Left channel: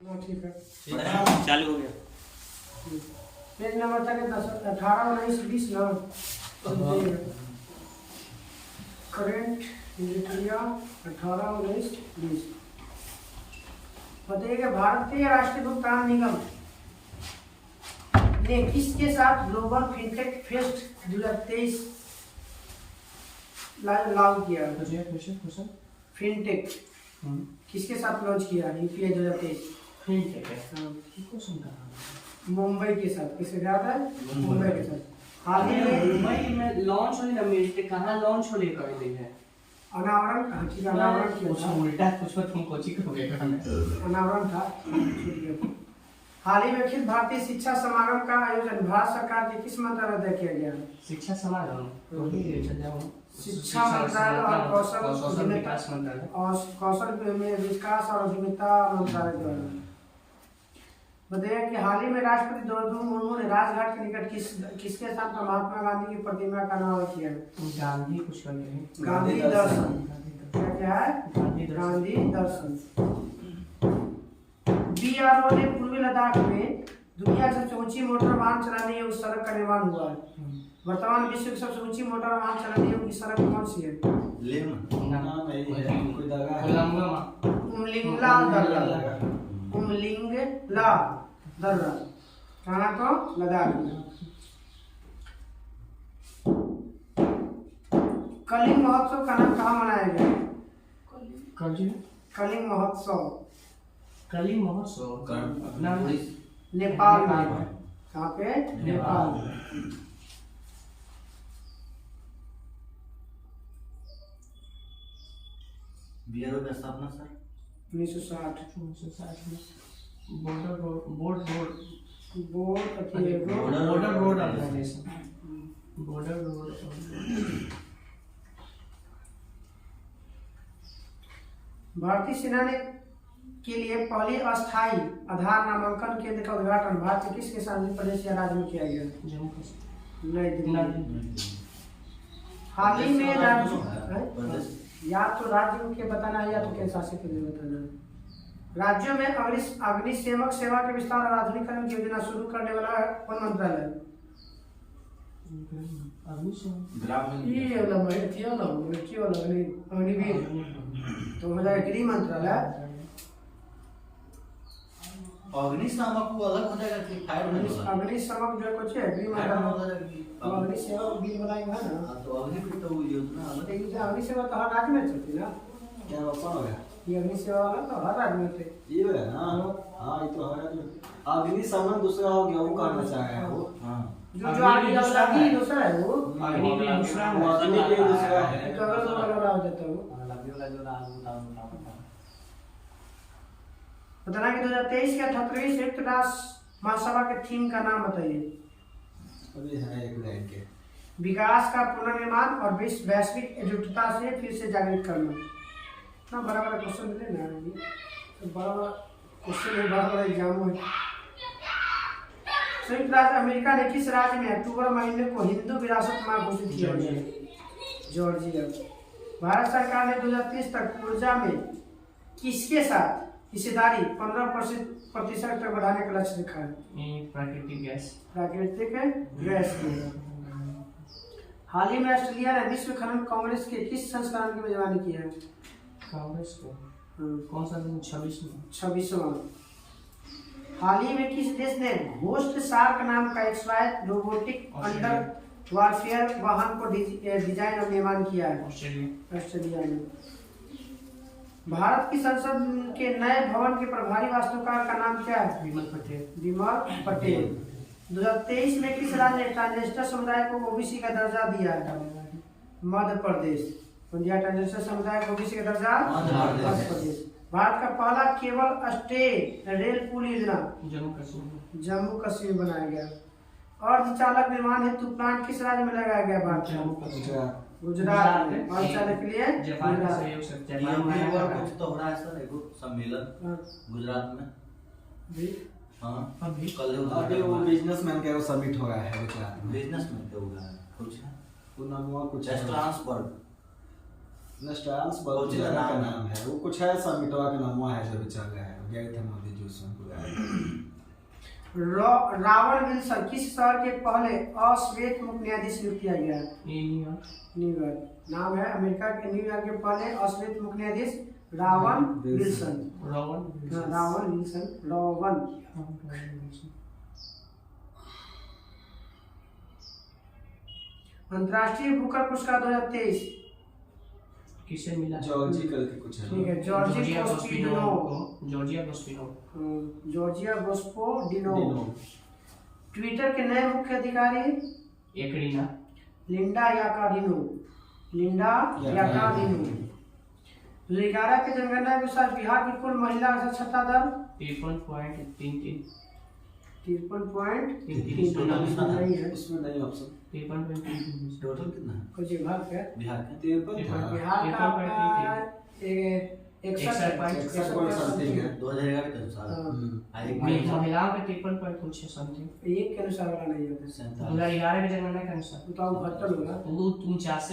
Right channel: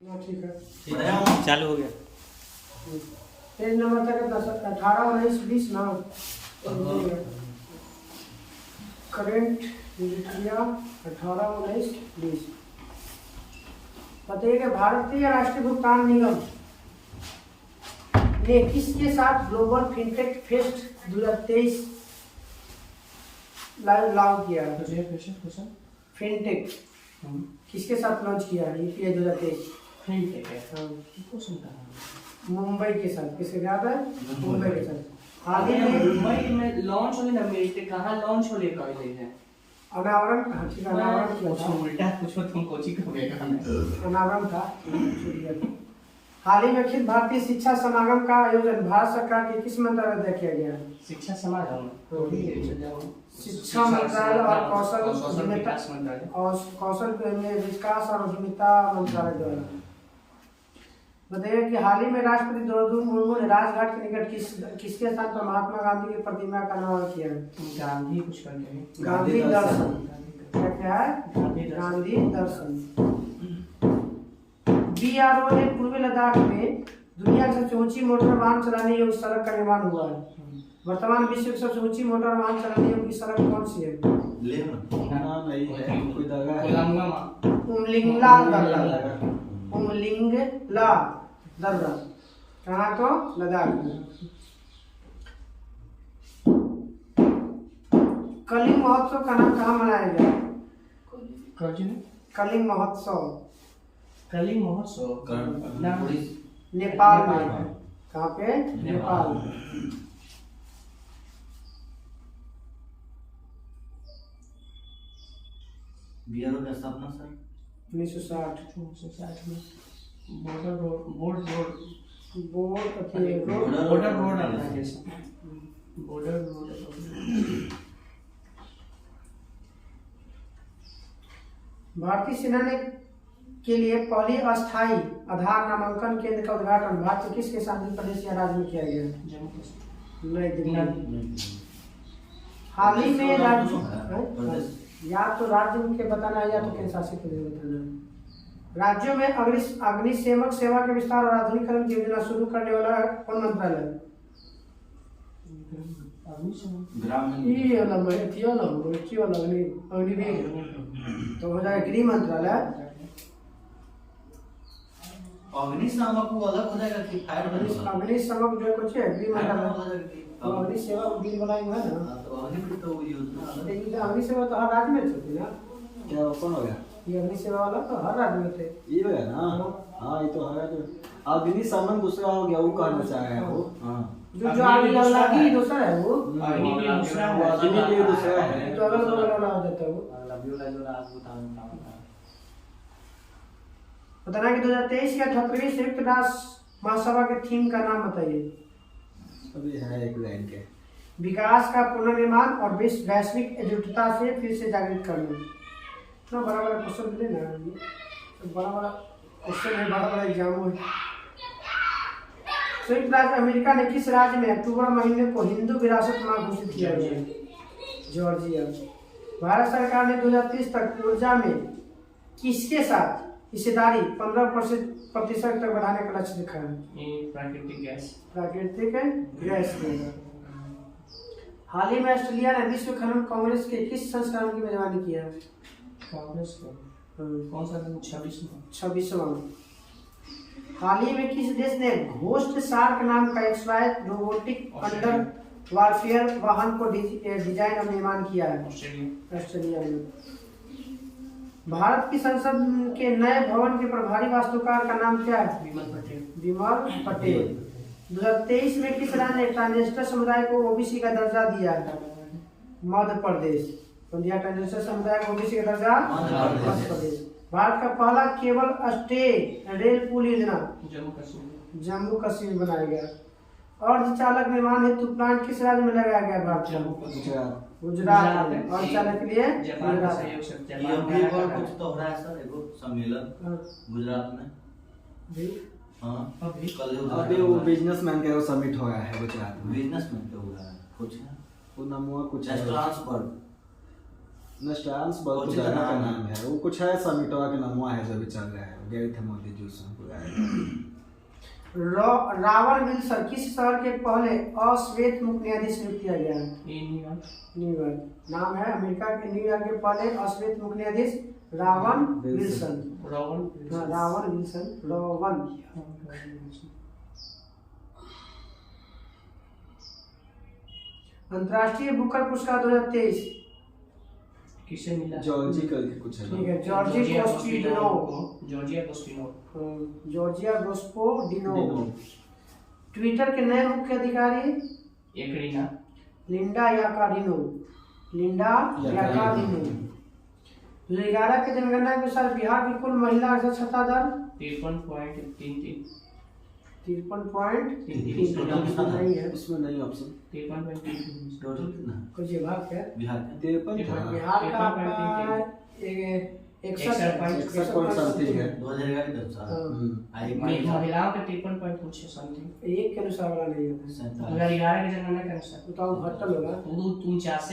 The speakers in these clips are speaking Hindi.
ठीक है चालू हो गया। पेज नंबर था कितना? 18, 19, 20 ना। Current India 18, 19, 20। बताइए कि भारतीय राष्ट्रीय भुगतान निगम ने किसके साथ ग्लोबल फिनटेक फेस्ट 2023 लागू किया? फिनटेक किसके साथ लॉन्च किया यूपीआई 2023? मुंबई के साथ। किसके साथ है? मुंबई के साथ। हाल ही में मुंबई में लॉन्च होने ना मेरे कहाँ लॉन्च होने कर रही है अनावरण किया था। उल्टा कुछ तुम कोचिंग हो गया अनावरण था, छूट गया। हाल ही में अखिल भारतीय शिक्षा समागम का आयोजन भारत सरकार के किस मंत्रालय द्वारा किया गया? शिक्षा समागम शिक्षा मंत्रालय और कौशल विकास मंत्रालय और कौशल विकास और उद्यमिता मंत्रालय द्वारा। बताइए कि हाल ही में राष्ट्रपति द्रौपदी मुर्मू ने राजघाट के निकट किसके स्थान पर महात्मा गांधी की प्रतिमा का निर्माण किया? गांधी कुछ कर गए गांधी दर्शन। क्या है? गांधी दर्शन। बीआरओ ने पूर्वी लद्दाख में दुनिया की सबसे ऊंची मोटर वाहन चलाने योग्य सड़क का निर्माण हुआ है। वर्तमान विश्व की सबसे ऊंची मोटर वाहन चलाने योग्य सड़क कौन सी है? उमलिंगला दर्रा। कहाँ? तो लद्दाख में। कलिंग महोत्सव का नाम कहाँ मनाया गया? कलिंग महोत्सव। कलिंग महोत्सव नेपाल में। कहाँ पे? नेपाल में। बीआरओ का स्थापना सर 1960 में border road organisation border road. भारतीय सेना ने के लिए पहली अस्थायी आधार नामांकन केंद्र का उद्घाटन भारत के किस केंद्रीय प्रदेश या राज्य में किया गया? जम्मू कश्मीर। नई दिल्ली। हाल ही में राज्य या तो राज्य मुख्य बताना है या तो केंद्र शासित प्रदेश बताना है। राज्यों में अग्निशमन सेवा के विस्तार और आधुनिकीकरण की योजना शुरू करने वाला कौन मंत्रालय है? अग्निवीर तो हो जाएगा गृह मंत्रालय। अग्निशामक वो अलग हो जाएगा कि फायर अग्निशमक जो है कुछ है गृह मंत्रालय। तो अग्निसेवा बिल बनाई हुआ है ना। तो अग्नि तो योजना अलग। अग्निसेवा तो हर राज्य में चलती ना। क्या कौन हो गया? ये अग्निसेवा वाला तो हर राज्य में थे। ये है ना। हाँ ये तो हर राज्य में। अग्निशमन दूसरा हो गया, वो कहना चाह रहे हैं वो। हाँ जो आगे लगी दूसरा है वो। अग्नि के दूसरा है तो अगल बगल वाला हो जाता है वो। बताना कि 2023 के 78वें संयुक्त राष्ट्र महासभा के थीम का नाम बताइए। अभी है एक लाइन के विकास का पुनर्निर्माण और वैश्विक एकजुटता से फिर से जागृत करना। इतना बड़ा बड़ा क्वेश्चन मिले ना, तो बड़ा बड़ा क्वेश्चन है, बड़ा बड़ा एग्जाम है। संयुक्त राज्य अमेरिका ने किस राज्य में अक्टूबर महीने को हिंदू विरासत माह घोषित किया गया? जॉर्जिया। भारत सरकार ने 2030 तक ऊर्जा में किसके साथ हिस्सेदारी 15% तक बढ़ाने का लक्ष्य रखा है? प्राकृतिक गैस में। हाल ही में ऑस्ट्रेलिया ने विश्व खनन कांग्रेस के किस संस्करण की मेजबानी किया है? कांग्रेस को कौन सा? 26वां। हाल ही में किस देश ने घोस्ट शार्क नाम का एक स्वायत्त रोबोटिक अंडर वारफेयर वाहन को डिजाइन और निर्माण किया है? ऑस्ट्रेलिया में। भारत की संसद के नए भवन के प्रभारी वास्तुकार का नाम क्या है? विमल पटेल। 2023 में किस राज्य ने ट्रांसजेंडर समुदाय को ओबीसी का दर्जा दिया है? मध्य प्रदेश। ट्रांसजेंडर समुदाय को ओबीसी का दर्जा मध्य प्रदेश। भारत का पहला केबल स्टे रेल पुल योजना जम्मू कश्मीर बनाया गया। अर्धचालक निर्माण हेतु प्लांट किस राज्य में लगाया गया? भारत गुजरात में। और चालक के लिए कुछ तो हो रहा है सर, एगो सम्मेलन गुजरात में भी। हाँ अभी कल अभी वो बिजनेसमैन का वो समिट हो रहा है गुजरात में। बिजनेसमैन का हुआ है कुछ है वो नाम कुछ है ट्रांसपोर्ट नेस्टांस बहुत जगह का नाम है, वो कुछ है समिटवा का नाम है जो भी चल रहा है। गए थे मोदी जी उसमें पूरा। रावण विल्सन किस शहर के पहले अश्वेत मुक्त न्यायाधीश नियुक्त किया गया है? न्यूयॉर्क। नाम है अमेरिका के न्यूयॉर्क के पहले अश्वेत मुक्त न्यायाधीश रावण विल्सन। हाँ, रावण विल्सन। रावण। अंतर्राष्ट्रीय बुकर पुरस्कार 2023 किसे मिला? जॉर्जिकल के कुछ है। ठीक है, जॉर्जिया गोस्पोडिनो। ट्विटर के नए मुख्य अधिकारी लिंडा याकार्डिनो। 2011 की जनगणना के अनुसार बिहार की कुल महिला साक्षरता दर 53.33। 53.33 नहीं है उसमें नहीं ऑप्शन। 53.33 टोटल कितना है कुछ विभाग है। बिहार का? 53 था। बिहार का आपका 61 पॉइंट समथिंग है। 2011 के अनुसार हाँ। एक महिलाओं के 53 पॉइंट कुछ समथिंग। एक के अनुसार वाला नहीं होता। 2011 के जनगणना के अनुसार तो हम घटल होगा। 47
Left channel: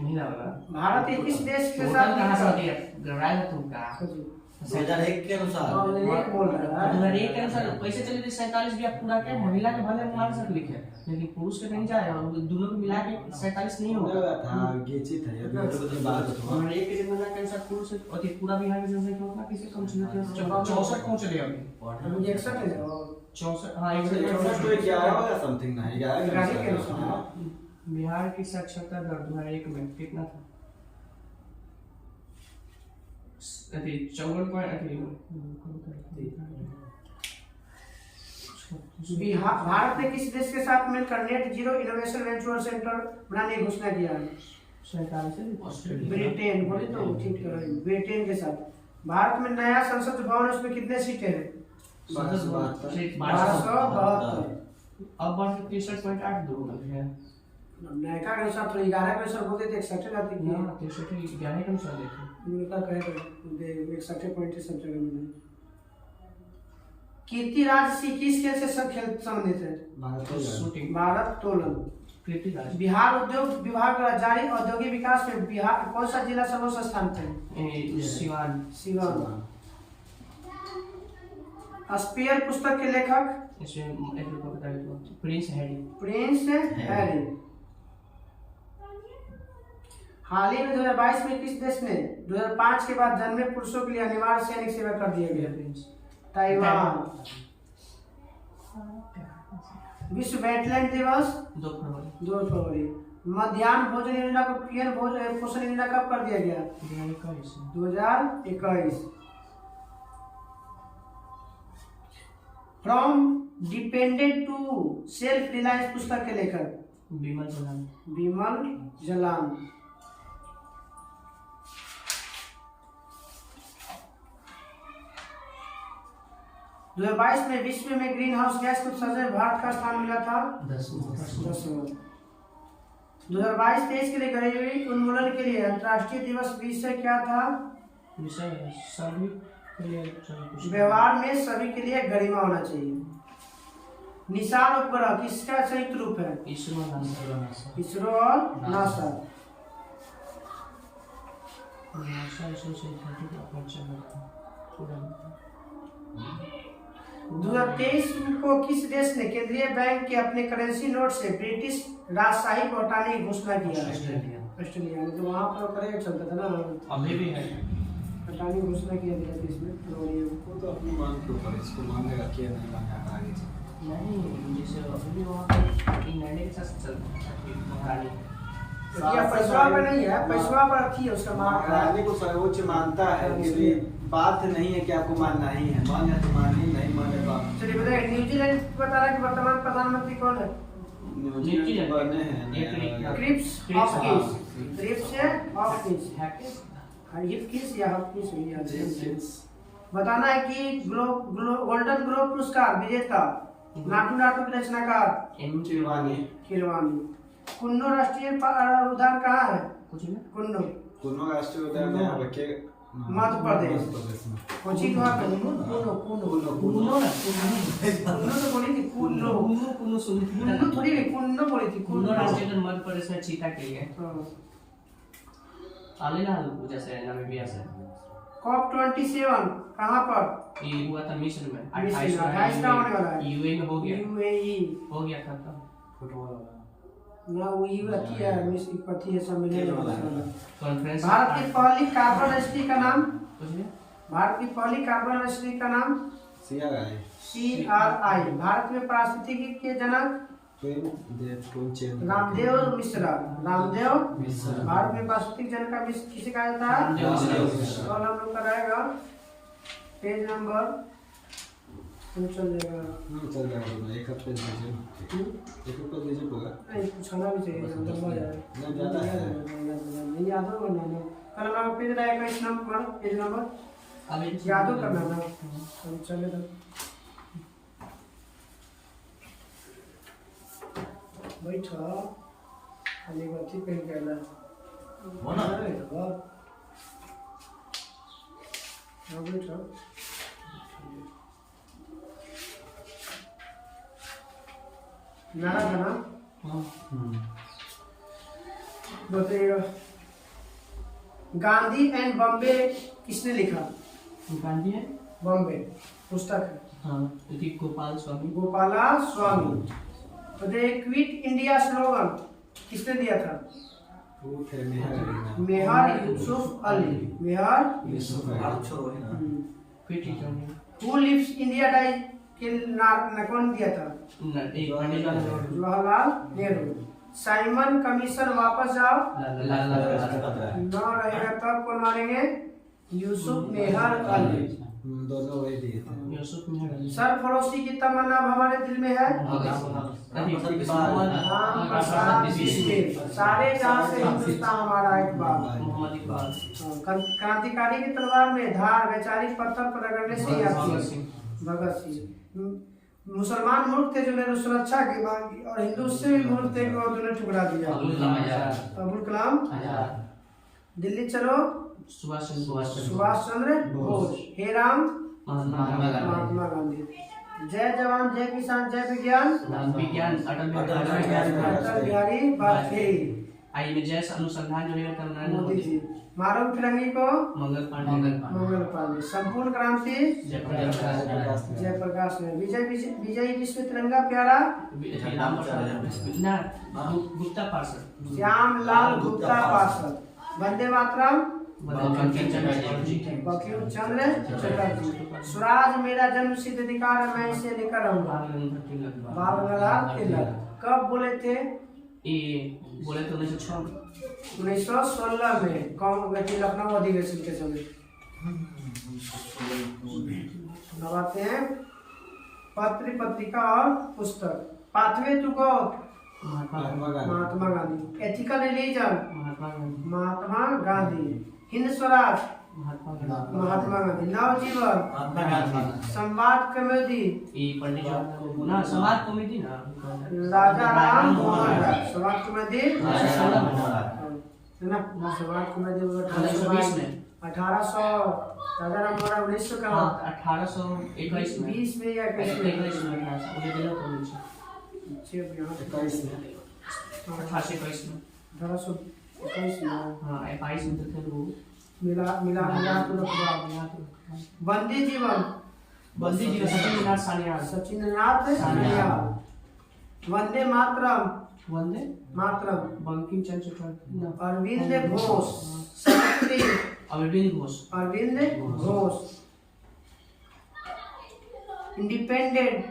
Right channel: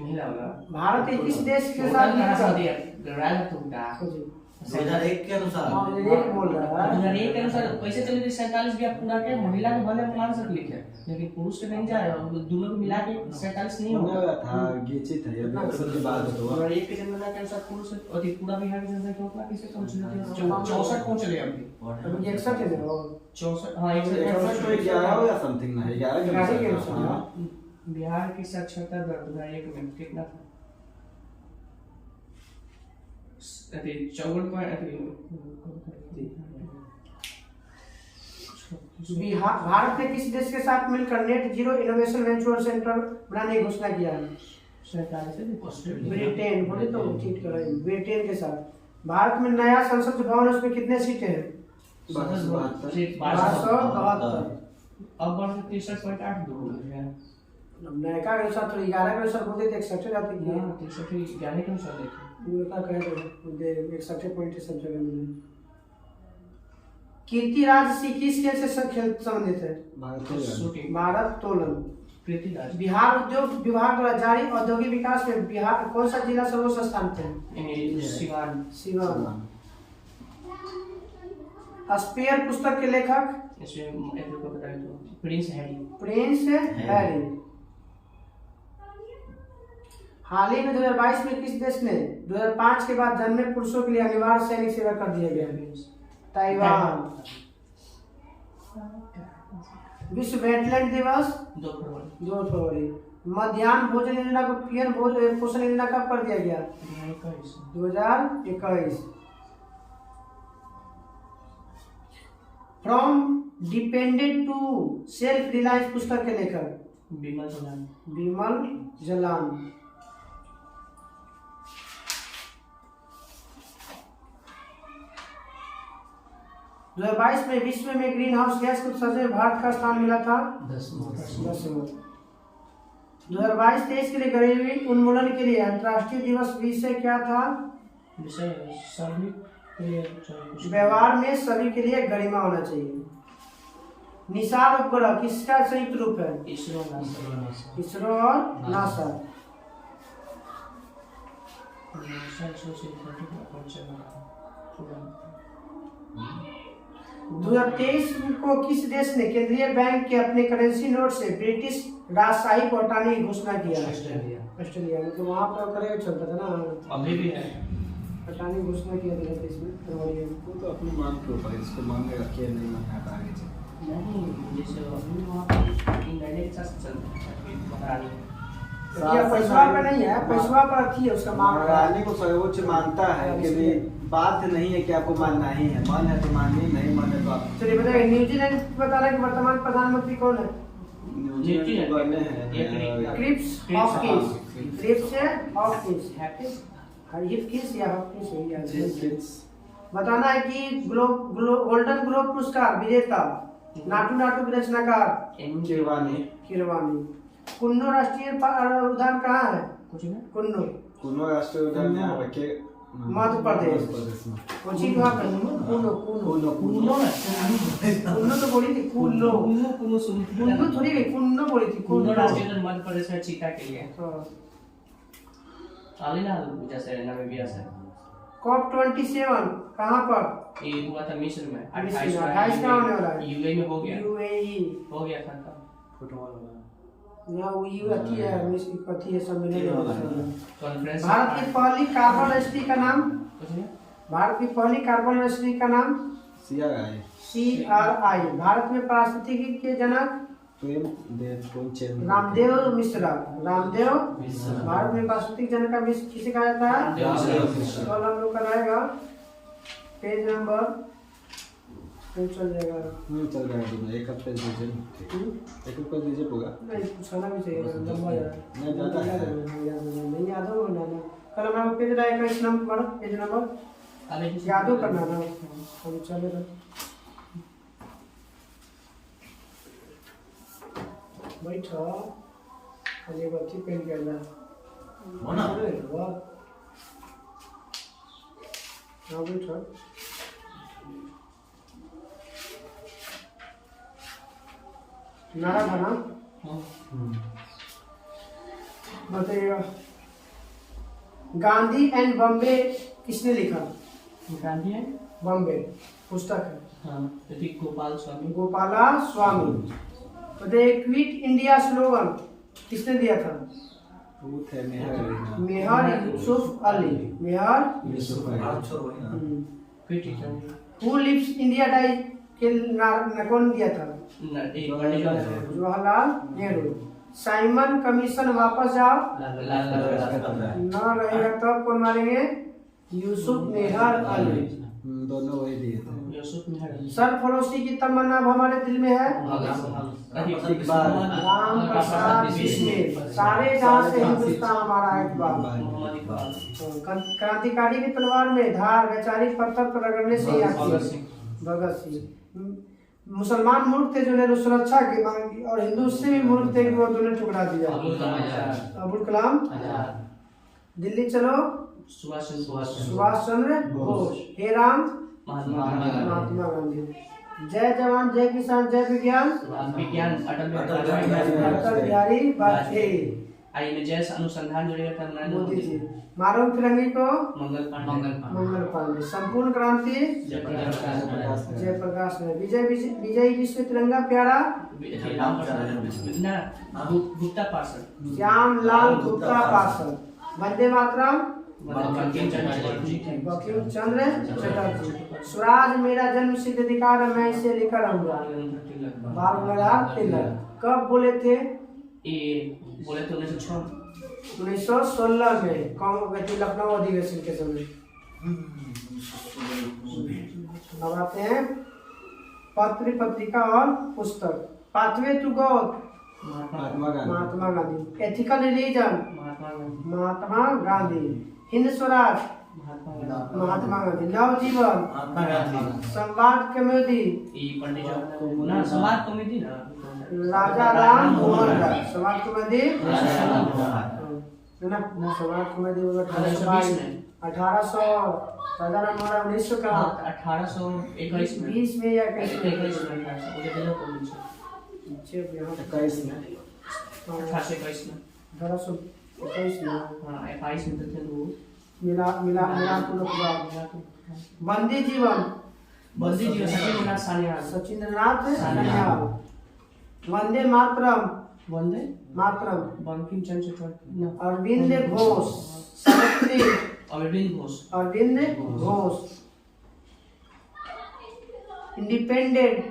महिला होगा। भारत 21 देश के टोटल साथ कहाँ से मिलकर दिया? गड़बड़ा है तुमका। 2001 के अनुसार हाँ, एक बोल रहा है। 2001 के अनुसार पैसे चले थे 47 भी आप पूरा के महिला के भले मान सकते लिखे, लेकिन पुरुष के नहीं जाए, और दोनों को मिला के 47 नहीं होगा। होगा था गेची था ये तो बाद तो 2001 के जनगणना के अनुसार पुरुष और पूरा बिहार की जनसंख्या उतना किसे कम चली थी? 64 पहुंच चले अभी। अभी 61 है ना वो। 64 हाँ 61 तो 11 होगा समथिंग ना 11 के अनुसार। हाँ। बिहार की साक्षरता दर 2001 में कितना था? अभी 54 भारत ने किस देश के साथ मिलकर net zero innovation venture centre बनाने की घोषणा किया है? ब्रिटेन। बोले तो ठीक कर रहे हैं। ब्रिटेन के साथ। भारत में नया संसद भवन, उसमें कितने सीटें हैं? 1272। अब बढ़ 63.8 दो है। नयका के अनुसार थोड़ी 11 के अनुसार बोलते थे 61 जाती है। हां 63 11 के अनुसार देखो उनका कहे तो 61 पॉइंट सब जगह मिले। कीर्तिराज सिंह किस खेल से सब खेल संबंधित है? भारत तोलन। कीर्तिराज बिहार उद्योग विभाग द्वारा जारी औद्योगिक विकास में बिहार कौन सा जिला सर्वोच्च स्थान पे? सिवान। स्पेयर पुस्तक के लेखक? इसमें एक को बता दो, प्रिंस हैरी। हाल ही में 2022 में किस देश ने 2005 के बाद जन्मे पुरुषों के लिए अनिवार्य सैनिक सेवा कर दिया गया? ताइवान। विश्व वेटलैंड दिवस 2 फरवरी। मध्याह्न भोजन योजना को पीएम पोषण योजना कब कर दिया गया? 2021। From dependent to self reliance पुस्तक के लेखक? विमल जलान। दो 2022 में विश्व में ग्रीन हाउस गैस के उत्सर्जन में भारत का स्थान मिला था 10वां। 2022-23 के लिए गरीबी उन्मूलन के लिए अंतर्राष्ट्रीय दिवस विषय क्या था? व्यवहार में सभी के लिए गरिमा होना चाहिए। निशान उपग्रह किसका संयुक्त रूप है? इसरो और नासा। 2023 को किस देश ने केंद्रीय बैंक के अपने करेंसी नोट से ब्रिटिश राजशाही को हटाने की घोषणा किया? ऑस्ट्रेलिया में। तो वहाँ पर करेंट चलता था ना, अभी भी है। हटाने की घोषणा किया 2023 में फरवरी में। वो तो अपने मांग के ऊपर इसको मांगेगा क्या नहीं मांगेगा आगे से। नहीं जैसे अभी वहाँ पर इंग्लैंड के साथ चल महारानी क्या पैसवा पे नहीं है? पैसवा पर थी उसका मांग। महारानी को सर्वोच्च मानता है कि लिए बात नहीं है कि आपको मानना ही है, मन है तो मानिए, नहीं मन है तो आप। चलिए बताइए न्यूजीलैंड बता रहा है कि वर्तमान प्रधानमंत्री कौन है? न्यूजीलैंड बने हैं क्रिप्स हॉकिंस या हॉकिंस। बताना है कि गोल्डन ग्लोब पुरस्कार विजेता नाटू नाटू की रचनाकार किरवानी। कुन्नो राष्ट्रीय उद्यान कहाँ है? कुन्नो राष्ट्रीय उद्यान यहाँ रखे मध्य प्रदेश। कोची वहाँ पे कुन्नो तो बोली थी। कुन्नो थोड़ी गई, कुन्नो बोली थी। कुन्नो राष्ट्रीय उद्यान मध्य प्रदेश में चीता के लिए। आलेला पूजा से नामीबिया से COP27 कहाँ पर? ये हुआ था मिस्र में, 28 का होने वाला है। यूए में हो गया, UAE हो गया था तब। ना वो अथी है, अथी है सम्मेलन। कॉन्फ्रेंस भारत की पहली कार्बन रजिस्ट्री का नाम? कुछ नहीं? भारत की पहली कार्बन रजिस्ट्री का नाम? CRI CRI। भारत में पारिस्थितिकी के जनक? रामदेव मिश्रा। रामदेव भारत में पारिस्थितिक जनक का किसे कहा जाता है? तो हम लोग कराएगा पेज नंबर चल जाएगा। चल जाएगा दोनों, एक पेज दीजिए, एक पेज दीजिए पूरा। नहीं पूछना भी चाहिए, लंबा है नहीं ज़्यादा है, नहीं याद होगा ना। कल हमारा पेज रहेगा इस नंबर, पेज नंबर याद हो करना ना। हम चले तो बैठो खाली बच्ची पेन करना हो ना? हाँ बैठो। नारा था ना? बताइएगा। गांधी एंड बॉम्बे किसने लिखा? गांधी है, बॉम्बे पुस्तक है। हाँ, यदि गोपाल स्वामी। गोपाला स्वामी। बताइए क्विट इंडिया स्लोगन किसने दिया था? वो थे मेहर अली नाम। Mehar Yusuf Ali. Mehar Yusuf Ali. Quit India. Who lives India die के कौन दिया था? जवाहरलाल नेहरू। साइमन कमीशन वापस जाओ न रहेगा तो कौन मारेंगे? यूसुफ मेहर अली। दोनों वही दिए थे। यूसुफ मेहर अली। सरफरोशी की तमन्ना अब हमारे दिल में है। राम प्रसाद बिस्मिल। सारे जहां से हिंदुस्तान हमारा इकबाल। क्रांतिकारी की तलवार में धार वैचारिक पत्थर पर रगड़ने से ही आती है। भगत सिंह। मुसलमान मूर्ख थे जिन्होंने सुरक्षा की मांग की, और हिंदू उससे भी मूर्ख थे कि वो दोनों ठुकरा दिया। अबुल कलाम। दिल्ली चलो सुभाष चंद्र बोस। हे राम महात्मा गांधी। जय जवान जय किसान जय विज्ञान अटल बिहारी वाजपेयी। आइए जय अनुसंधान जुड़ेगा था मोदी जी। मारो फिरंगी को मंगल पांडे। संपूर्ण क्रांति जयप्रकाश ने। विजय विश्व तिरंगा प्यारा गुप्ता पार्षद। श्यामलाल गुप्ता पार्षद। वंदे मातरम बंकिम चंद्र चटर्जी। स्वराज मेरा जन्म सिद्ध अधिकार है, मैं इसे लेकर रहूंगा। बाल गंगाधर तिलक। कब बोले थे? ये बोले थे 1916 में कांग्रेस लखनऊ अधिवेशन के समय। अब आते हैं पत्र पत्रिका और पुस्तक। Pathway to God Mahatma Gandhi. Ethical religion Mahatma Gandhi. Hind Swaraj Mahatma Gandhi. Navajivan Samvad कमेटी समाज कमेटी ना राजा राम मोहन राय। समाज कमेटी है ना? समाज कमेटी 1800। राजा राम मोहन राय 1900 का 1821 में 20 में या 21 में? 21 में 1821 में 1821 में। हाँ 22 में थे वो। मिला Bandi Jivan Sachindranath Sanyal. Sachindranath Sanyal. Vande Mataram Bankim Chandra Chatterjee. Aurobindo Ghosh. Savitri Aurobindo Ghosh. Independent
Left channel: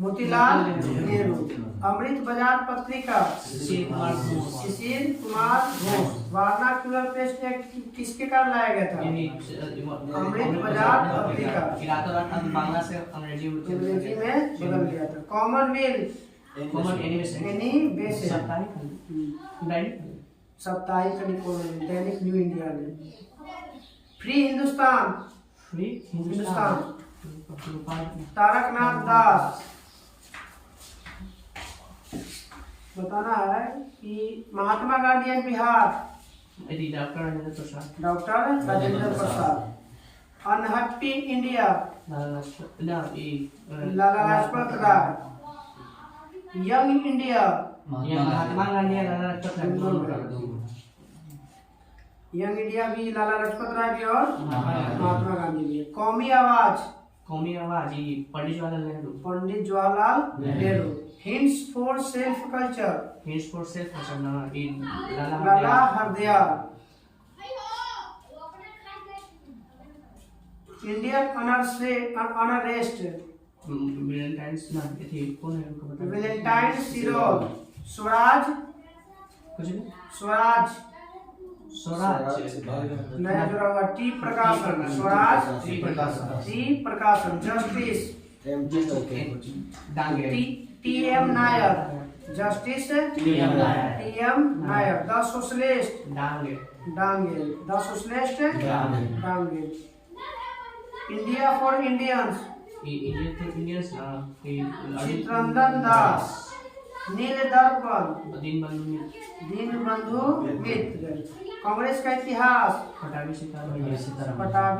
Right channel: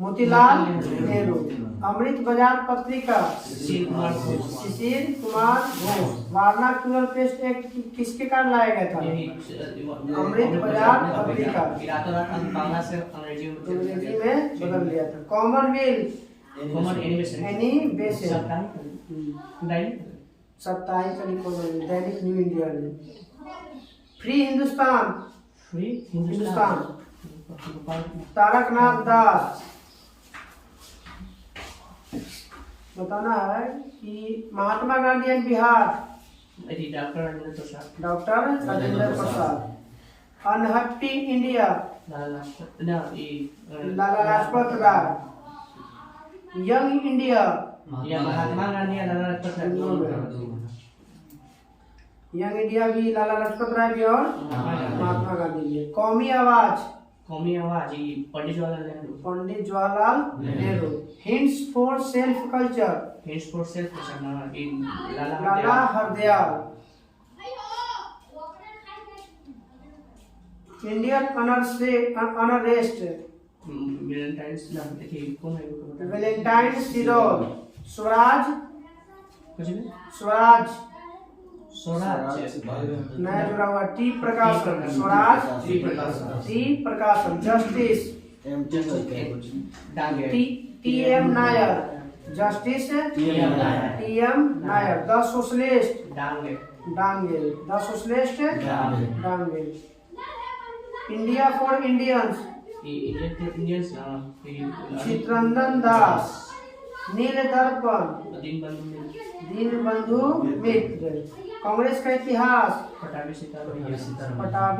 Motilal Nehru. Amrita Bazar Patrika Sisir Kumar Ghosh. Vernacular पेस्ट एक्ट किसके कारण लाया गया था? अमृत बाजार पत्रिका अंग्रेजी में बदल दिया था। कॉमनवेल्थ एनिवेशन साप्ताहिक दैनिक न्यू इंडिया ने। फ्री हिंदुस्तान तारकनाथ दास। बताना है कि Mahatma Gandhi and Bihar. Doctor Rajendra Prasad. Unhappy India Lala Lajpat Rai. Young India Mahatma Gandhi young India भी लाला लाजपत राय भी और महात्मा गांधी भी। कौमी आवाज ये Pandit Jawaharlal Nehru. Pandit Jawaharlal Nehru. Hints for self culture Lala Hardayal. Indian unrest Valentine Chirol. Swaraj नया जुड़ा हुआ T Prakasam. Swaraj T Prakasam. Justice T M Nair. Justice T M Nair. The socialist Dange. The socialist Dange. India for Indians Chittaranjan Das. Neel Darpan Dinabandhu मित्र। कांग्रेस का इतिहास पटाभी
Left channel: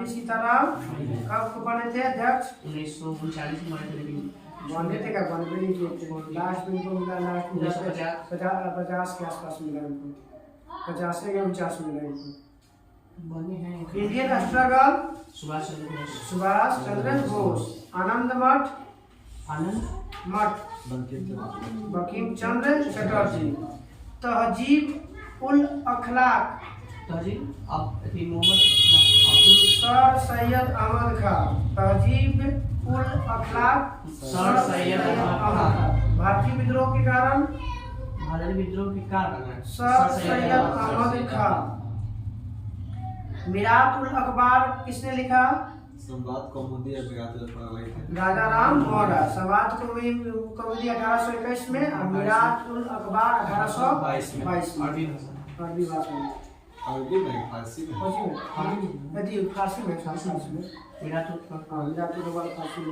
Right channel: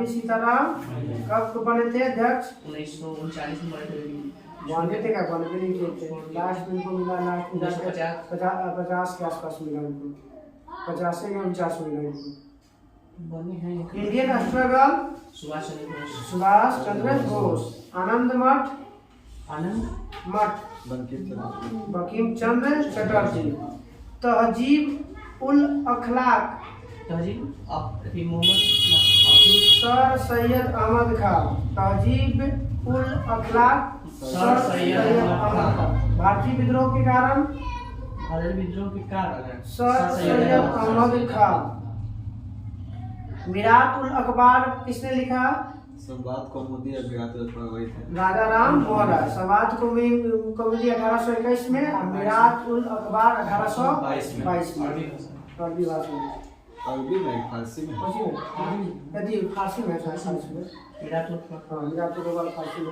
सीताराम कब बने थे अध्यक्ष? 1939 में बने थे। बने थे क्या? बने भी नहीं थे। लास्ट में इनको मिला, लास्ट में 50 के आसपास मिला इनको। 50 या 49 मिला इनको। बने हैं। Indian struggle Subhash Chandra Bose. आनंद मठ बंकिम चंद्र चटर्जी। तहजीब उल अखलाक मोहम्मद सर सैयद अहमद खान। तहजीब उल अखलाक सर सैयद अहमद खान। भारतीय विद्रोह के कारण सर सैयद अहमद खान। मिरात उल अखबार किसने लिखा? संवाद कौमुदी राजा राम मोहन राय। संवाद कौमुदी 1821 में और मिरात उल अखबार 1822 में। अरबी भाषा में। अरबी में फारसी में यदि फारसी में मिरात उल अखबार फारसी में।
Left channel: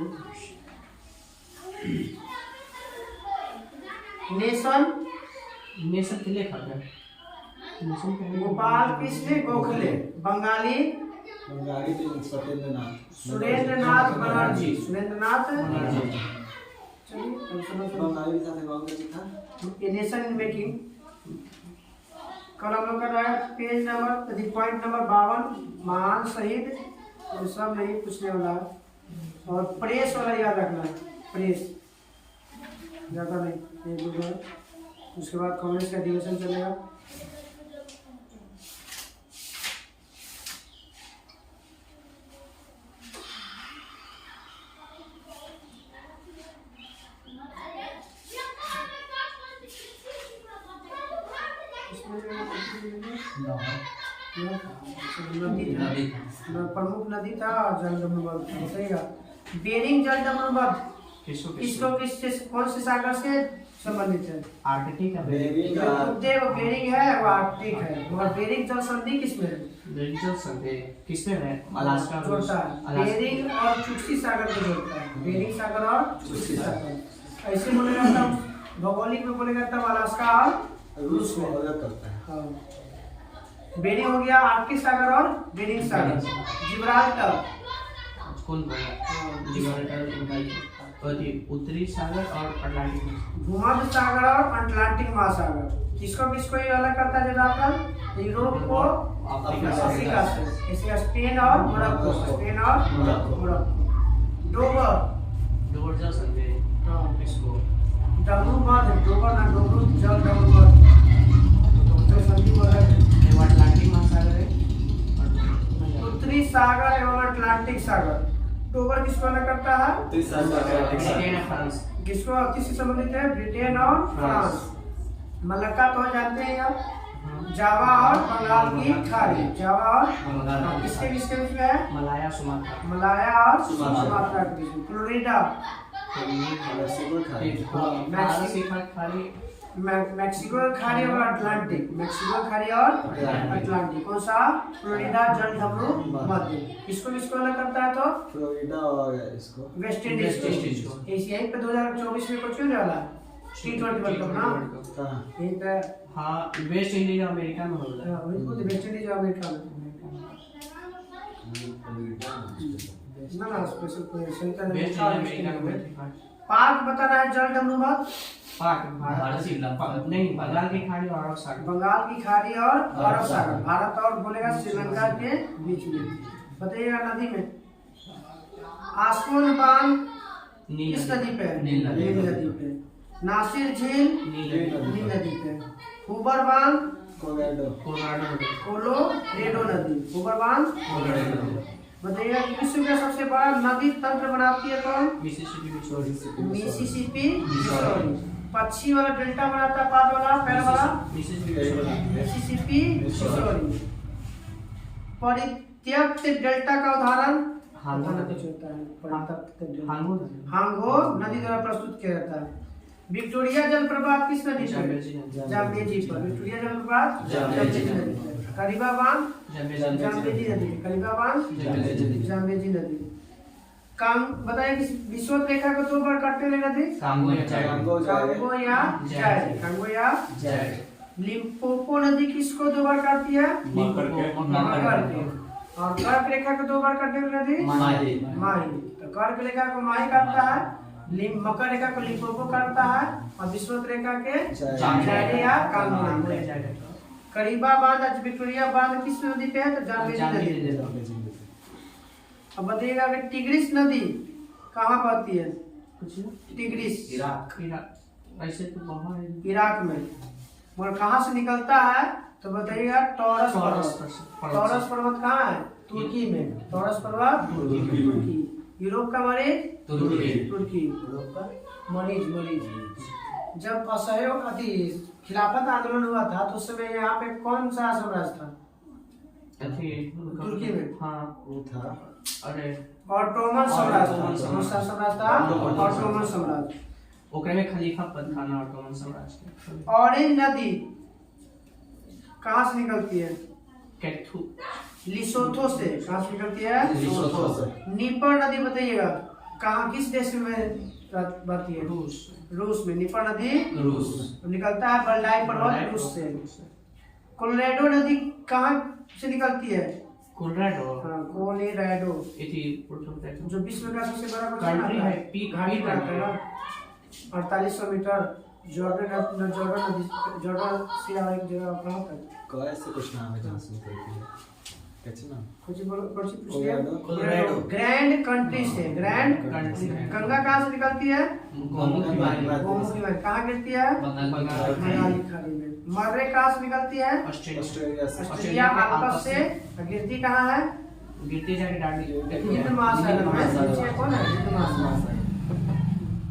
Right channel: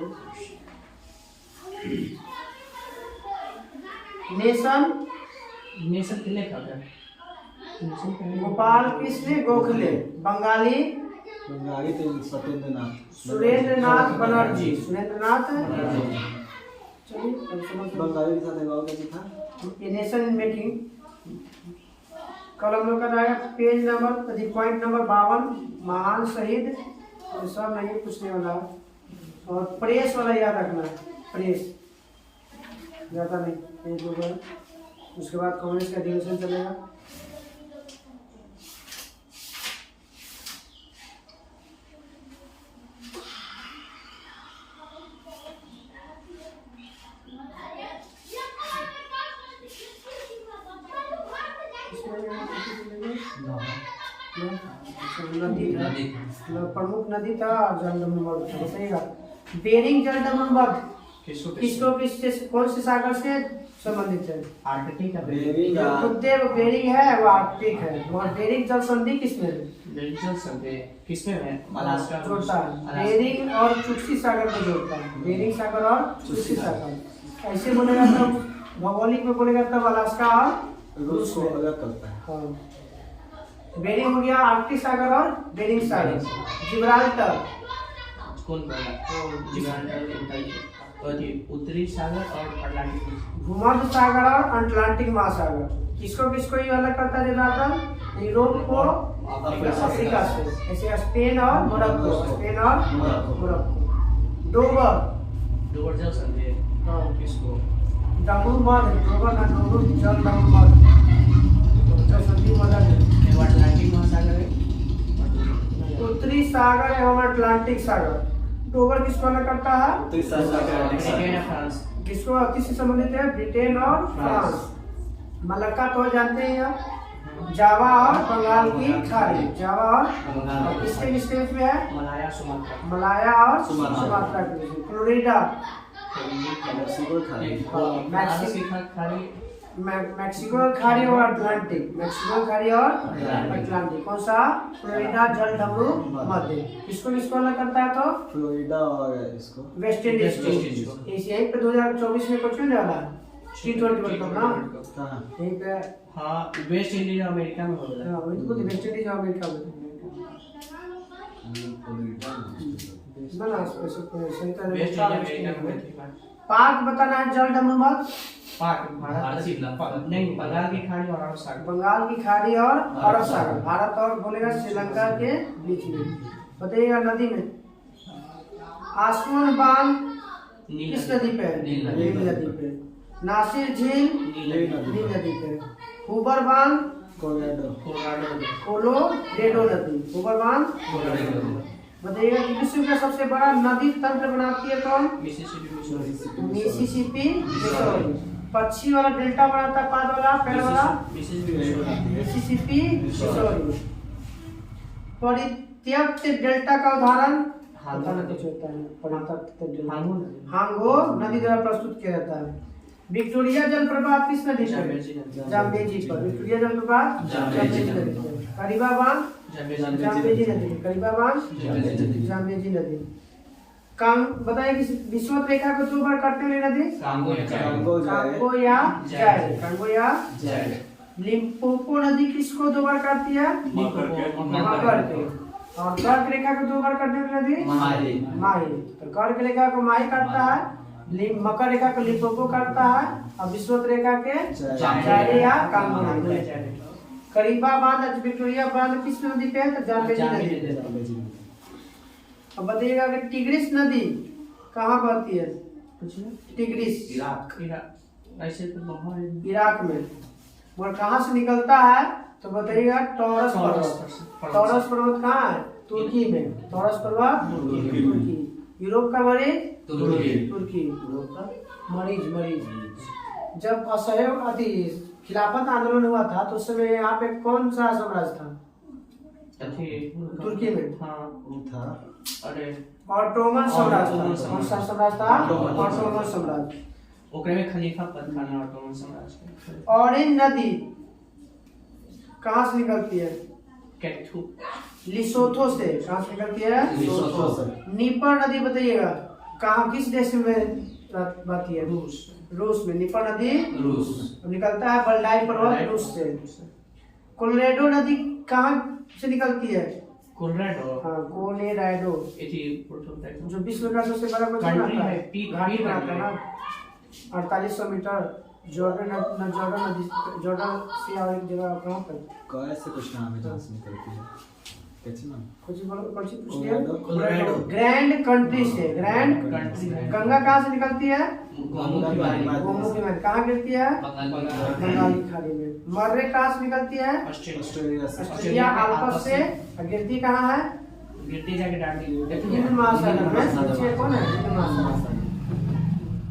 नेशन के लेखक है गोपाल कृष्ण गोखले। बंगाली सुरेंद्र नाथ बनर्जी। बंगाली के साथ नेशन मेकिंग। कल हम लोग का रहेगा पेज नंबर पॉइंट नंबर 52। महान शहीद ये सब नहीं पूछने वाला है। और प्रेस वाला याद रखना है। प्रेस ज़्यादा नहीं, पेज होगा। उसके बाद कांग्रेस का अधिवेशन चलेगा। प्रमुख नदी था जलदमन बताइएगा। बेरिंग जलदमन किसको किससे कौन से सागर से संबंधित है? आर्कटिक है। बेरिंग है वो आर्कटिक है। मगर बेरिंग जल संधि किसमें है? किसमें है? अलास्का जोड़ता है। बेरिंग और चुक्सी सागर को जोड़ता है। बेरिंग सागर और चुक्सी सागर। ऐसे बोलेगा तब भौगोलिक में बोलेगा तब अलास्का और रूस में अलग करता है। हाँ। बेरिंग हो गया आर्कटिक सागर और बेरिंग सागर। जिब्राल्टर कौन बोला? जिब्राल्टर उत्तरी सागर और अटलांटिक। भूमध्य सागर और अटलांटिक महासागर। किसको किसको ये अलग करता है जिब्राल्टर? यूरोप को अफ्रीका से। ऐसे स्पेन और मोरक्को। स्पेन और मोरक्को। डोबर जल संधि किसको? डमरूमध। डोबर ना डोबर जल डमरूमध जल संधि अलग है। अटलांटिक महासागर है। उत्तरी सागर एवं अटलांटिक सागर। डोबर किसको अलग करता है? ब्रिटेन और फ्रांस। किसको किससे संबंधित है? ब्रिटेन और फ्रांस। मलक्का तो जानते हैं आप। जावा और बंगाल की खाड़ी। जावा और किसके किसके बीच में है? मलाया और सुमात्रा के बीच में। फ्लोरिडा मैक्सिको खाड़ी और अटलांटिक। मैक्सिको खाड़ी और अटलांटिक। कौन सा? फ्लोरिडा जल डमरू मध्य। किसको किसको अलग करता है? तो फ्लोरिडा और इसको वेस्ट इंडीज को। यहीं पे 2024 में कुछ होने वाला है T20 वर्ल्ड कप ना यहीं पे। हाँ वेस्ट इंडीज अमेरिका में होगा। हाँ वही तो वेस्ट इंडीज अमेरिका में ना स्पेशल सही तरह वेस्ट इंडीज अमेरिका में। पाक बताना है जल डमरूमत। पाक भारत नहीं, बंगाल की खाड़ी और अरब सागर। बंगाल की खाड़ी और अरब सागर, भारत और बोलेगा श्रीलंका के बीच में। बताइएगा नदी में आसमान बांध किस नदी पे है? नील नदी पे। नासिर झील नील नदी पे। हुबर बांध कोलोरेडो नदी। हुबर बांध बताइएगा कि विश्व का सबसे बड़ा नदी तंत्र बनाती है कौन? Mississippi Missouri. पक्षी वाला डेल्टा बनाता है, पाद वाला पैर वाला मिसिसिपी मिसौरी। परित्यक्त डेल्टा का उदाहरण हांगो नदी द्वारा प्रस्तुत किया जाता है। विक्टोरिया जलप्रपात किस नदी पर? जाम्बेजी पर। विक्टोरिया जलप्रपात जाम्बेजी नदी पर। करीबा बांध जाम्बेजी नदी। करीबा बांध जाम्बेजी नदी। बताइए कि विषुवत रेखा को 2 बार काटने वाली नदी? कांगो या जायड। लिम्पोपो नदी किसको 2 बार काटती है? मकर के। और कर्क रेखा को 2 बार काटने वाली नदी? माही। तो कर्क रेखा को माही काटता है, मकर रेखा को लिम्पोपो काटता है, और विषुवत रेखा के जायड या कांगो नदी। करीबा बांध विक्टोरिया बांध किस नदी पे है? तो जाम्बेजी नदी पे। अब बताइएगा कि टिग्रिस नदी कहाँ बहती है? टिग्रिस इराक में। और कहाँ से निकलता है? तो बताइएगा टॉरस पर्वत। टॉरस पर्वत कहाँ है? तुर्की में। टॉरस पर्वत तुर्की। यूरोप का मरीज तुर्की। मरीज जब असहयोग खिलाफत आंदोलन हुआ था तो उस समय यहाँ पे कौन सा साम्राज्य था? तुर्की में। हाँ वो था ऑटोमन साम्राज्य। कौन सा साम्राज्य था? ऑटोमन साम्राज्य। ओकरे में खलीफा पद था ना ऑटोमन साम्राज्य। ऑरेंज नदी कहाँ से निकलती है? लिसोथो से। कहाँ से निकलती है? लिसोथो से। नीपर नदी बताइएगा कहाँ किस देश में बहती है? रूस में। नीपर नदी निकलता है बल्डाई पर्वत रूस से। कोलोरेडो नदी कहाँ से निकलती है? कोलोरेडो जो विश्व का सबसे बड़ा घाटी बनाता है ना, 4800 मीटर। जॉर्डन से और एक जगह कहाँ पर? कैसे कुछ नाम है जहाँ से निकलती है? कैसे नाम? कुछ ग्रैंड कंट्री से। Grand country. गंगा कहाँ से निकलती है? गोमुखी में। कहाँ गिरती है? बंगाल की खाड़ी में। मर्रे कहाँ से निकलती है? ऑस्ट्रेलिया अल्पस से। गिरती कहाँ है? गिरती जाके हिंद महासागर में। कौन है? हिंद महासागर।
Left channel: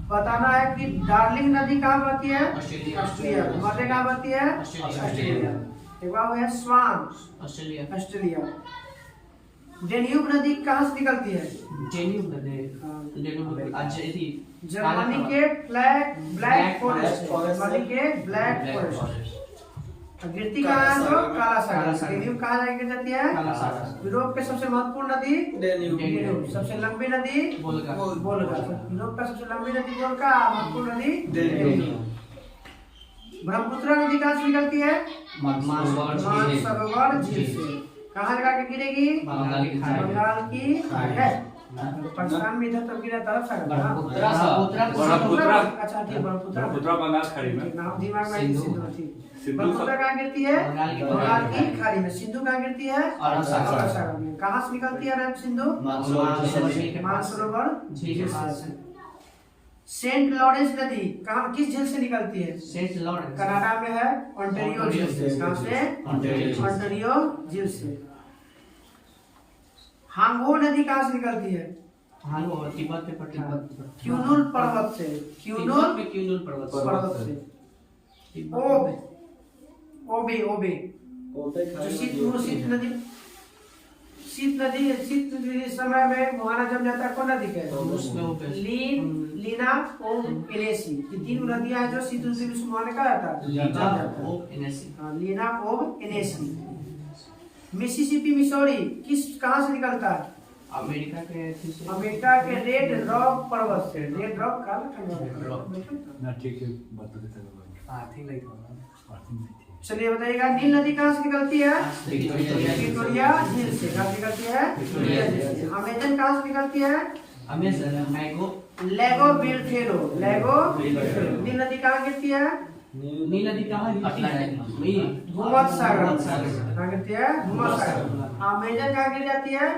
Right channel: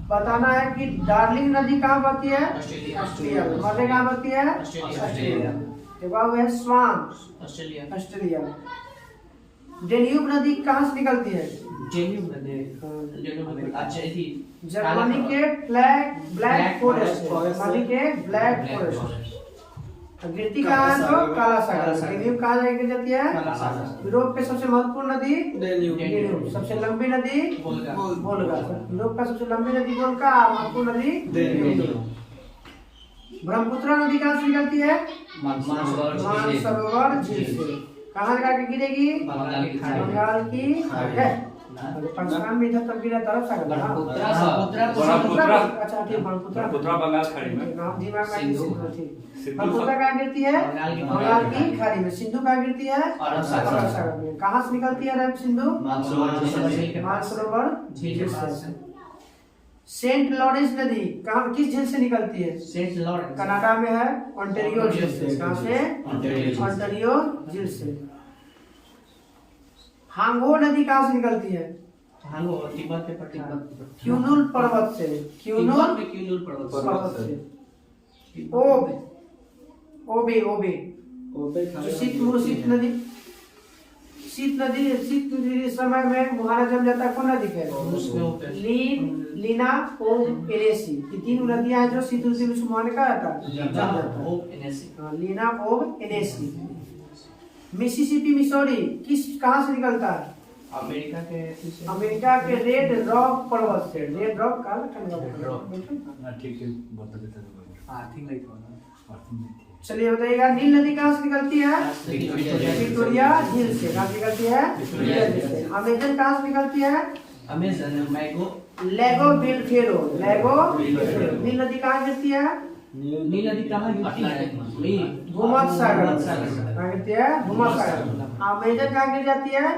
बताना है कि डार्लिंग नदी कहाँ बहती है? ऑस्ट्रेलिया। मर्रे कहाँ बहती है? ऑस्ट्रेलिया। एक बार है स्वान ऑस्ट्रेलिया। डेन्यूब नदी कहाँ से निकलती है? जर्मनी के ब्लैक फॉरेस्ट। गिरती कहाँ है? तो काला सागर। डेन्यूब कहाँ जाकर जाती है? यूरोप के सबसे महत्वपूर्ण नदी डेन्यूब। सबसे लंबी नदी वोल्गा। यूरोप का सबसे लंबी नदी वोल्गा। महत्वपूर्ण नदी डेन्यूब। ब्रह्मपुत्र नदी कहाँ से निकलती है? मानसरोवर झील से। कहाँ लगा के गिरेगी? बंगाल की खाड़ी है। पाकिस्तान में इधर तक गिरा तरफ सागर। अच्छा ठीक। ब्रह्मपुत्र बंगाल खाड़ी में। नाम दिमाग में ठीक। ब्रह्मपुत्र कहाँ गिरती है? बंगाल की खाड़ी में। सिंधु कहाँ गिरती है? अरब सागर में। कहाँ से निकलती है सिंधु? मानसरोवर झील से। सेंट लॉरेंस नदी कहाँ किस झील से निकलती है? सेंट लॉरेंस कनाडा में है। ओंटारियो झील से। कहाँ से? ओंटारियो झील से। हांगो नदी कहाँ से निकलती है? हांगो तिब्बत के पठार। क्यूनुल पर्वत से। क्यूनुल पर्वत से। ओबे शीत नदी समय में मुहाना जम जाता है। कौन नदी है? लीना ओब एनेसी। ये 3 नदियां हैं जो शीत ऋतु में मुहाने का जाता है। लीना ओब एनेसी। मिसिसिपी मिसौरी कहाँ से निकलता है? अमेरिका के रेड रॉक पर्वत से। रेड रॉक चलिए बताइएगा नील नदी कहाँ से निकलती है? विक्टोरिया झील से। कहाँ से निकलती है? अमेजन कहाँ से निकलती है? अमेजन मैगो लेगो बिलफेरो, लेगो बिलफेरो। नील नदी कहाँ गिरती है? नील नदी कहाँ गिरती है? भूमध्य सागर कहाँ गिरती है? भूमध्य सागर। अमेजन कहाँ गिर जाती है?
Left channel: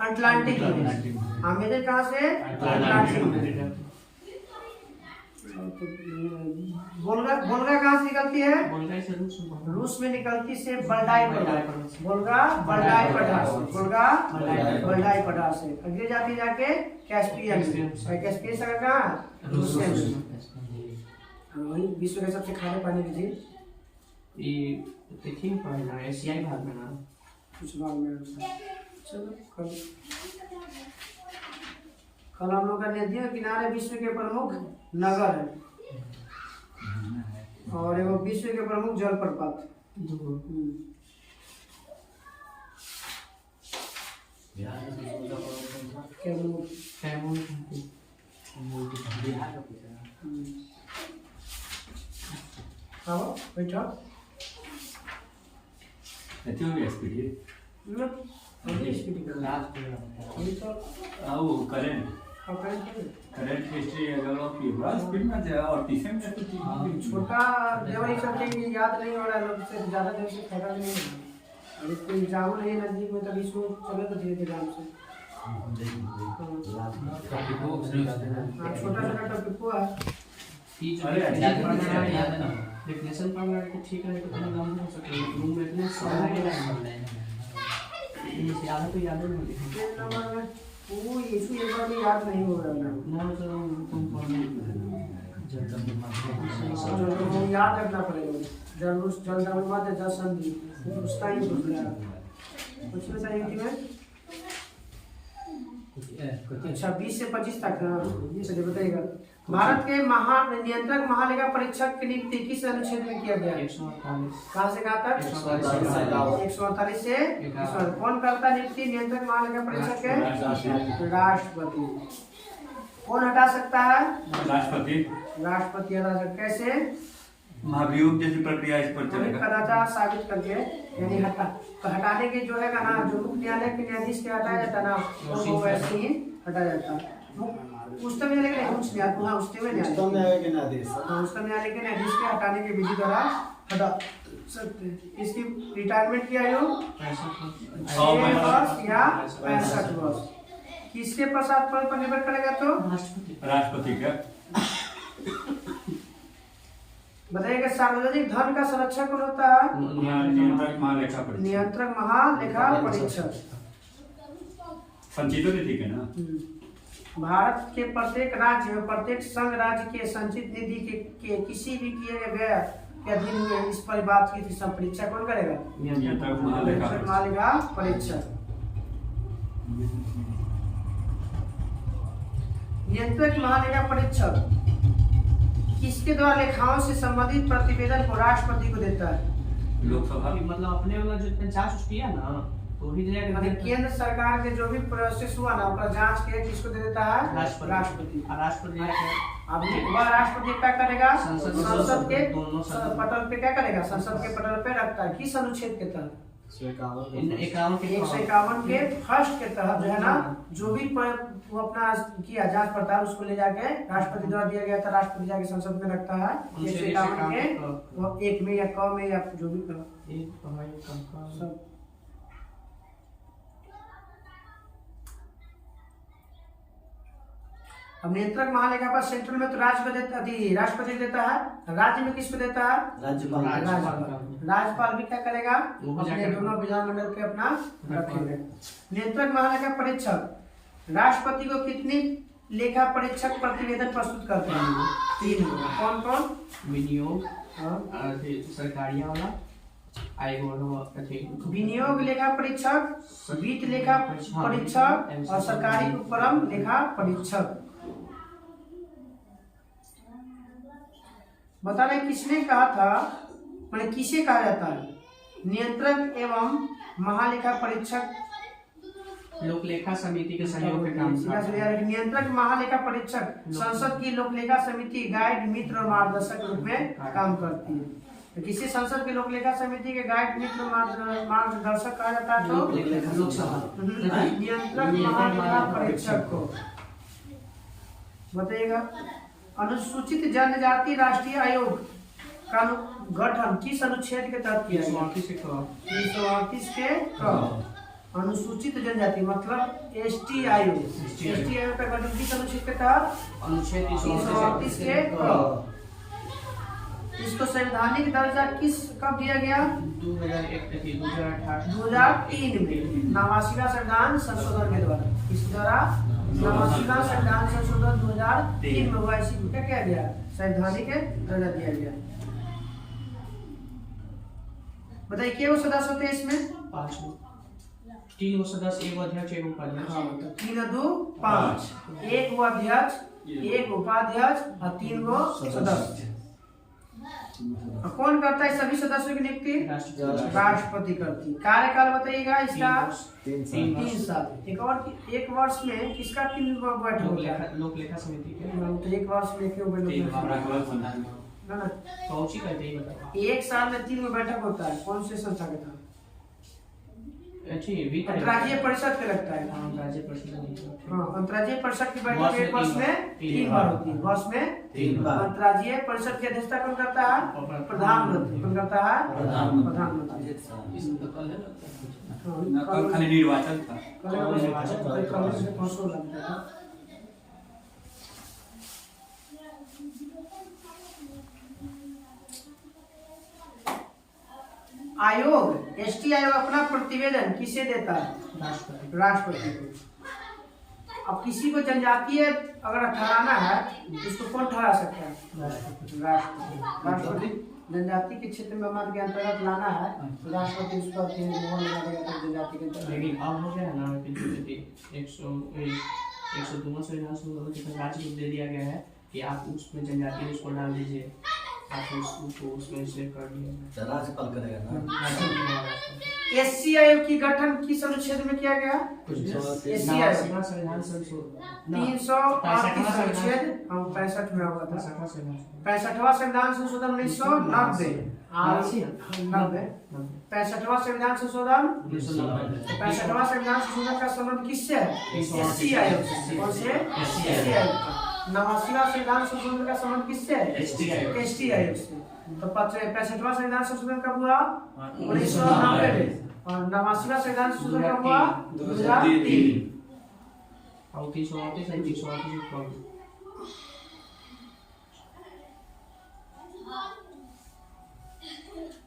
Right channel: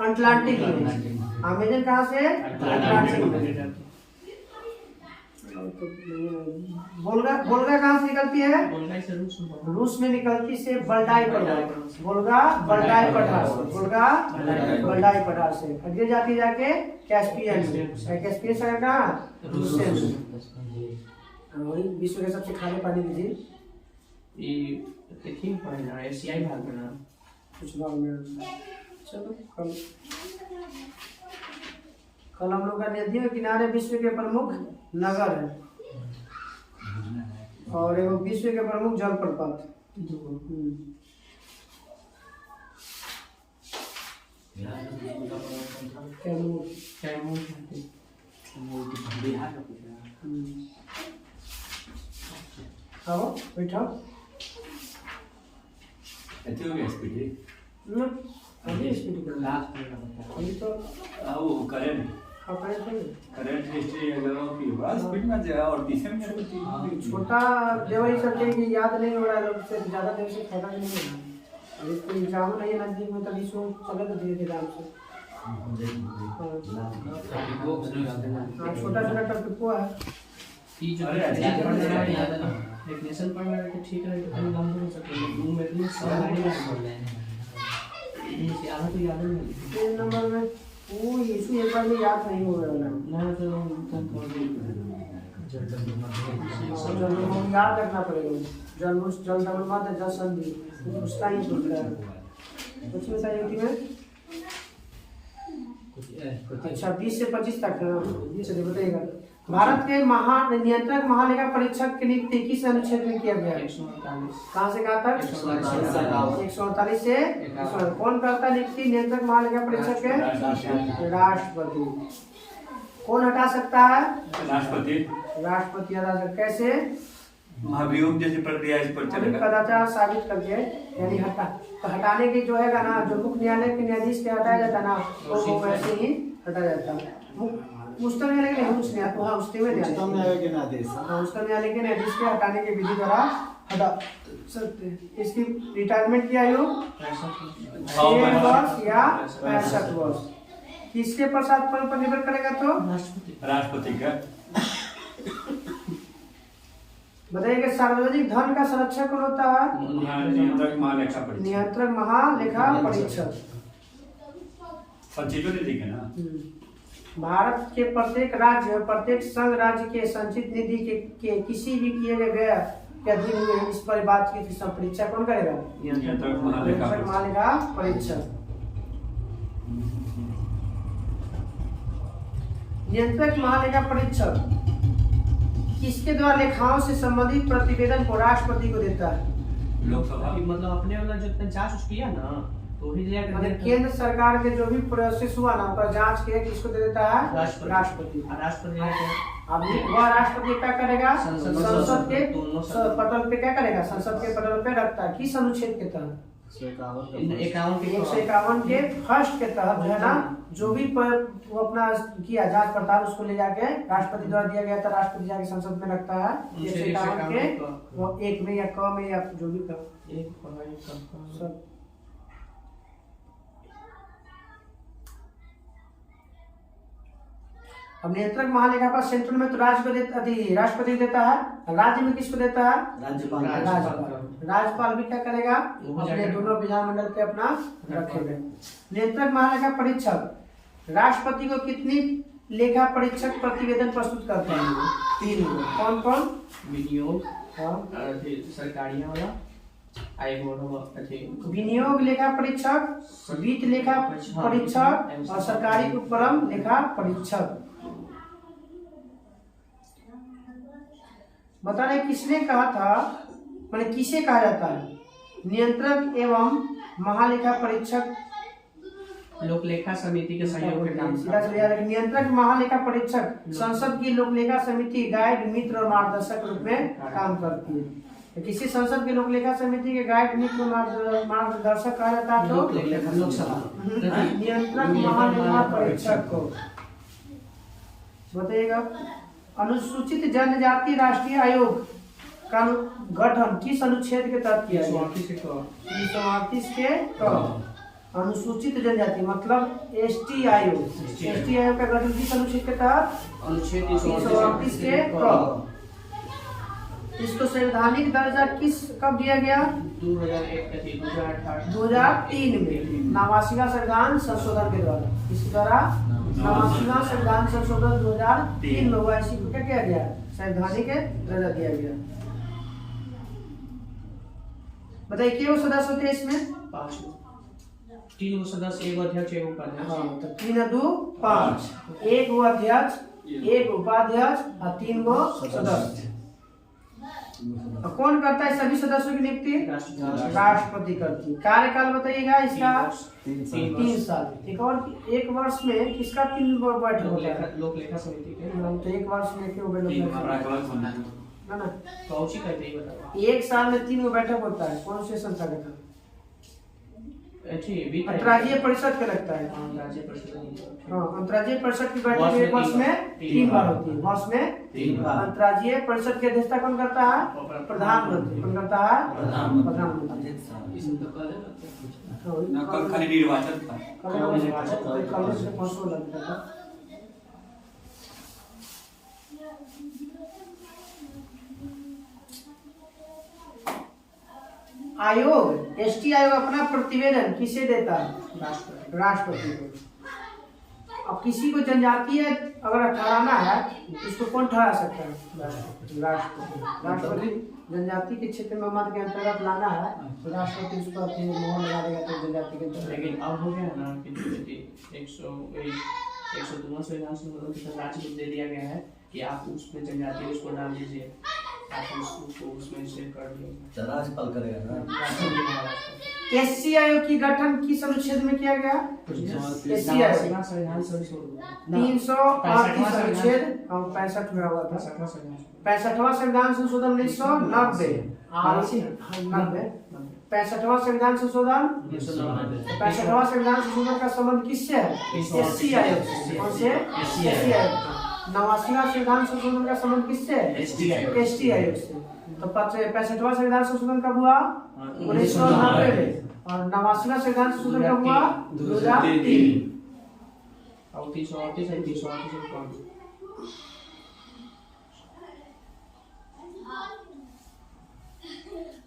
अटलांटिक में। अमेजन कहाँ से? अटलांटिक में। वोल्गा, वोल्गा कहाँ से निकलती है? वोल्गा से रूस में निकलती से बल्डाई पठार। वोल्गा बल्डाई पठार से, वोल्गा बल्डाई पठार से गिर जाती है जाके कैस्पियन में। कैस्पियन सागर कहाँ? रूसिया में। वही विश्व के सबसे खारे पानी की झील ये देखिए पढ़ना एशियाई भाग में ना कुछ भाग में। चलो कल हम लोग का नदियों के किनारे विश्व के प्रमुख नगर है और एगो विश्व के प्रमुख जलप्रपात। बिहार में सबसे बड़ा पर्वत कौन सा? कैमूर। कैमूर बिहार का पूछा है। आओ बैठो। एथियो में स्पीड लो अभी स्पीड कर रहा लास्ट में बता अभी तो वो करेंट अपने तो हिस्ट्री अगर की बस स्पीड में जाए और पीछे में छोटा देवर ये सब के याद नहीं हो रहा है लोग से ज्यादा दिन से फायदा नहीं हो रहा है। अभी कोई एग्जाम नहीं है नजदीक में तभी इसको चले तो धीरे धीरे आराम से। हाँ छोटा छोटा टॉपिक को है। ये जो डेफिनेशन पढ़ना है तो ठीक है तो कहीं लंबा हो सकता है रूम में इतने सवाल आएंगे इनसे आधा तो याद नहीं होगी। पेज नंबर में वो इशू एक बार में याद नहीं हो रहा है ना तो तुम पढ़ जब हम याद रखना पड़ेगा। जल जल डबल मात्र जल संधि उसका ही सोच रहा है। कुछ में सारी में अच्छा 20 से 25 तक ना चलिए बताइएगा। भारत के नियंत्रक महालेखा परीक्षक की नियुक्ति किस अनुच्छेद में किया गया? 148 कहाँ से कहाँ तक? 148 से 148। कौन करता नियुक्ति नियंत्रक महालेखा परीक्षक के? राष्ट्रपति। कौन हटा सकता है? राष्ट्रपति राष्ट्रपति हटा सकता। कैसे? महाभियोग जैसी प्रक्रिया इस पर चलेगा। कदाचार साबित करके यानी हटाने के जो है ना जो मुख्य न्यायालय के न्यायाधीश के हटाया जाता ना वो वैसे ही हटाया जाता है। उच्चतम न्यायालय के नहीं उच्च न्यायालय हाँ उच्चतम न्यायालय के न्यायाधीश हाँ उच्चतम न्यायालय के न्यायाधीश के हटाने के विधि द्वारा हटा सकते हैं। इसकी रिटायरमेंट की आयु 6 वर्ष या 65 वर्ष। किसके प्रसाद पद पर निर्भर करेगा? तो राष्ट्रपति का। बताइए सार्वजनिक धन का संरक्षक कौन होता है? नियंत्रक महालेखा परीक्षक। संचित निधि के ना भारत के प्रत्येक राज्य प्रत्येक संघ राज्य के संचित निधि के किसी भी किए गए व्यय के अधीन हुए इस पर बातचीत की परीक्षा कौन करेगा? नियंत्रक महालेखा परीक्षक। नियंत्रक महालेखा परीक्षक किसके द्वारा लेखाओं से संबंधित प्रतिवेदन को राष्ट्रपति को देता है? लोकसभा। मतलब अपने वाला जो जांच किया ना तो ही केंद्र सरकार के जो भी प्रोसेस हुआ ना उसका जांच के किसको दे देता है? राष्ट्रपति। अब वह राष्ट्रपति क्या करेगा? संसद के दोनों पटल पे क्या करेगा? संसद के पटल पे रखता है। किस अनुच्छेद के तहत? 151 के फर्स्ट के तहत जो है ना जो भी वो अपना किया जांच पड़ताल उसको ले जाके राष्ट्रपति द्वारा दिया गया था राष्ट्रपति जाके संसद में रखता है। 151 के वो एक में या क में या जो भी सब। अब नियंत्रक महालेखा पर सेंट्रल में तो राष्ट्रपति देता है। राज्य में किसको देता है? राज्यपाल भी क्या करेगा? अपने दोनों विधानमंडल के अपना रखेंगे। नियंत्रक महालेखा परीक्षक राष्ट्रपति को कितनी लेखा परीक्षक प्रतिवेदन प्रस्तुत करते हैं? 3। कौन कौन? विनियोग सरकारी वाला विनियोग लेखा परीक्षक, वित्त लेखा परीक्षक और सरकारी उपक्रम लेखा परीक्षक। बता रहे किसने कहा था मैंने किसे कहा जाता है? नियंत्रक एवं महालेखा परीक्षक लोकलेखा समिति के सहयोग के काम नियंत्रक महालेखा परीक्षक संसद की लोकलेखा समिति गाइड मित्र और मार्गदर्शक रूप में काम करती है। तो किसी संसद के लोक लेखा समिति के गाइड नीति मार्गदर्शक कहा जाता है तो लोकसभा नियंत्रक महालेखा परीक्षक को। बताइएगा, अनुसूचित जनजाति राष्ट्रीय आयोग का गठन किस अनुच्छेद के तहत किया गया? 338 के क। अनुसूचित जनजाति मतलब एसटी आयोग। एसटी आयोग का गठन किस अनुच्छेद के तहत? अनुच्छेद 338 के क। इसको संवैधानिक दर्जा कब दिया गया? 2003 में नवासीवां संविधान संशोधन के द्वारा। इस द्वारा नवासीवां संविधान संशोधन 2003 में हुआ। इसी को क्या किया गया? संवैधानिक दर्जा दिया गया। बताइए क्यों सदस्य होते हैं इसमें? 5 3 सदस्य, 1 अध्यक्ष 1 उपाध्यक्ष। हाँ, तो 3 2 5, 1 वो अध्यक्ष, 1 उपाध्यक्ष और 3 वो सदस्य। कौन करता है सभी सदस्यों की नियुक्ति? राष्ट्रपति करती। कार्यकाल बताइएगा इसका? 3 साल। एक वर्ष में किसका 3 बैठक होता है? लोक लेखा समिति के। तो एक वर्ष में क्यों ना पहुंची करते ही बताओ। एक साल में 3 बैठक होता है। कौन से संस्था का था? अंतर्राज्यीय परिषद के लगता है। अंतर्राज्यीय परिषद। हाँ, अंतर्राज्यीय परिषद की बैठक एक वर्ष में 3 बार होती है। वर्ष में 3 बार। अंतर्राज्यीय परिषद की अध्यक्षता कौन करता है? प्रधानमंत्री। कौन करता है? प्रधानमंत्री। खाली निर्वाचन था। कांग्रेस के 500 लगता था। आयोग एसटी आयोग अपना प्रतिवेदन किसे देता है? राष्ट्रपति को। अब किसी को जनजातीय अगर ठहराना है तो उसको कौन ठहरा सकता है? राष्ट्रपति। जनजाति के क्षेत्र में मत के अंतर्गत लाना है तो राष्ट्रपति उस पर मोहर लगा देगा तो जनजाति के। लेकिन अब हो गया ना कि 102 संविधान के राज्य को दे दिया गया है कि आप उसमें जनजाति उसको डाल दीजिए, आप उसको उसमें से कर दिया राज्यपाल करेगा ना। एससी आयोग की गठन किस अनुच्छेद में किया गया? एससी आयोग संविधान संशोधन 338 अनुच्छेद 65 में हुआ था। 65वां संविधान संशोधन 1990। 65वां संविधान संशोधन 65वां संविधान संशोधन का संबंध किससे है? एससी आयोग से। कौन से? एससी आयोग। 89वां संविधान संशोधन का संबंध किससे है? एसटी आयोग से। तो 65वां संविधान संशोधन कब हुआ? 1990 में। और 89वां संविधान संशोधन कब हुआ? 2003। और 338 है 338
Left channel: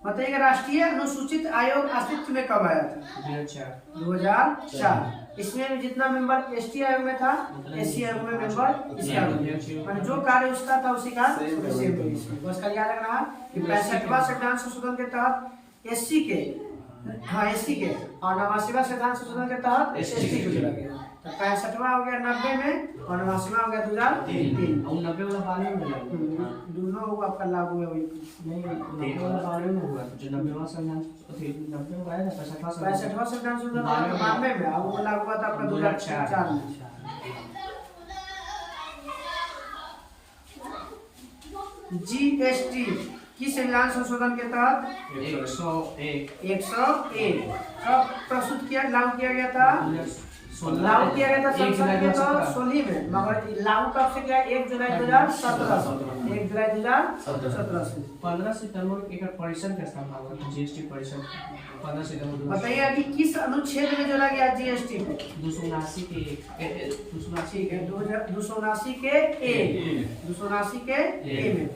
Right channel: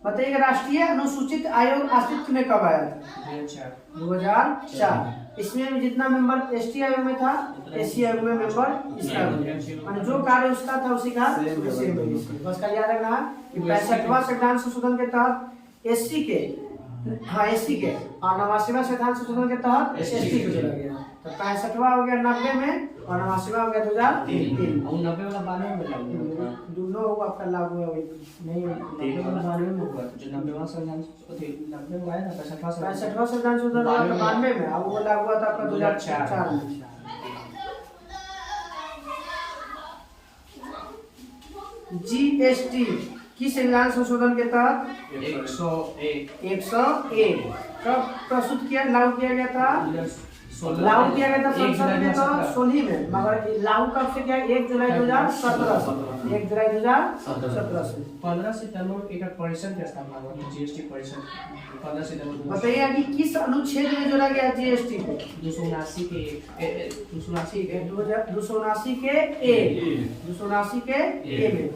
बताइएगा, राष्ट्रीय अनुसूचित आयोग अस्तित्व में कब आया था? 2004। इसमें जितना मेंबर एसटी आयोग में था, एससी आयोग में मेंबर इसका भी। जो कार्य उसका था उसी का बस का याद रखना है कि 65वां संविधान संशोधन के तहत एससी के, हाँ एससी के, और 89वां संविधान संशोधन के तहत एसटी को जोड़ा गया। तो 65वां हो गया 90 में और 89वां हो गया 2003। और 90 वाला 92 में लगा। दोनों आपका लागू है वही। नहीं 90 वाला 92 में हुआ जो 90वां संविधान 90 में आया था। 65वां संविधान संशोधन 92 में और वो लागू हुआ था आपका 2004 में। जीएसटी किस संविधान संशोधन के तहत? 101 कब प्रस्तुत किया, लागू किया गया था? लागू किया गया था संसद में तो 16 में, मगर लागू कब से किया? 1 जुलाई 2017 से। 1 जुलाई 2017 से। 15 सितंबर एक परिषद का स्थापना हुआ, जीएसटी परिषद 15 सितंबर। बताइए कि किस अनुच्छेद में जोड़ा गया जीएसटी को? 279 के 279 के ए में।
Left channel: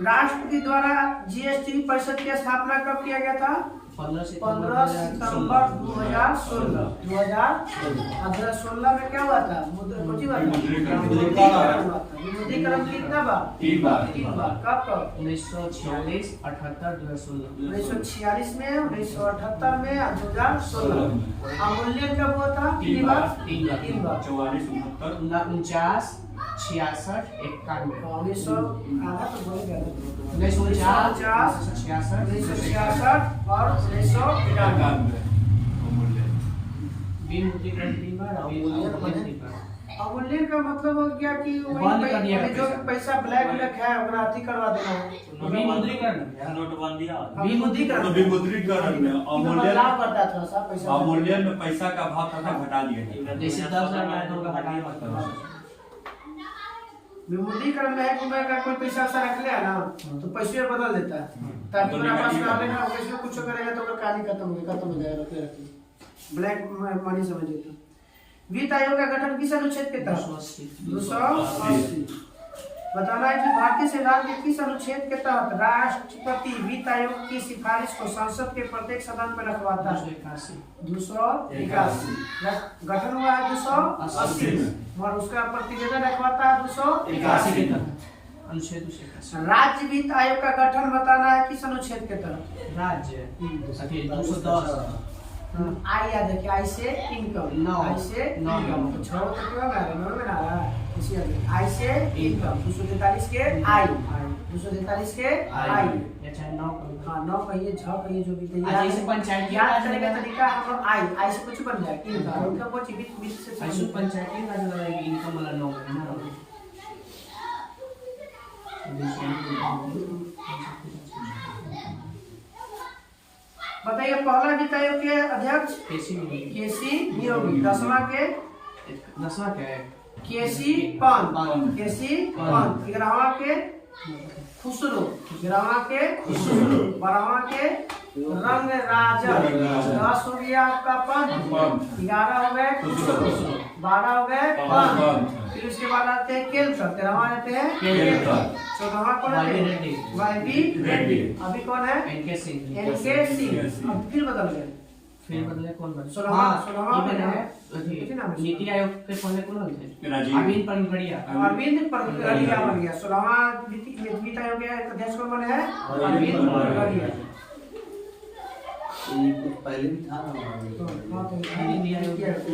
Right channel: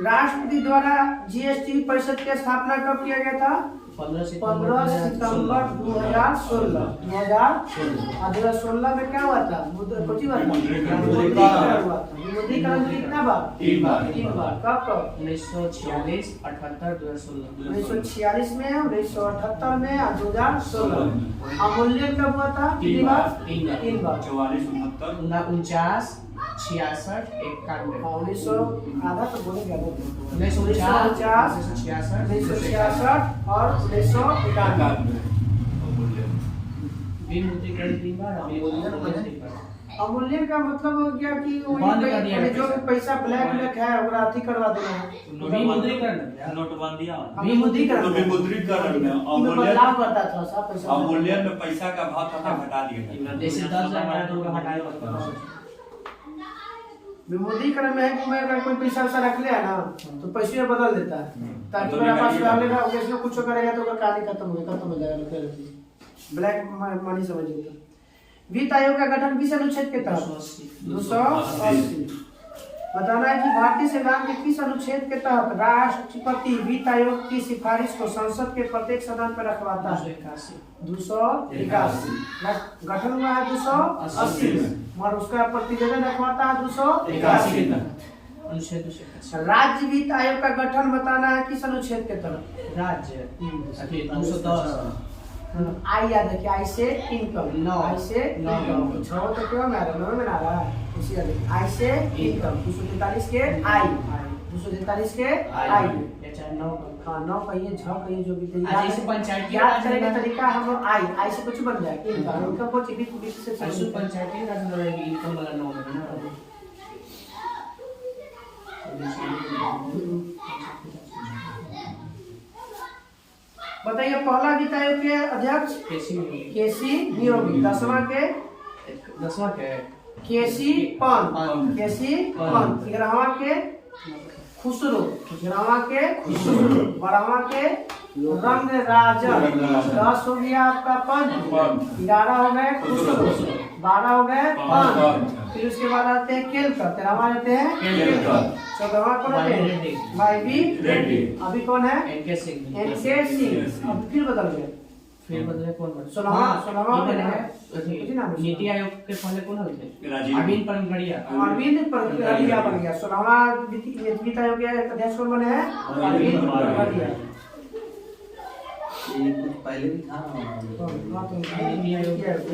राष्ट्रपति द्वारा जीएसटी परिषद की स्थापना कब किया गया था? 15 सितंबर 2016। 2016 में क्या हुआ था? विमुद्रीकरण कितना बार? 3 बार। कब? 1946, 78, 2016। 1946 में, 1978 में और 2016 में। अवमूल्यन कब हुआ था? 3 बार। 44, 49, 66, 91। 1900 आधा तो बोले गया 1949, 1966 और 1991। विमुद्रीकरण 3 बार और अवमूल्यन का मतलब क्या कि बंद कर दिया जो पैसा। पैसा ब्लैक है ओकरा अथी करवा देना है। विमुद्रीकरण नोटबंदियां विमुद्रीकरण तो विमुद्रीकरण में इसमें बदलाव करता था सा पैसा अवमूल्यन में पैसा का भाव थोड़ा घटा दिया जैसे 10,000 तो होगा हटाए मत। विमुद्रीकरण में है कि मैं अगर कोई पैसा वैसा रख ले ना तो पैसे बदल देता है ताकि मेरा पास रह लेगा उसमें कुछ करेगा तो कहानी खत्म हो जाएगा। ब्लैक मनी समझिए तो। वित्त आयोग का गठन किस अनुच्छेद के तहत 280 बताना है कि भारतीय संविधान के किस अनुच्छेद के तहत राष्ट्रपति वित्त आयोग की सिफारिश को संसद के प्रत्येक सदन पर रखवाता है 281 गठन हुआ है 280 और उसका प्रतिवेदन रखवाता है 281 के तहत अनुच्छेद 281। राज्य वित्त आयोग का गठन बताना है किस अनुच्छेद के तहत राज्य 210 आई याद है कि आई से इनकम नौ। आई से नौ। इनकम छह तो क्यों ना रहा नौ में ना रहा इसी आई से इनकम 243 के आई 243 के आई या चाहे 9 हाँ 9 कहिए 6 कहिए जो भी आज जैसे पंचायती याद राज करने का में- तरीका हम लोग आई से कुछ बन जाए इनकम कुछ बीच से ऐसे पंचायती राज में रहेगी इनकम वाला 9 है ना। बताइए पहला वित्त आयोग के अध्यक्ष कैसी मिलेगी केसी नियोगी 10वां के 10वां के केसी पंत पंत। केसी पंत 11वां के खुसरो 11वां के खुसरो 12वां के रंग राजन 10 हो गया आपका पंत 11 हो गए खुसरो 12 हो गए पंत फिर उसके बाद आते हैं केलकर 13वां आते हैं केलकर 14वां कौन आते हैं वाईबी रेड्डी अभी कौन है एनके सिंह एनके सिंह अब फिर बदल गए फिर बदले कौन बदले 16वां ये है है किसी नाम है? नीति आयोग के पहले कौन थे राजीव। अरविंद पनगड़िया अरविंद पनगड़िया बन गया 16वां वित्त आयोग के अध्यक्ष कौन बने हैं अरविंद पनगड़िया ये कुछ पहले भी था ना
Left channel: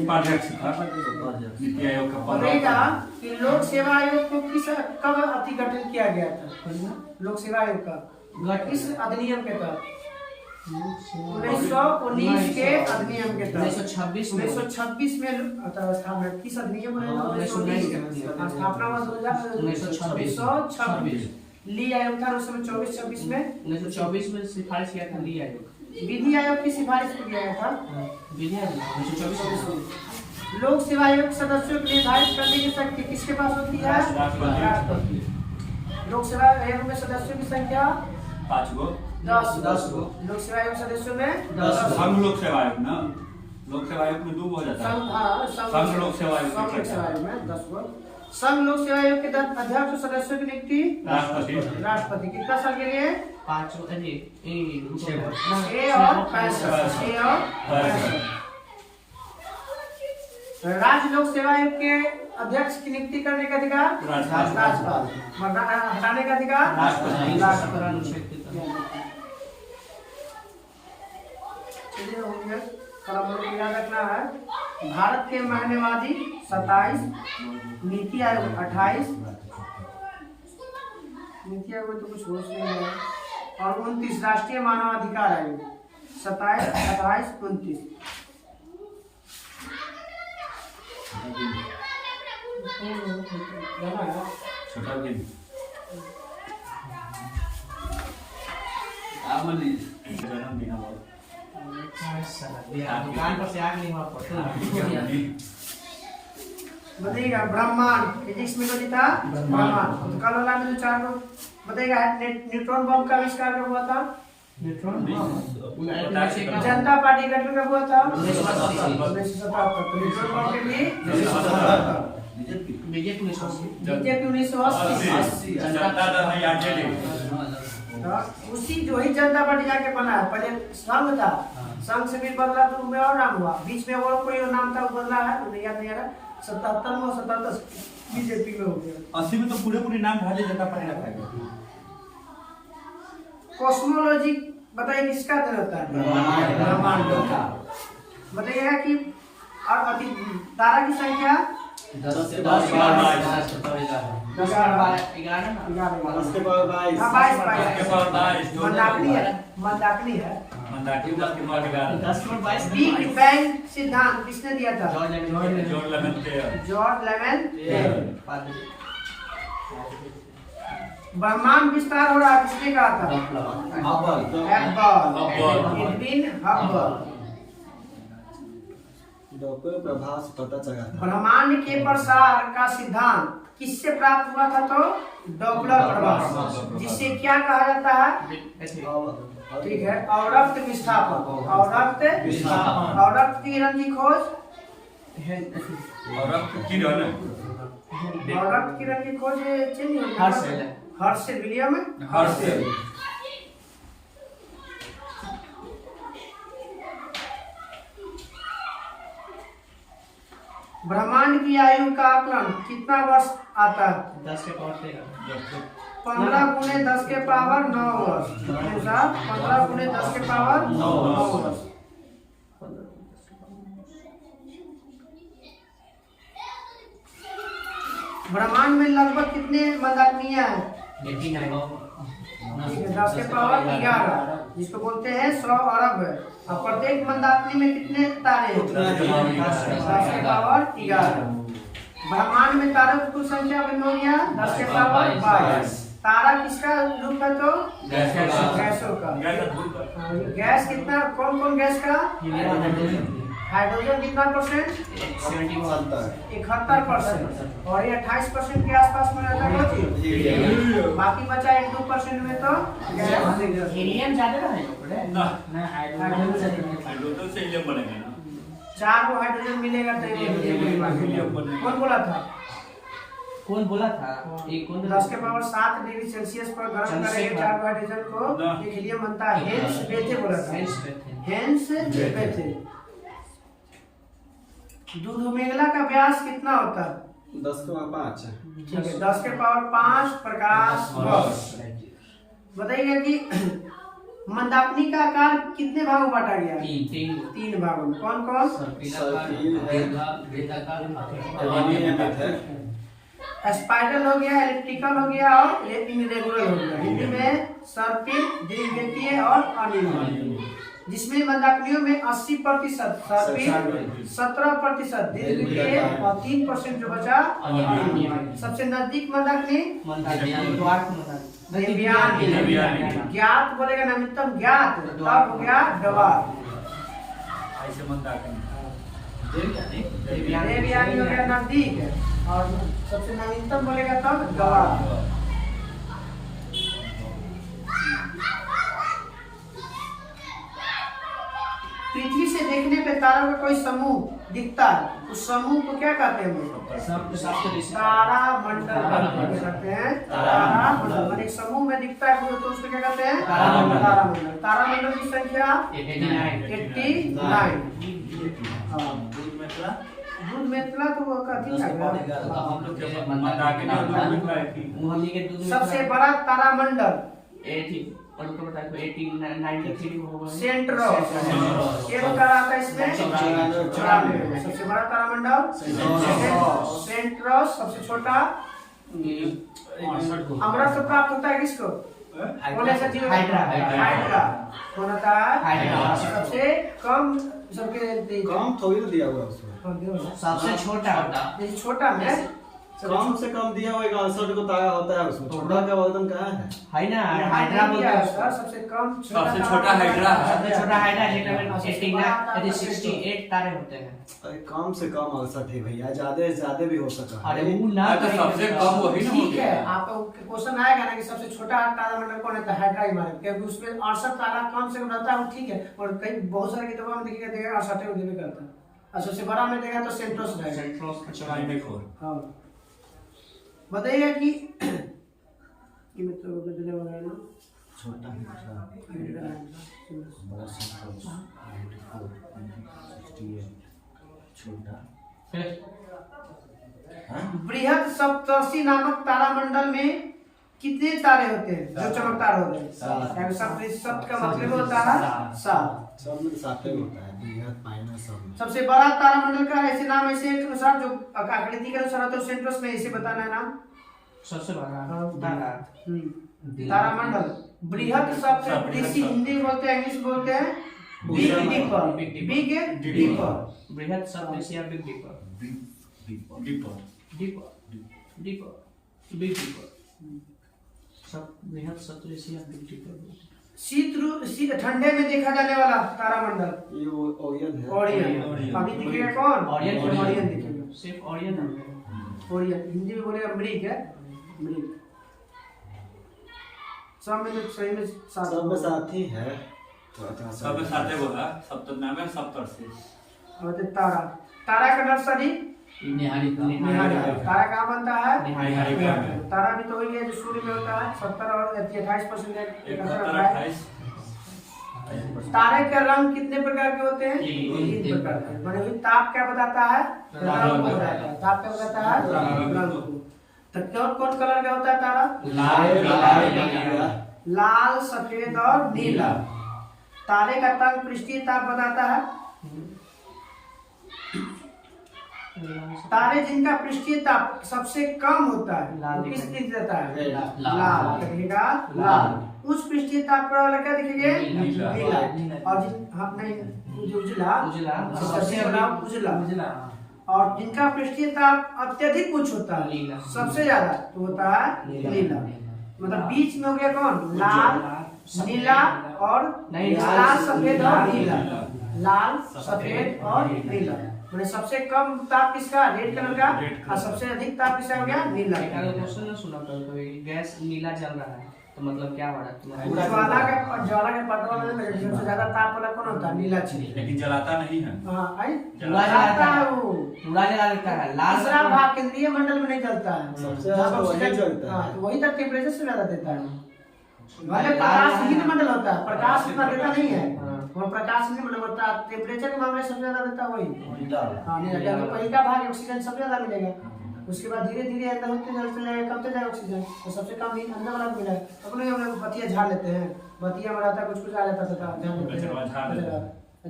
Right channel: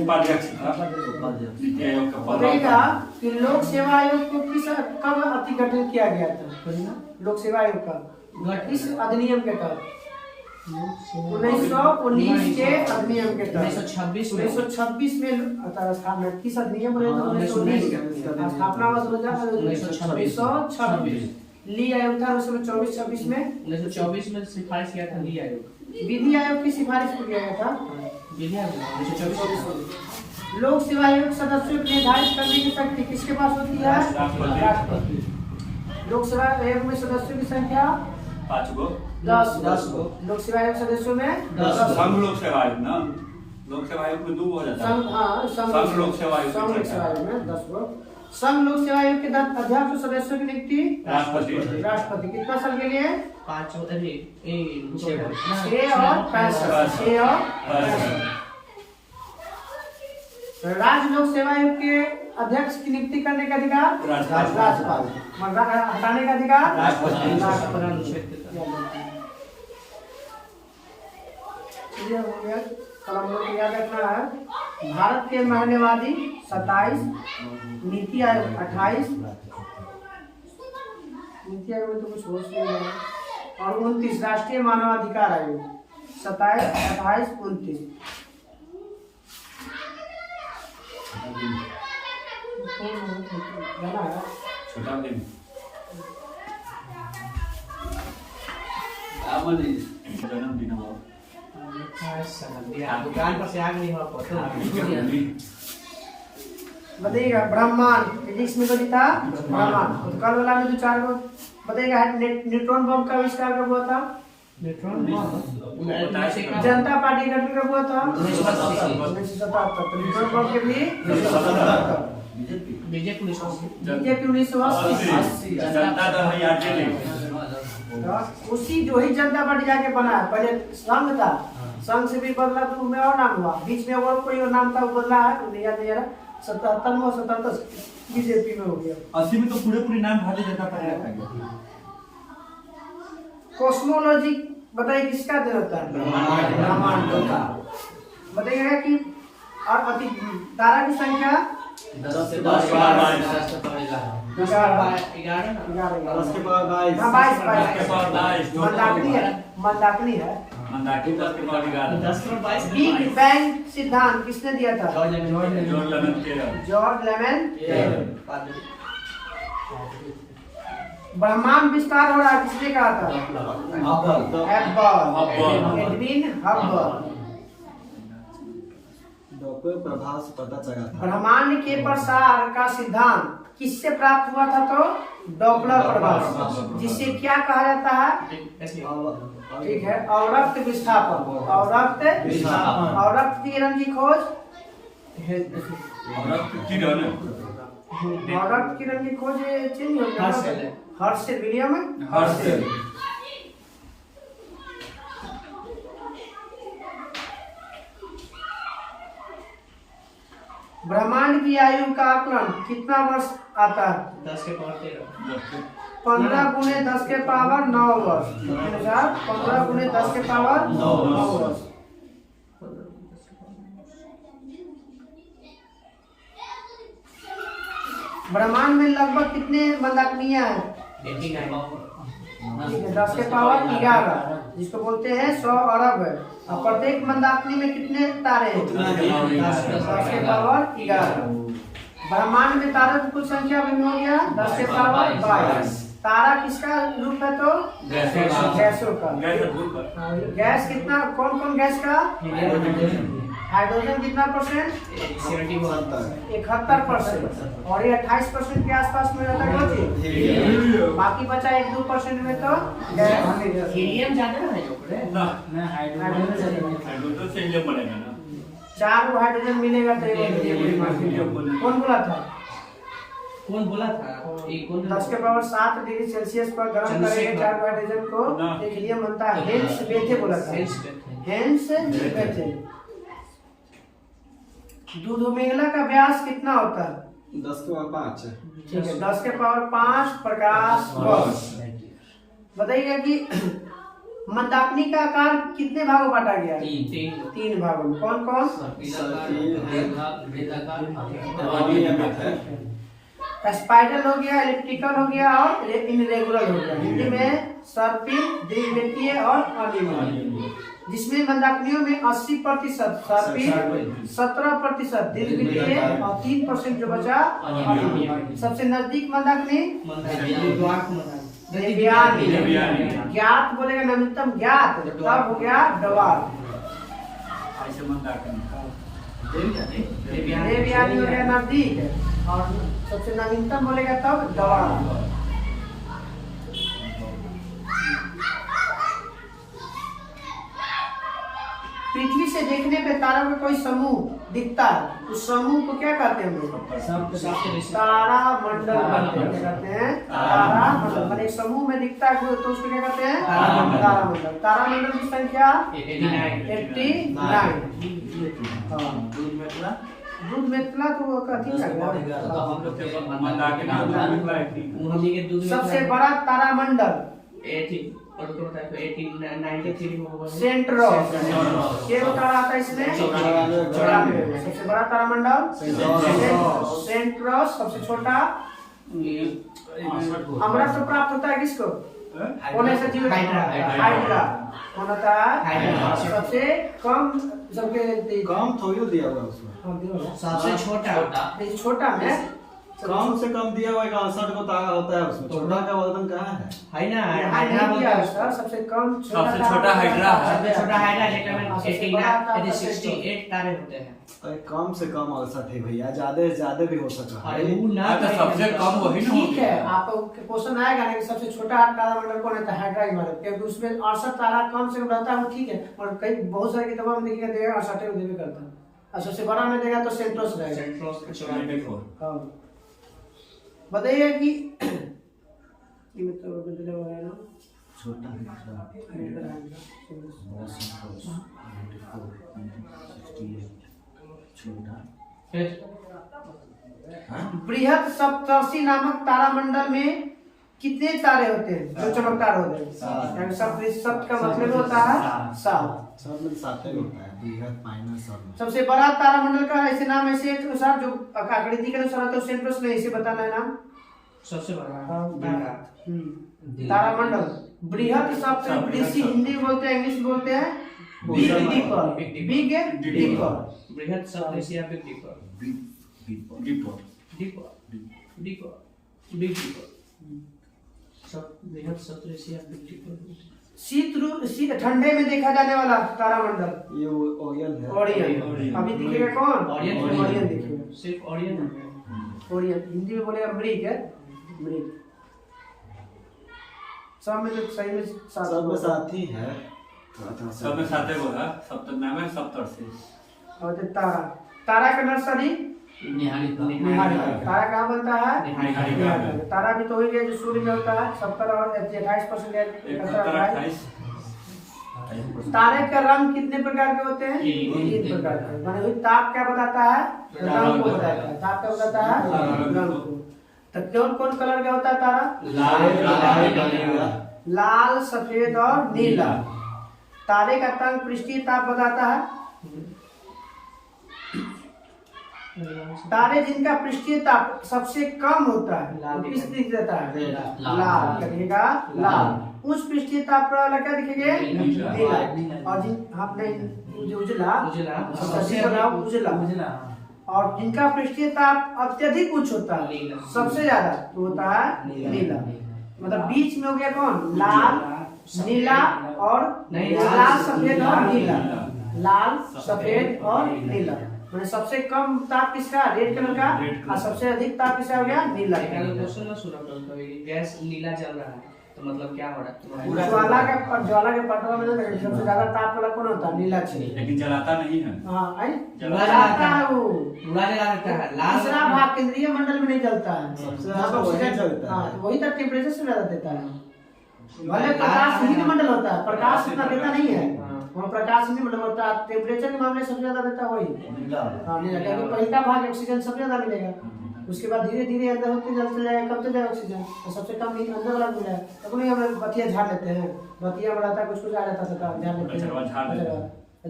उपाध्यक्ष था नीति आयोग का बताइएगा कि लोक सेवा आयोग को किस कब अति गठन किया गया था लोक सेवा आयोग का किस अधिनियम के तहत 1919 के अधिनियम के तहत 1926 में किस अधिनियम बने 1919 के स्थापना हुआ 1926 ली आयोग था उस समय 24-26 में 1924 में सिफारिश किया था ली आयोग विधि आयोग की सिफारिश को किया गया था विधि आयोग 1924 में। लोक सेवा आयोग सदस्यों को निर्धारित करने की शक्ति किसके पास होती है राष्ट्रपति। लोक सेवा आयोग में सदस्यों की संख्या 5 गो 10 लोक सेवा आयोग सदस्यों में 10 संघ लोक सेवा आयोग ना लोक सेवा आयोग में 2 हो जाता है संघ हाँ संघ लोक सेवा आयोग संघ लोक सेवा आयोग में 10 गो संघ लोक सेवा आयोग के अध्यक्ष और सदस्यों की नियुक्ति राष्ट्रपति कितना साल के लिए 5 अरे 6 और 65 6 और 65 राज्य लोक सेवा आयोग के अध्यक्ष की नियुक्ति करने का अधिकार राज्यपाल हटाने का अधिकार राष्ट्रपति अनुच्छेद के तहत। चलिए हो गया कल हम लोग को याद रखना है भारत के महनेवादी 27 नीति आयोग 28 नीति आयोग में तो कुछ होश नहीं है और 29 राष्ट्रीय मानवाधिकार आयोग 27 28 29 जाना है छोटा भी जन्मदिन बहुत दुकान पर से आग नहीं हुआ पड़ता बताइएगा ब्रह्मांड फिजिक्स में कभी था ब्रह्मांड तो कल वाला में जो 4 को बताइएगा न्यूट्रॉन बम का आविष्कार कब हुआ था न्यूट्रॉन बम जनता पार्टी गठन कब हुआ था 1977 1977 न्यूट्रॉन बम के लिए 1977 बीजेपी 1980 बीजेपी 1980 जनता दल है याद ले उसी जो ही जनता पार्टी जाके बना है पहले संघ था संघ से भी बदला तो में और नाम हुआ बीच में और कोई और नाम था वो बदला है याद नहीं आ रहा 77 में 77 बीजेपी में हो गया 80 में तो पूरे नाम भारतीय जनता पार्टी रखा गया कॉस्मोलॉजी बताइए किसका दिन होता है ब्रह्मांड का बताइएगा कि और अति तारा की संख्या 10 से 10 उसके बाद 22 मंदाकिनी है मंदाकिनी 10 के पावर 11। 10 के 22 बिग बैंग सिद्धांत किसने दिया था? जॉर्ज लेमन जॉर्ज लेमन के जॉर्ज लेमन। ब्रह्मांड विस्तार हो रहा है किसने कहा था? हब्बल। Edwin Hubble. डॉप्लर प्रभाव से पता चला था। ब्रह्मांड के प्रसार का सिद्धांत किससे प्राप्त हुआ था? तो डॉप्लर प्रभाव, जिसे क्या कहा जाता है? ठीक है, अवरक्त विस्थापन। अवरक्त किरण की खोज, और अब किरण अवरक्त किरण की खोज चेंज हो गया। Herschel William Herschel. ब्रह्मांड की आयु का आकलन कितना वर्ष आता है? 10 के पावर 13। 15 गुने 10 के पावर 9 वर्ष। 15 गुने 10 के पावर 9 वर्ष। ब्रह्मांड में लगभग कितने मंदाकिनियां हैं? 89। ठीक है, 10 के पावर 11, जिसको बोलते हैं 100 अरब है। और प्रत्येक मंदाकिनी में कितने तारे हैं? 10 के पावर 11। ब्रह्मांड में तारों की कुल संख्या भिन्न हो गया 10 के पावर 22। तारा किसका रूप है? तो गैसों का। गैस कितना, कौन कौन गैस का? हाइड्रोजन कितना परसेंट? 71%। और ये 28% के आसपास में रहता है। बाकी बचा 1-2% में तो हीलियम ज्यादा है जो पड़े ना हाइड्रोजन से हीलियम बनेगा ना। 4 हाइड्रोजन मिलेगा तो कौन बोला था? कौन बोला था? ये कौन? 10 के पावर 7 डिग्री सेल्सियस पर गर्म करेंगे 4 हाइड्रोजन को, एक हीलियम बनता है। हेंस बेथे बोला था। हेंस बेथे। दूध मेघला का व्यास कितना होता है? 10 के पावर 5। ठीक है, 10 के पावर 5 प्रकाश वर्ष। बताइए कि मंदाकिनी का आकार कितने भागों बांटा गया? 3 भागों में। कौन कौन? स्पाइरल हो गया, एलिप्टिकल हो गया और इनरेगुलर हो गया। हिंदी में सर्पिल, द्वितीय और अनियमित। जिसमें मंदाकिनियों में 80% सर्पिल, 17% द्वितीय और 3% जो बचा अनियमित। सबसे नजदीक मंदाकिनी ज्ञात बोलेगा नवीनतम ज्ञात, तब हो गया डवार। ऐसे मंदाकिनी देवयानी हो गया नजदीक, और सबसे नवीनतम बोलेगा तब डवार। पृथ्वी से देखने पे तारों का कोई समूह दिखता है, उस समूह को क्या कहते हैं हम लोग? तारा मंडल कहते हैं। तारा मंडल मतलब एक समूह में दिखता है तो उसको क्या कहते हैं? तारा मंडल। तारा मंडल की संख्या 89। दूध मेतला तो वो कथी का? सबसे बड़ा तारा मंडल सेंट्रोस। ये तारा आता है इसमें 94। सबसे बड़ा तारामंडल सेंट्रोस। सबसे छोटा अमृत प्राप्त होता है किसको? कौन ऐसा जीव? हाइड्रा। कौन होता है? सबसे कम, सबके कम थोड़ी दिया हुआ उसमें। सबसे छोटा में कम से कम दिया हुआ 68 को तारा होता है उसमें। छोटा का वजन कहाँ है? ना हाइड्रा बोलते हैं। सबसे कम सबसे छोटा हाइड्रा है। सबसे छोटा हाइड्रा जेकर में 68 तारे होते हैं। अरे कम से कम 68 है भैया, ज्यादा से ज्यादा भी हो सकता है। अरे वो ना तो सबसे कम वही ना ठीक है, आपका क्वेश्चन आएगा ना कि सबसे छोटा तारामंडल कौन है? हाइड्रा हिमालय, क्योंकि उसमें 68 तारा कम से कम रहता है। वो ठीक है, और कई बहुत सारे किताबों में देखिएगा 68 को देवे करता है। और सबसे बड़ा में देगा तो सेंट्रोस रहेगा। हाँ, बताइए कि ये मतलब बदले वगैरह छोटा बृहद सप्तर्षि नामक तारामंडल में कितने तारे होते हैं जो चमकदार होते हैं? सप्त का मतलब होता है 7। सब में 7 ही होता है, बृहद माइनस सब। सबसे बड़ा तारामंडल का ऐसे नाम ऐसे के अनुसार जो आकृति के अनुसार होता है सेंट्रोस में, इसे बताना है नाम। सबसे बड़ा तारामंडल बृहत शब्द कृषि हिंदी में बोलते हैं, इंग्लिश में बोलते हैं बिग डीपर। Big deeper. बृहत सप्तऋषि या big deeper. Deeper deeper big deeper सब बृहत सप्तऋषि या बिग डीपर। ठंडे में देखा जाने वाला तारामंडल ये ओरियन है। ओरियन। अभी दिखेगा कौन? ओरियन। ओरियन दिखेगा, सिर्फ ओरियन। ओरियन हिंदी में बोलेगा मृग है, मृग। सब में तो सही में सब में साथी है। सब में साथे बोला सप्तनागर सप्तर्षि। और तो तारा, तारा का नर्सरी निहारिका। तारा कहाँ बनता है? निहारिका। तारा भी तो हो गया जो सूर्य में होता है। 70 और 28%। तारे का रंग कितने प्रकार के होते हैं? 3 प्रकार के। माने हुई ताप क्या बताता है? रंग को बताता है। ताप क्या बताता है? रंग को। तो कौन कलर का होता है तारा? लाल, सफेद और नीला। तारे का तंग पृष्ठीय ताप बताता है। तारे जिनका पृष्ठीय ताप सबसे कम होता है लाल किस दिख देता है? लाल दिखेगा लाल। उस पृष्ठीय ताप पर वाला क्या दिखेगा? नीला। और जिन आपने उजला उजला। और जिनका पृष्ठीय ताप अत्यधिक उच्च होता है सबसे ज्यादा तो होता है नीला। मतलब बीच में हो गया कौन? लाल, नीला और लाल, सफेद और नीला। लाल, सफेद और नीला। मैंने सबसे कम ताप किसका? रेड कलर का। और सबसे अधिक ताप किसका हो गया? नीला। क्वेश्चन ना सुना कभी गैस नीला जल रहा है तो मतलब क्या हो रहा है? ज्वाला के पटवा में सबसे ज्यादा ताप वाला कौन होता है? नीला छेद। लेकिन जलाता नहीं है। हाँ आई जलाता है वो। पूरा जला देता है। लाल तीसरा भाग केंद्रीय मंडल में नहीं जलता है। सबसे यहाँ पर वही ऑक्सीजन जलता है। हाँ, तो वही तक टेम्परेचर से ज्यादा देता है। वाले प्रकाशहीन मंडल होता है, प्रकाश इतना देता नहीं है। वहाँ प्रकाश नहीं मतलब होता है। टेम्परेचर के मामले सबसे ज्यादा देता है वही। हाँ नहीं रहता। पहला भाग ऑक्सीजन सबसे ज्यादा मिलेगा। उसके बाद धीरे धीरे अंदर होते चलते जाएगा, कम जाएगा ऑक्सीजन। तो सबसे कम अंदर वाला मिलेगा। तो नहीं हम बतिया झाड़ लेते हैं। बतिया में रहता कुछ आ जाता था, झाड़ लेते हैं।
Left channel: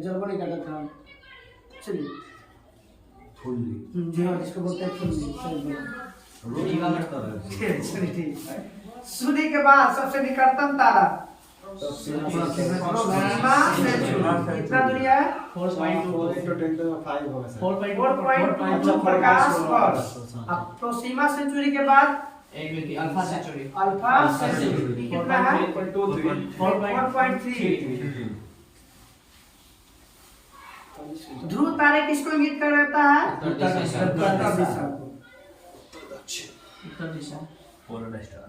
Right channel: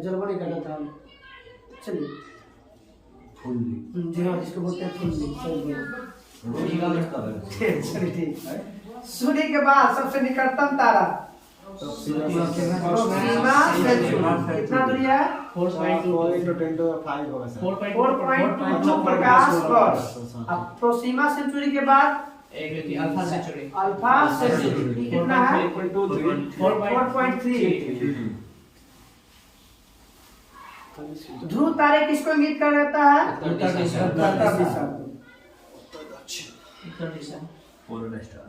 जलवा नहीं करता था। चलिए जी हाँ, जिसको बोलते हैं चलिए ठीक। सूर्य के बाद सबसे निकटतम तारा कितना दूरी है? 4.22 प्रकाश वर्ष। अब प्रोसीमा सेंचुरी के बाद अल्फा सेंचुरी। अल्फा सेंचुरी कितना है? 4.3। ध्रुव तारे किसको इंगित कर रहता है? उत्तर दिशा। उत्तर दिशा। Polar star.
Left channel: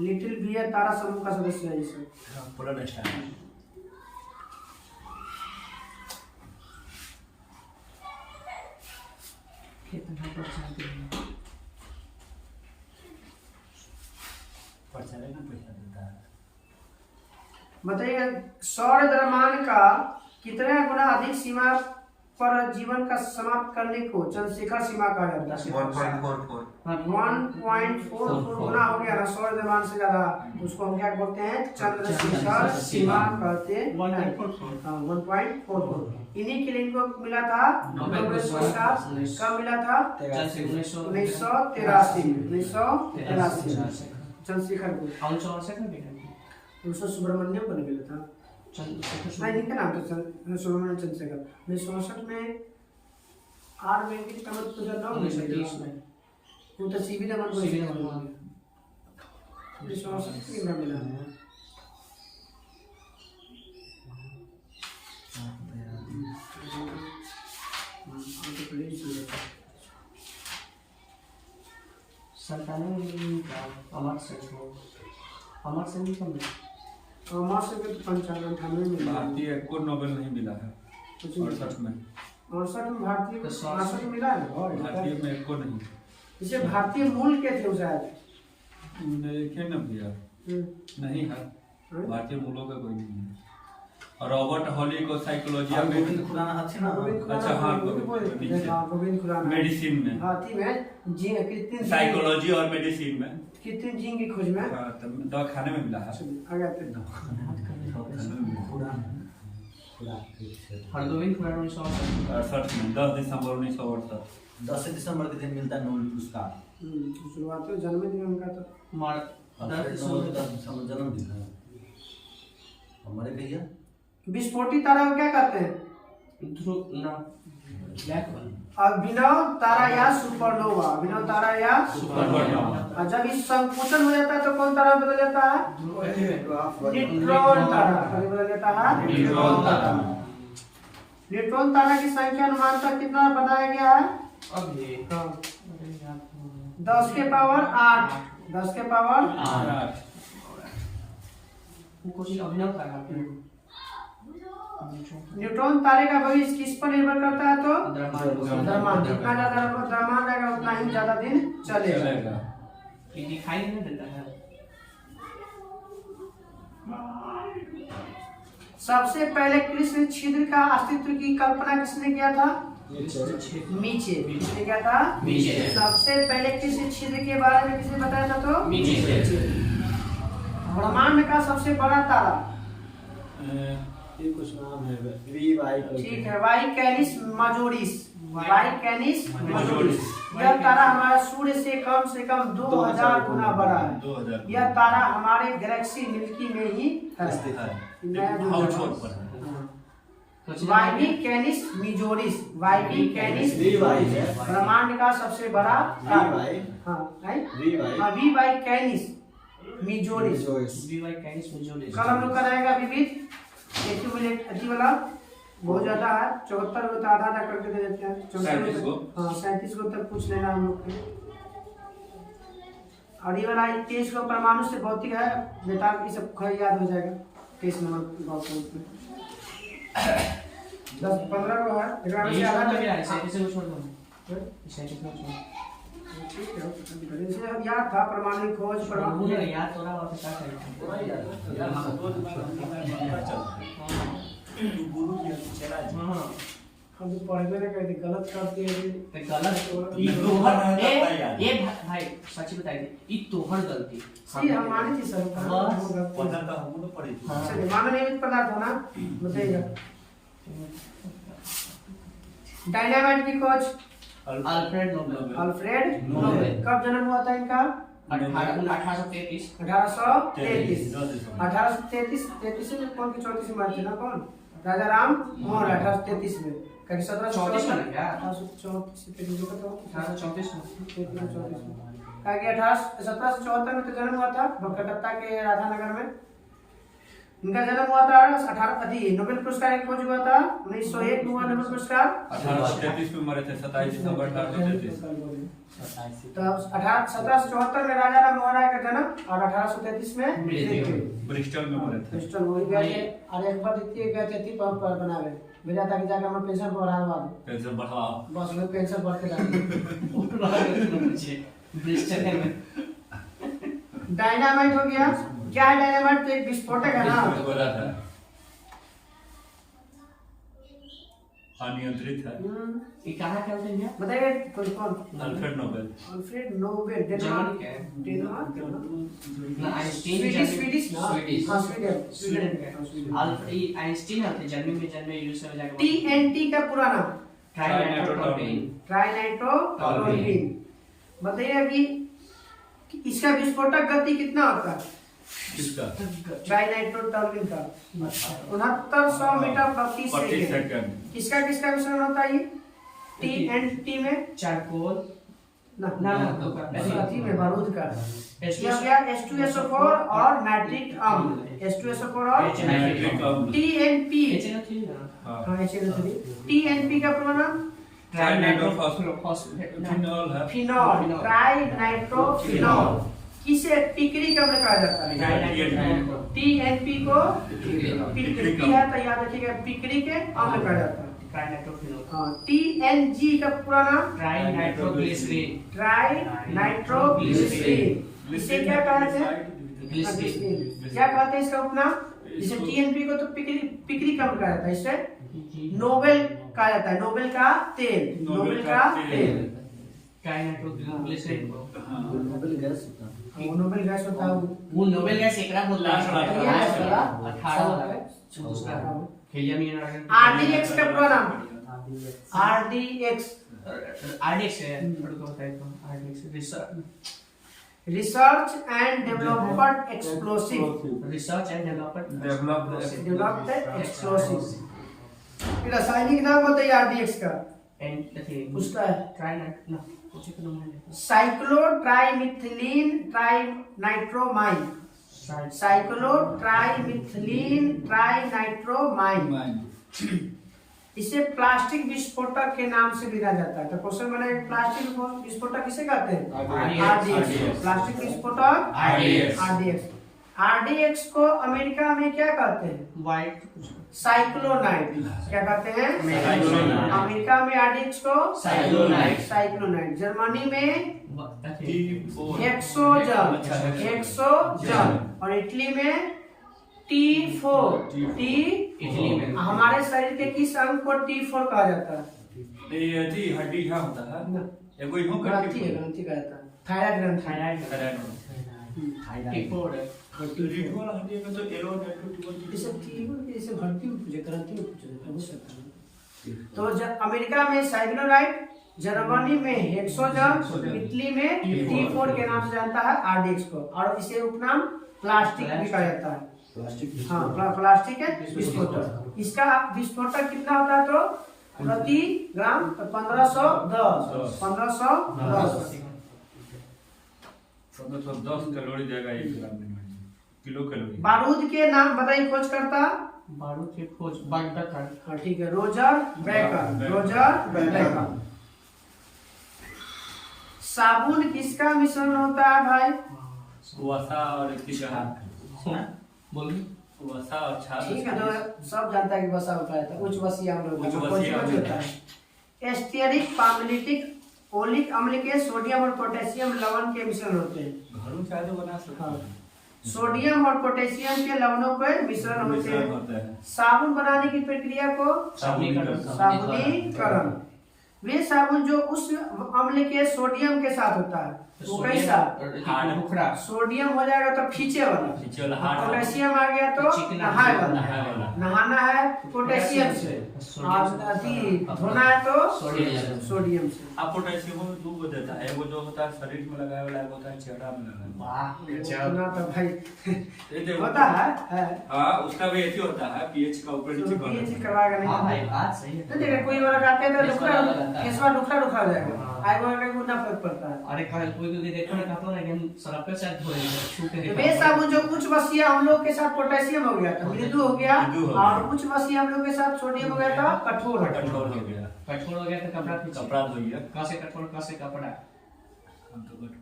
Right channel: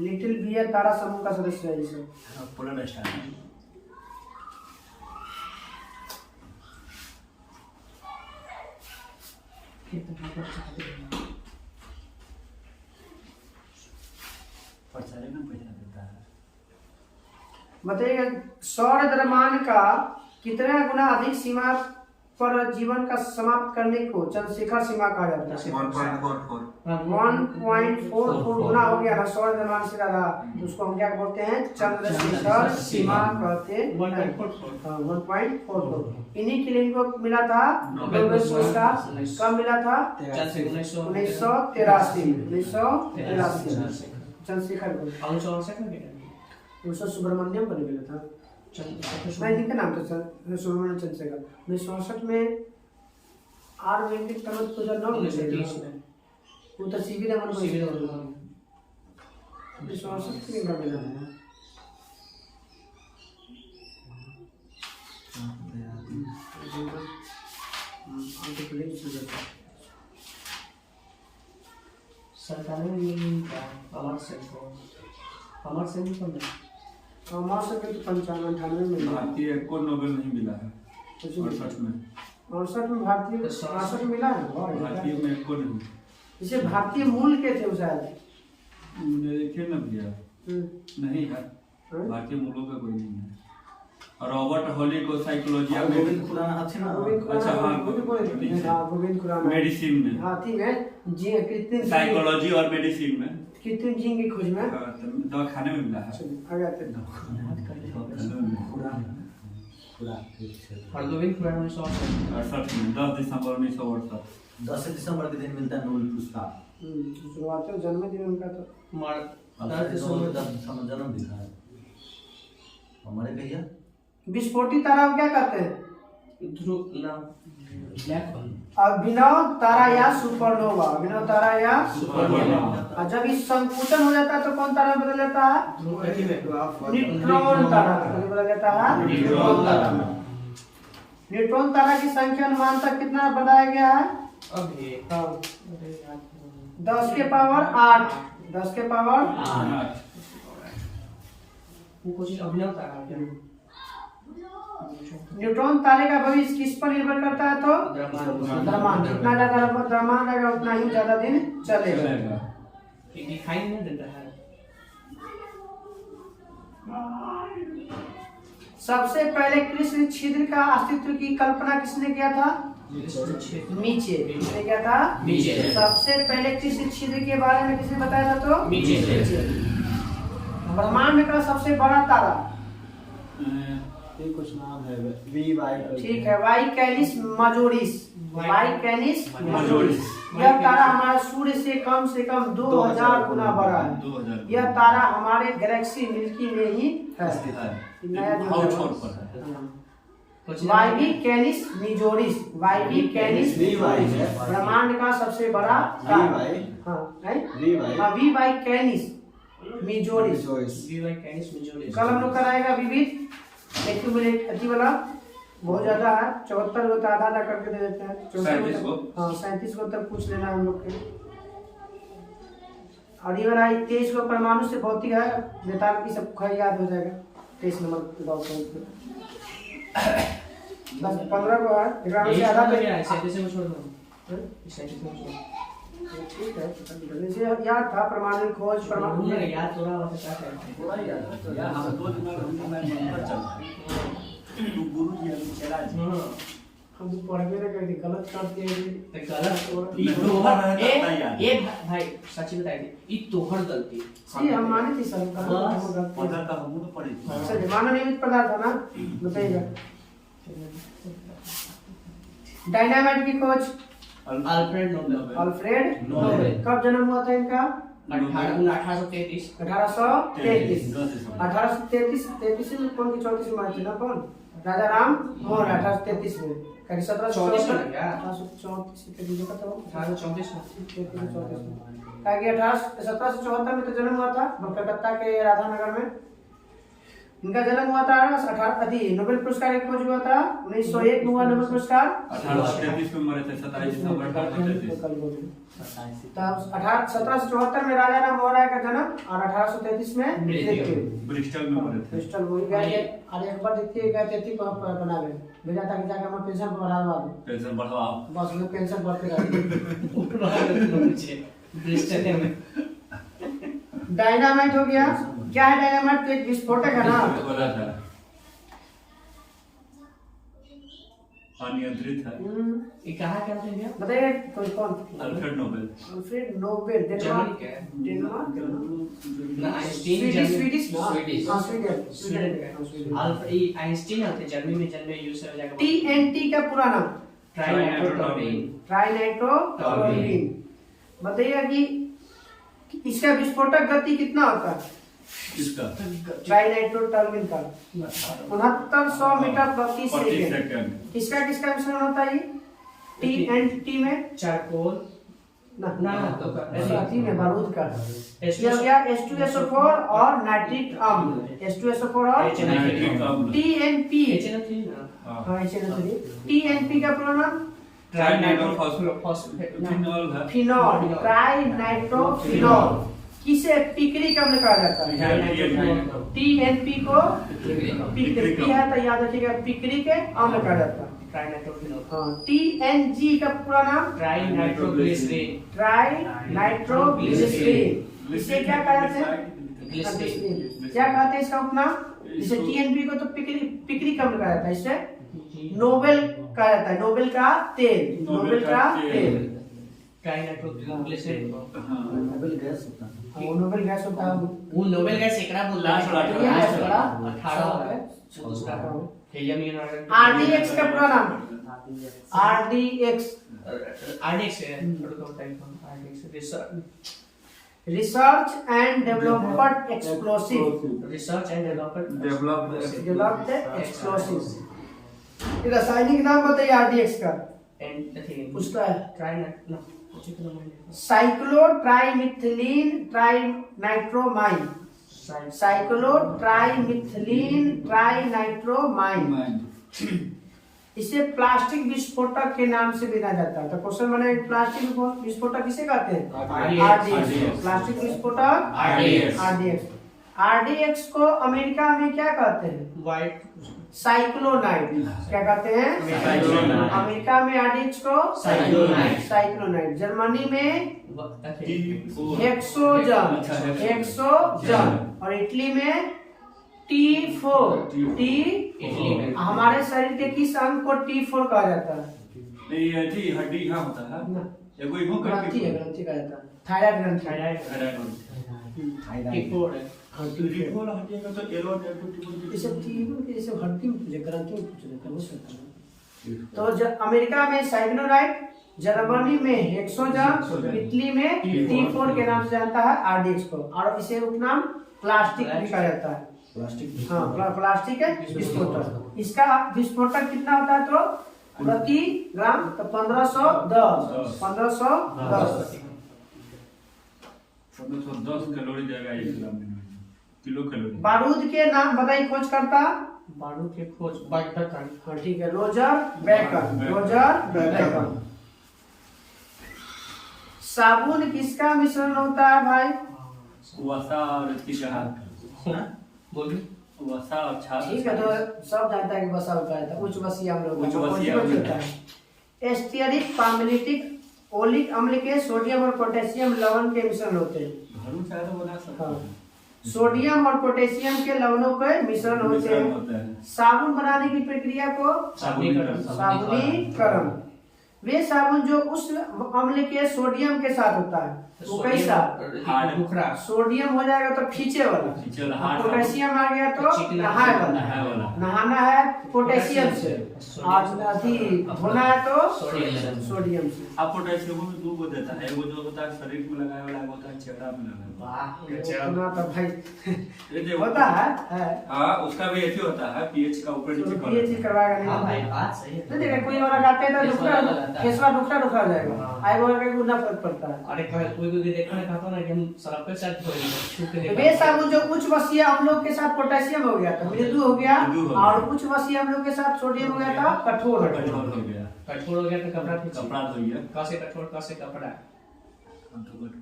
लिटिल बियर तारा समूह का सदस्य है इसे। Polar star. बताइए सौर द्रव्यमान का कितना गुना अधिक सीमा पर जीवन का समाप्त करने को चंद्रशिखर सीमा कहा जाता है? 1.44 गुना हो गया ना सौर द्रव्यमान से ज्यादा। उसको हम क्या बोलते हैं? चंद्रशिखर सीमा कहते हैं। 1.44। इन्हीं के लिए इनको मिला था नोबेल पुरस्कार। कब मिला था? 1983 चंद्रशिखर को। सुब्रमण्यम को मिला था। नहीं इनका नाम था सुब्रमण्यम चंद्रशेखर। 1964 में आर वेंकट कमल 2009 में 1930 में वो तो सीवी रमन को 1964 में मिला है। अमर सिंह कौन है? अमर सिंह के तो 95-98 में भारतीय को नोबेल नहीं मिला है। 68 में। 68 में भारतीय 68 में मिला है। भारतीय में को नहीं। इसे भारतीय मूल के थे शायद। देखे न भैया नहीं है। भारतीय मूलों का कोई नहीं है। रॉबर्ट हॉली को साइकोलॉजी गोविंद खुराना अच्छा हाँ गोविंद खुराना मेडिसिन में हाथी में जी कृत्रिम साइकोलॉजी और मेडिसिन में कृत्रिम जीन की खोज में दवा खाने में मिला है। गोविंद खुराना 1968 में 10 दिसंबर 1968 10 दिसंबर के दिन मिलता है नोबेल पुरस्कार। शुरुआत तो जन्मदिन उनका तो जन्म दिखा है हमारे भैया विस्फोटी तारा को क्या कहते हैं? अभिनव तारा या सुपरनोवा। अभिनव तारा या और जब इस संकुचन हो जाता है तो कौन तारा बदल जाता है? न्यूट्रॉन तारा बदल जाता है। न्यूट्रॉन तारा की संख्या अनुमानतः कितना बताया गया है? 10 के पावर 8। 10 के पावर 8। अभिनव तारा न्यूट्रॉन तारे का भविष्य किस पर निर्भर करता है? तो द्रव्यमान। जितना ज्यादा द्रव्यमान रहेगा उतना ही ज्यादा दिन चलेगा। दिखाई नहीं देता है। सबसे पहले कृष्ण छिद्र का अस्तित्व की कल्पना किसने किया था? मीचे। किसने किया था? मीचे। सबसे पहले कृष्ण छिद्र के बारे में किसने बताया था? तो मीचे। ब्रह्मांड का सबसे बड़ा तारा ये कुछ नाम है वी वाई। ठीक है, वाई कैनिस मजोरिस। वाई कैनिस मजोरिस। यह तारा हमारे सूर्य से कम 2000 गुना बड़ा है। 2000। यह तारा हमारे गैलेक्सी मिल्की में ही है। नया जो है Y Canis Majoris. Y Canis V Y है ब्रह्मांड का सबसे बड़ा वी तारा। वाई हाँ V Y V Y Canis Majoris. कल हम लोग कराएगा विविध एक्यूमुलेट अति वाला बहुत ज्यादा है। 74 होता आधा आधा करके दे देते हैं। 37 को। हाँ 37 को तक पूछ लेना हम लोग के। और ये वाला 23 को परमाणु से भौतिक है। बेताल की सब याद हो जाएगा। 23 नंबर बात 10-15 को है। एकरा में से आधा तो ठीक है। जैसे याद था परमाणु खोज परमाणु याद थोड़ा होता क्या है। हम तो पढ़वे ना कहते गलत करते हैं। ये भाई सच बताइए ये तोहर गलती सी हम माने थी सर का सर मानो नियमित पदार्थ हो ना बताइएगा। डायनामाइट की खोज अल्फ्रेड नोबेल कब जन्म हुआ था इनका? 1833 1833 में कौन की 34 में थी ना? कौन? राजा राम मोहन 1833 में। कहीं 1734 में क्या? 1834 के दिन का था 1834 में 34 में। कहा कि 1774 में तो जन्म हुआ था कलकत्ता के राधानगर में। इनका जन्म हुआ था 18 नोबेल पुरस्कार की खोज हुआ था 1901 में हुआ नोबेल पुरस्कार। 1833 में मरे थे 27 दिसंबर 1833। तब 1774 में राजा राम मोहन राय का जन्म और 1833 में मृत्यु। ब्रिस्टल में मरे थे। ब्रिस्टल वही गए और एक बार देखिए गए थे पर बना गए भेजा था कि जाकर हम पेंशन बढ़ाने वाले पेंशन बढ़ाओ बस वो पेंशन बढ़ते रहते। ब्रिस्टल में डायनामाइट हो गया। क्या है डायनामाइट? तो एक विस्फोटक है ना। बोला था अनियंत्रित है। ये कहाँ क्या थे भैया बताइए कौन? Alfred Nobel. Alfred Nobel Germany क्या है? डेनमार्क ना आइंस्टीन स्वीडिश ना हाँ स्वीडन आइंस्टीन थे जर्मनी में जन्मे यूएस में जाकर TNT का पूरा नाम ट्राइनाइट्रोटोल्यूइन। बताइए कि इसका विस्फोटक गति कितना होता है? किसका? ट्राइनाइट्रोटोल्यूइन का 6900 मीटर प्रति सेकंड। किसका मिश्रण होता है ये? TNT में चारकोल ना तो साथी में बारूद का H2SO4 और नाइट्रिक अम्ल। H2SO4 और नाइट्रिक अम्ल। TNP हाँ। TNP का पूरा नाम फिनॉल ट्राइनाइट्रोफिनॉल। किसे पिक्रिक अम्ल कहा जाता है? TNP को पिक्रिक है तो याद रखिएगा पिक्रिक अम्ल कहा जाता है। हाँ TNG का पूरा नाम ट्राइनाइट्रोग्लिसरीन। इसे क्या कहते हैं? क्या कहते हैं इसका उपनाम? जैसे TNP को तो पिक्रिक अम्ल कहा जाता है। इसे नोबेल कहा जाता है। नोबेल का तेल नोबेल का तेल। ट्राइनाइट्रोग्लिसरीन नोबेल गैस होता है। वो नोबेल गैस होता है। वो नोबेल गैस एकरा बोल रहा है 18 वाला है दूसरा हीलियम यूरेनियम। RDX का पूरा नाम RDX RDX है RDX research and development explosive, research and development developed explosive. रासायनिक नाम बताइए आरडीएक्स का, एंड पूछता है। ट्राई ना कुछ तो नाम है। साइक्लोट्राइमिथिलीन ट्राइनाइट्रोमाइन, साइक्लोट्राइमिथिलीन ट्राइनाइट्रोमाइन, इसे प्लास्टिक विस्फोटक के नाम से भी जाना जाता है। तो क्वेश्चन बने प्लास्टिक विस्फोटक किसे कहते हैं? आरडीएक्स। प्लास्टिक विस्फोटक आरडीएक्स। आरडीएक्स को अमेरिका में क्या कहते हैं? वाइट साइक्लोनाइट। क्या कहते हैं? अमेरिका में आरडीएक्स को साइक्लोनाइट। जर्मनी में हेक्सोजन और इटली में T4। इटली में हमारे शरीर के किस अंग को T4 कहा जाता है? ये थी हड्डी क्या होता है? एगो यूं ग्रंथि है, ग्रंथि कहा जाता है। थायराइड ग्रंथि। T4 है। रिपोल हड्डी का तो एलो नेगेटिव ये सब चीज ये सब हड्डी में पूछे, ग्रंथि में पूछे जाता है, हो सकता है। तो अमेरिका में साइक्लोनाइट, जर्मनी में हेक्सोजन, इटली में T4 के नाम से जानता है आरडीएक्स को। और इसे उपनाम प्लास्टिक भी कहा जाता है। हाँ, प्लास्टिक है विस्फोटक। इसका विस्फोटक कितना होता है? तो प्रति ग्राम तो 1510 कैलोरी देगा 1 ग्राम में, किलो कैलोरी। बारूद के नाम बताइए खोजकर्ता। बारूद के खोज बैकन। हाँ ठीक है, रोजर बैकन। साबुन किसका मिश्रण होता है भाई? वसा और इतिका बोलिए। वसा और छाल। ठीक है, तो सब जानता है कि वसा होता है। उच्च वसीय अम्ल होता है। एस्टेरिक पामलिटिक ओलिक अम्ल के सोडियम और पोटेशियम लवण के मिश्रण होते हैं। घरों चाहे तो बना सकते हाँ। हैं। सोडियम और पोटेशियम के लवणों के मिश्रण होते हैं। साबुन बनाने की प्रक्रिया को साबुनीकरण। वे साबुन जो उस अम्ल के सोडियम के साथ होता है वो कैसा? टुकड़ा। सोडियम हो जाएगा तो खींचे वाला, पोटेशियम आ गया तो नहाए वाला। नहाना है पोटेशियम से और धोना है तो सोडियम से। आप पोटेशियम में 2 गो देता है, एगो जो होता है शरीर में लगाए वाला, एगो होता है चेहरा में लगाए वाला। तो भाई ये होता है। हाँ, उसका भी ऐसी होता है, पीएच का ऊपर नीचे पीएच करवाएगा नहीं। हाँ भाई बात सही है। तो देखिए कोई और आते हैं तो फेसवा दुखड़ा हो जाएगा, आएगा का ना फर्क पड़ता है। अरे कोई देखो ना कहता ना कि हम सरफ पे साथ धोएंगे छू के। वे साबुन जो उच्च वसीय अम्लों के साथ पोटेशियम हो गया तो मृदु हो गया, और उच्च वसीय अम्लों के साथ सोडियम हो गया तो कठोर हो गया। कठोर हो गया तो कपड़ा धो गया। कैसे कठोर कैसे कपड़ा? हम तो कठोर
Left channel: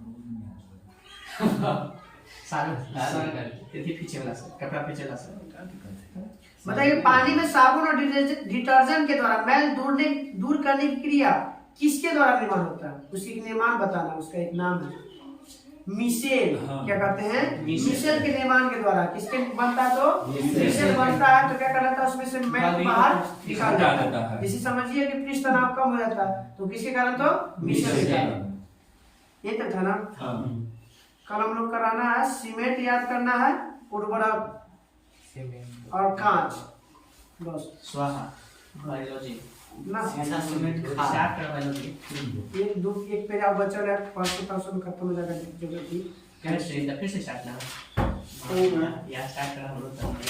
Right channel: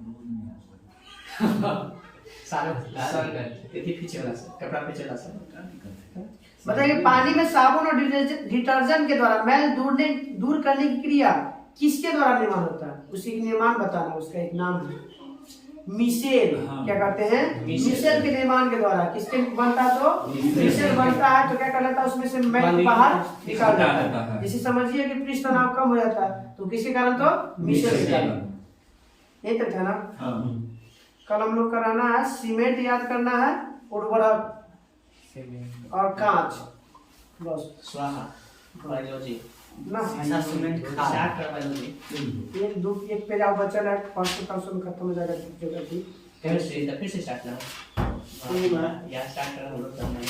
सारे पीछे वाला से कपड़ा पीछे वाला से। बताइए, पानी में साबुन और डिटर्जेंट के द्वारा मैल दूर करने की क्रिया किसके द्वारा निर्माण होता है? उसी का निर्माण बताना, उसका एक नाम है मिसेल। क्या कहते हैं? मिसेल के निर्माण के द्वारा। किसके बनता है? तो मिसेल बनता है तो क्या कर लेता है? उसमें से मैल बाहर निकाल देता है। जैसे समझिए कि पृष्ठ तनाव कम हो जाता है तो किसके कारण? तो मिसेल के कारण। यही तो था ना। कल हम लोग कराना है सीमेंट, याद करना है, उर्वरक और कांच, बस। स्वाहा बायोलॉजी ना सीमेंट स्टार्ट कर बायोलॉजी। एक पेज आप बचल है, 500 में खत्म हो जाएगा जगह की। फिर से स्टार्ट करना या स्टार्ट करना हम लोग करना है।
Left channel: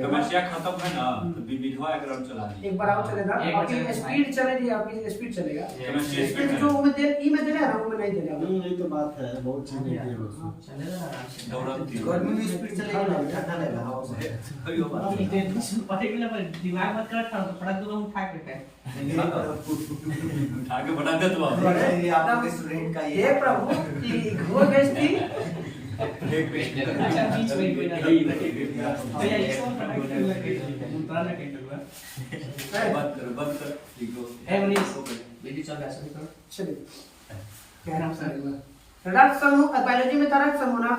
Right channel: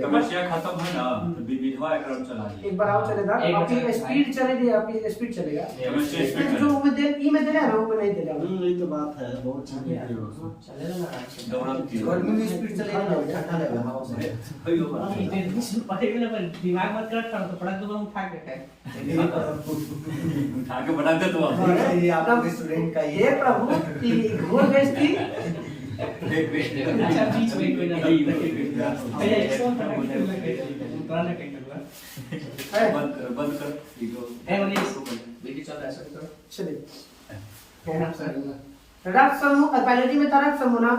समस्या खत्म है ना तो विविधवा क्रम चला दी। एक बार आओ चलेगा, आपकी स्पीड चलेगी, आपकी स्पीड चलेगा। समस्या स्पीड जो में दे ई में दे रहा है ना वो में नहीं दे रहा। यही तो बात है, बहुत चीजें चलेगा ना आराम से। दौड़ती गर्मी में स्पीड चलेगा ना, ठंडा लगेगा हवा से। हम इतने पता के ना पर दिमाग मत कर था तो पटक दूंगा उठा के खाए। उठा के बना दे तो ये आपके स्टूडेंट का ये प्रभु की घोर बेइज्जती। अच्छा बीच में कोई ना भैया इसको पटक के उतारना कैसे हुआ? बंद कर ठीक हो। ए मनीष बेबी चल रहा है सब करो। चलिए, क्या नाम सर? रक्त समूह बायोलॉजी में तो रक्त समूह ना,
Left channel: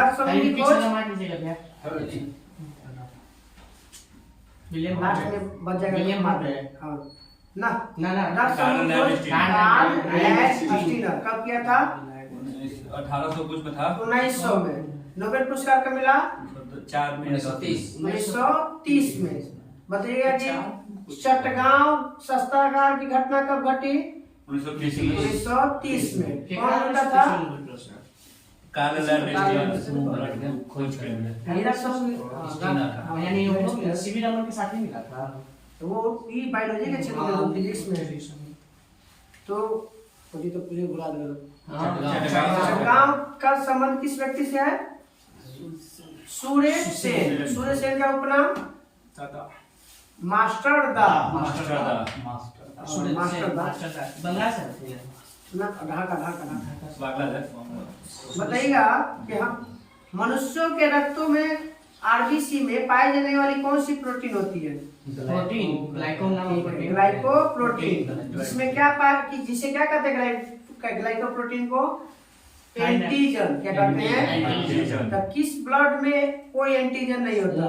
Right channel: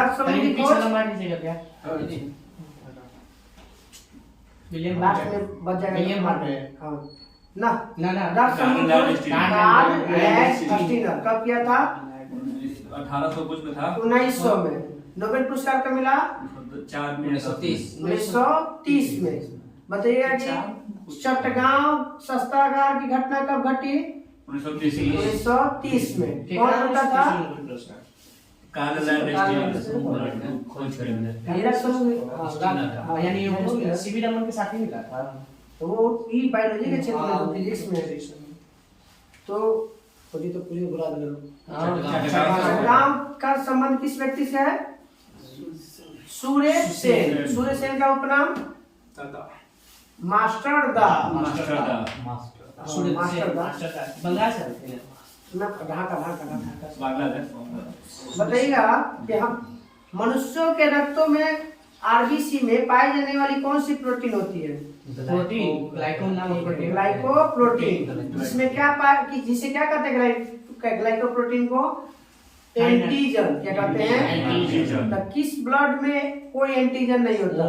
रक्त समूह की पीछे खोज लंबा नीचे कर दिया। विलियम लास्ट में बच जाएगा। विलियम मार रहे हैं। हाँ ना ना रक्त समूह खोज कार्ल लैंडस्टीनर कब किया था? 1800 कुछ में था। 1900 में। नोबेल पुरस्कार कब मिला? 1930 में। बताइएगा कि चट्टगांव शस्त्रागार की घटना कब घटी? 1930 में 1930 में फिर कौन क्या बनता था? प्रश्न? खोज कर हीरा सब यानी वो सीवी रमन के साथ ही मिला था। तो वो ई बायोलॉजी के क्षेत्र में तो फिजिक्स में तो मुझे तो पूरे बुला दे काम का संबंध किस व्यक्ति से है? सूर्य सेन। सूर्य सेन का उपनाम मास्टर दा। मास्टर बंगाल से थे ना ढाका बांग्लादेश बताइएगा कि हम मनुष्यों के रक्तों में आरबीसी में पाई जाने वाली कौन सी प्रोटीन होती है? प्रोटीन ग्लाइकोन नाम प्रोटीन ग्लाइकोप्रोटीन। जिसमें क्या पाया कि जिसे क्या कहते हैं ग्लाइकोप्रोटीन को? एंटीजन। क्या कहते हैं? तो किस ब्लड में कोई एंटीजन नहीं होता?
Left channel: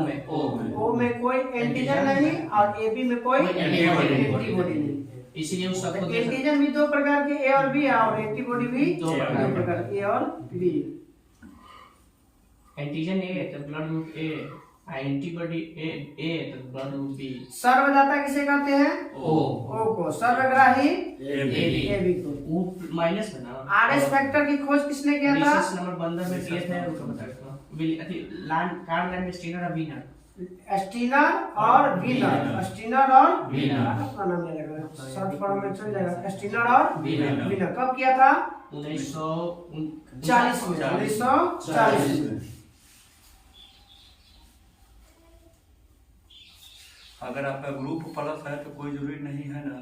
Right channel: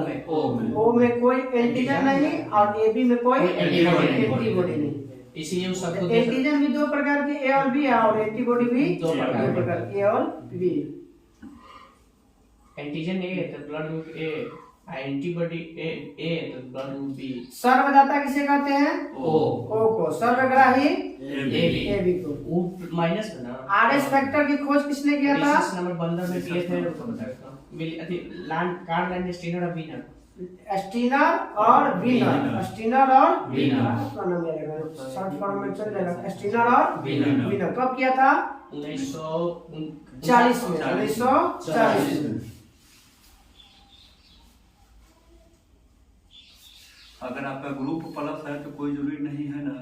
ओ में कोई एंटीजन नहीं और एबी में कोई एंटीबॉडी नहीं। इसीलिए उस सबको एंटीजन भी दो प्रकार के ए और बी है और एंटीबॉडी भी दो प्रकार ए और बी। एंटीजन ए तो ब्लड ग्रुप ए, एंटीबॉडी ए तो ब्लड ग्रुप बी। सर्वदाता किसे कहते हैं? ओ को। सर्वग्राही ए बी को। वो माइनस है ना। आरएस फैक्टर की खोज किसने किया था? रिसर्च नंबर 15 में किए थे उनको बताया कार्ल लैंडस्टीनर और वीनर। स्टीनर और वीनर। स्टीनर और वीनर। अपना नाम याद रखना, शॉर्ट फॉर्म में चल जाएगा। स्टीनर और वीनर कब किया था? 1940 में। 1940 में। अगर आपका ग्रुप प्लस है तो कोई जरूरी नहीं है ना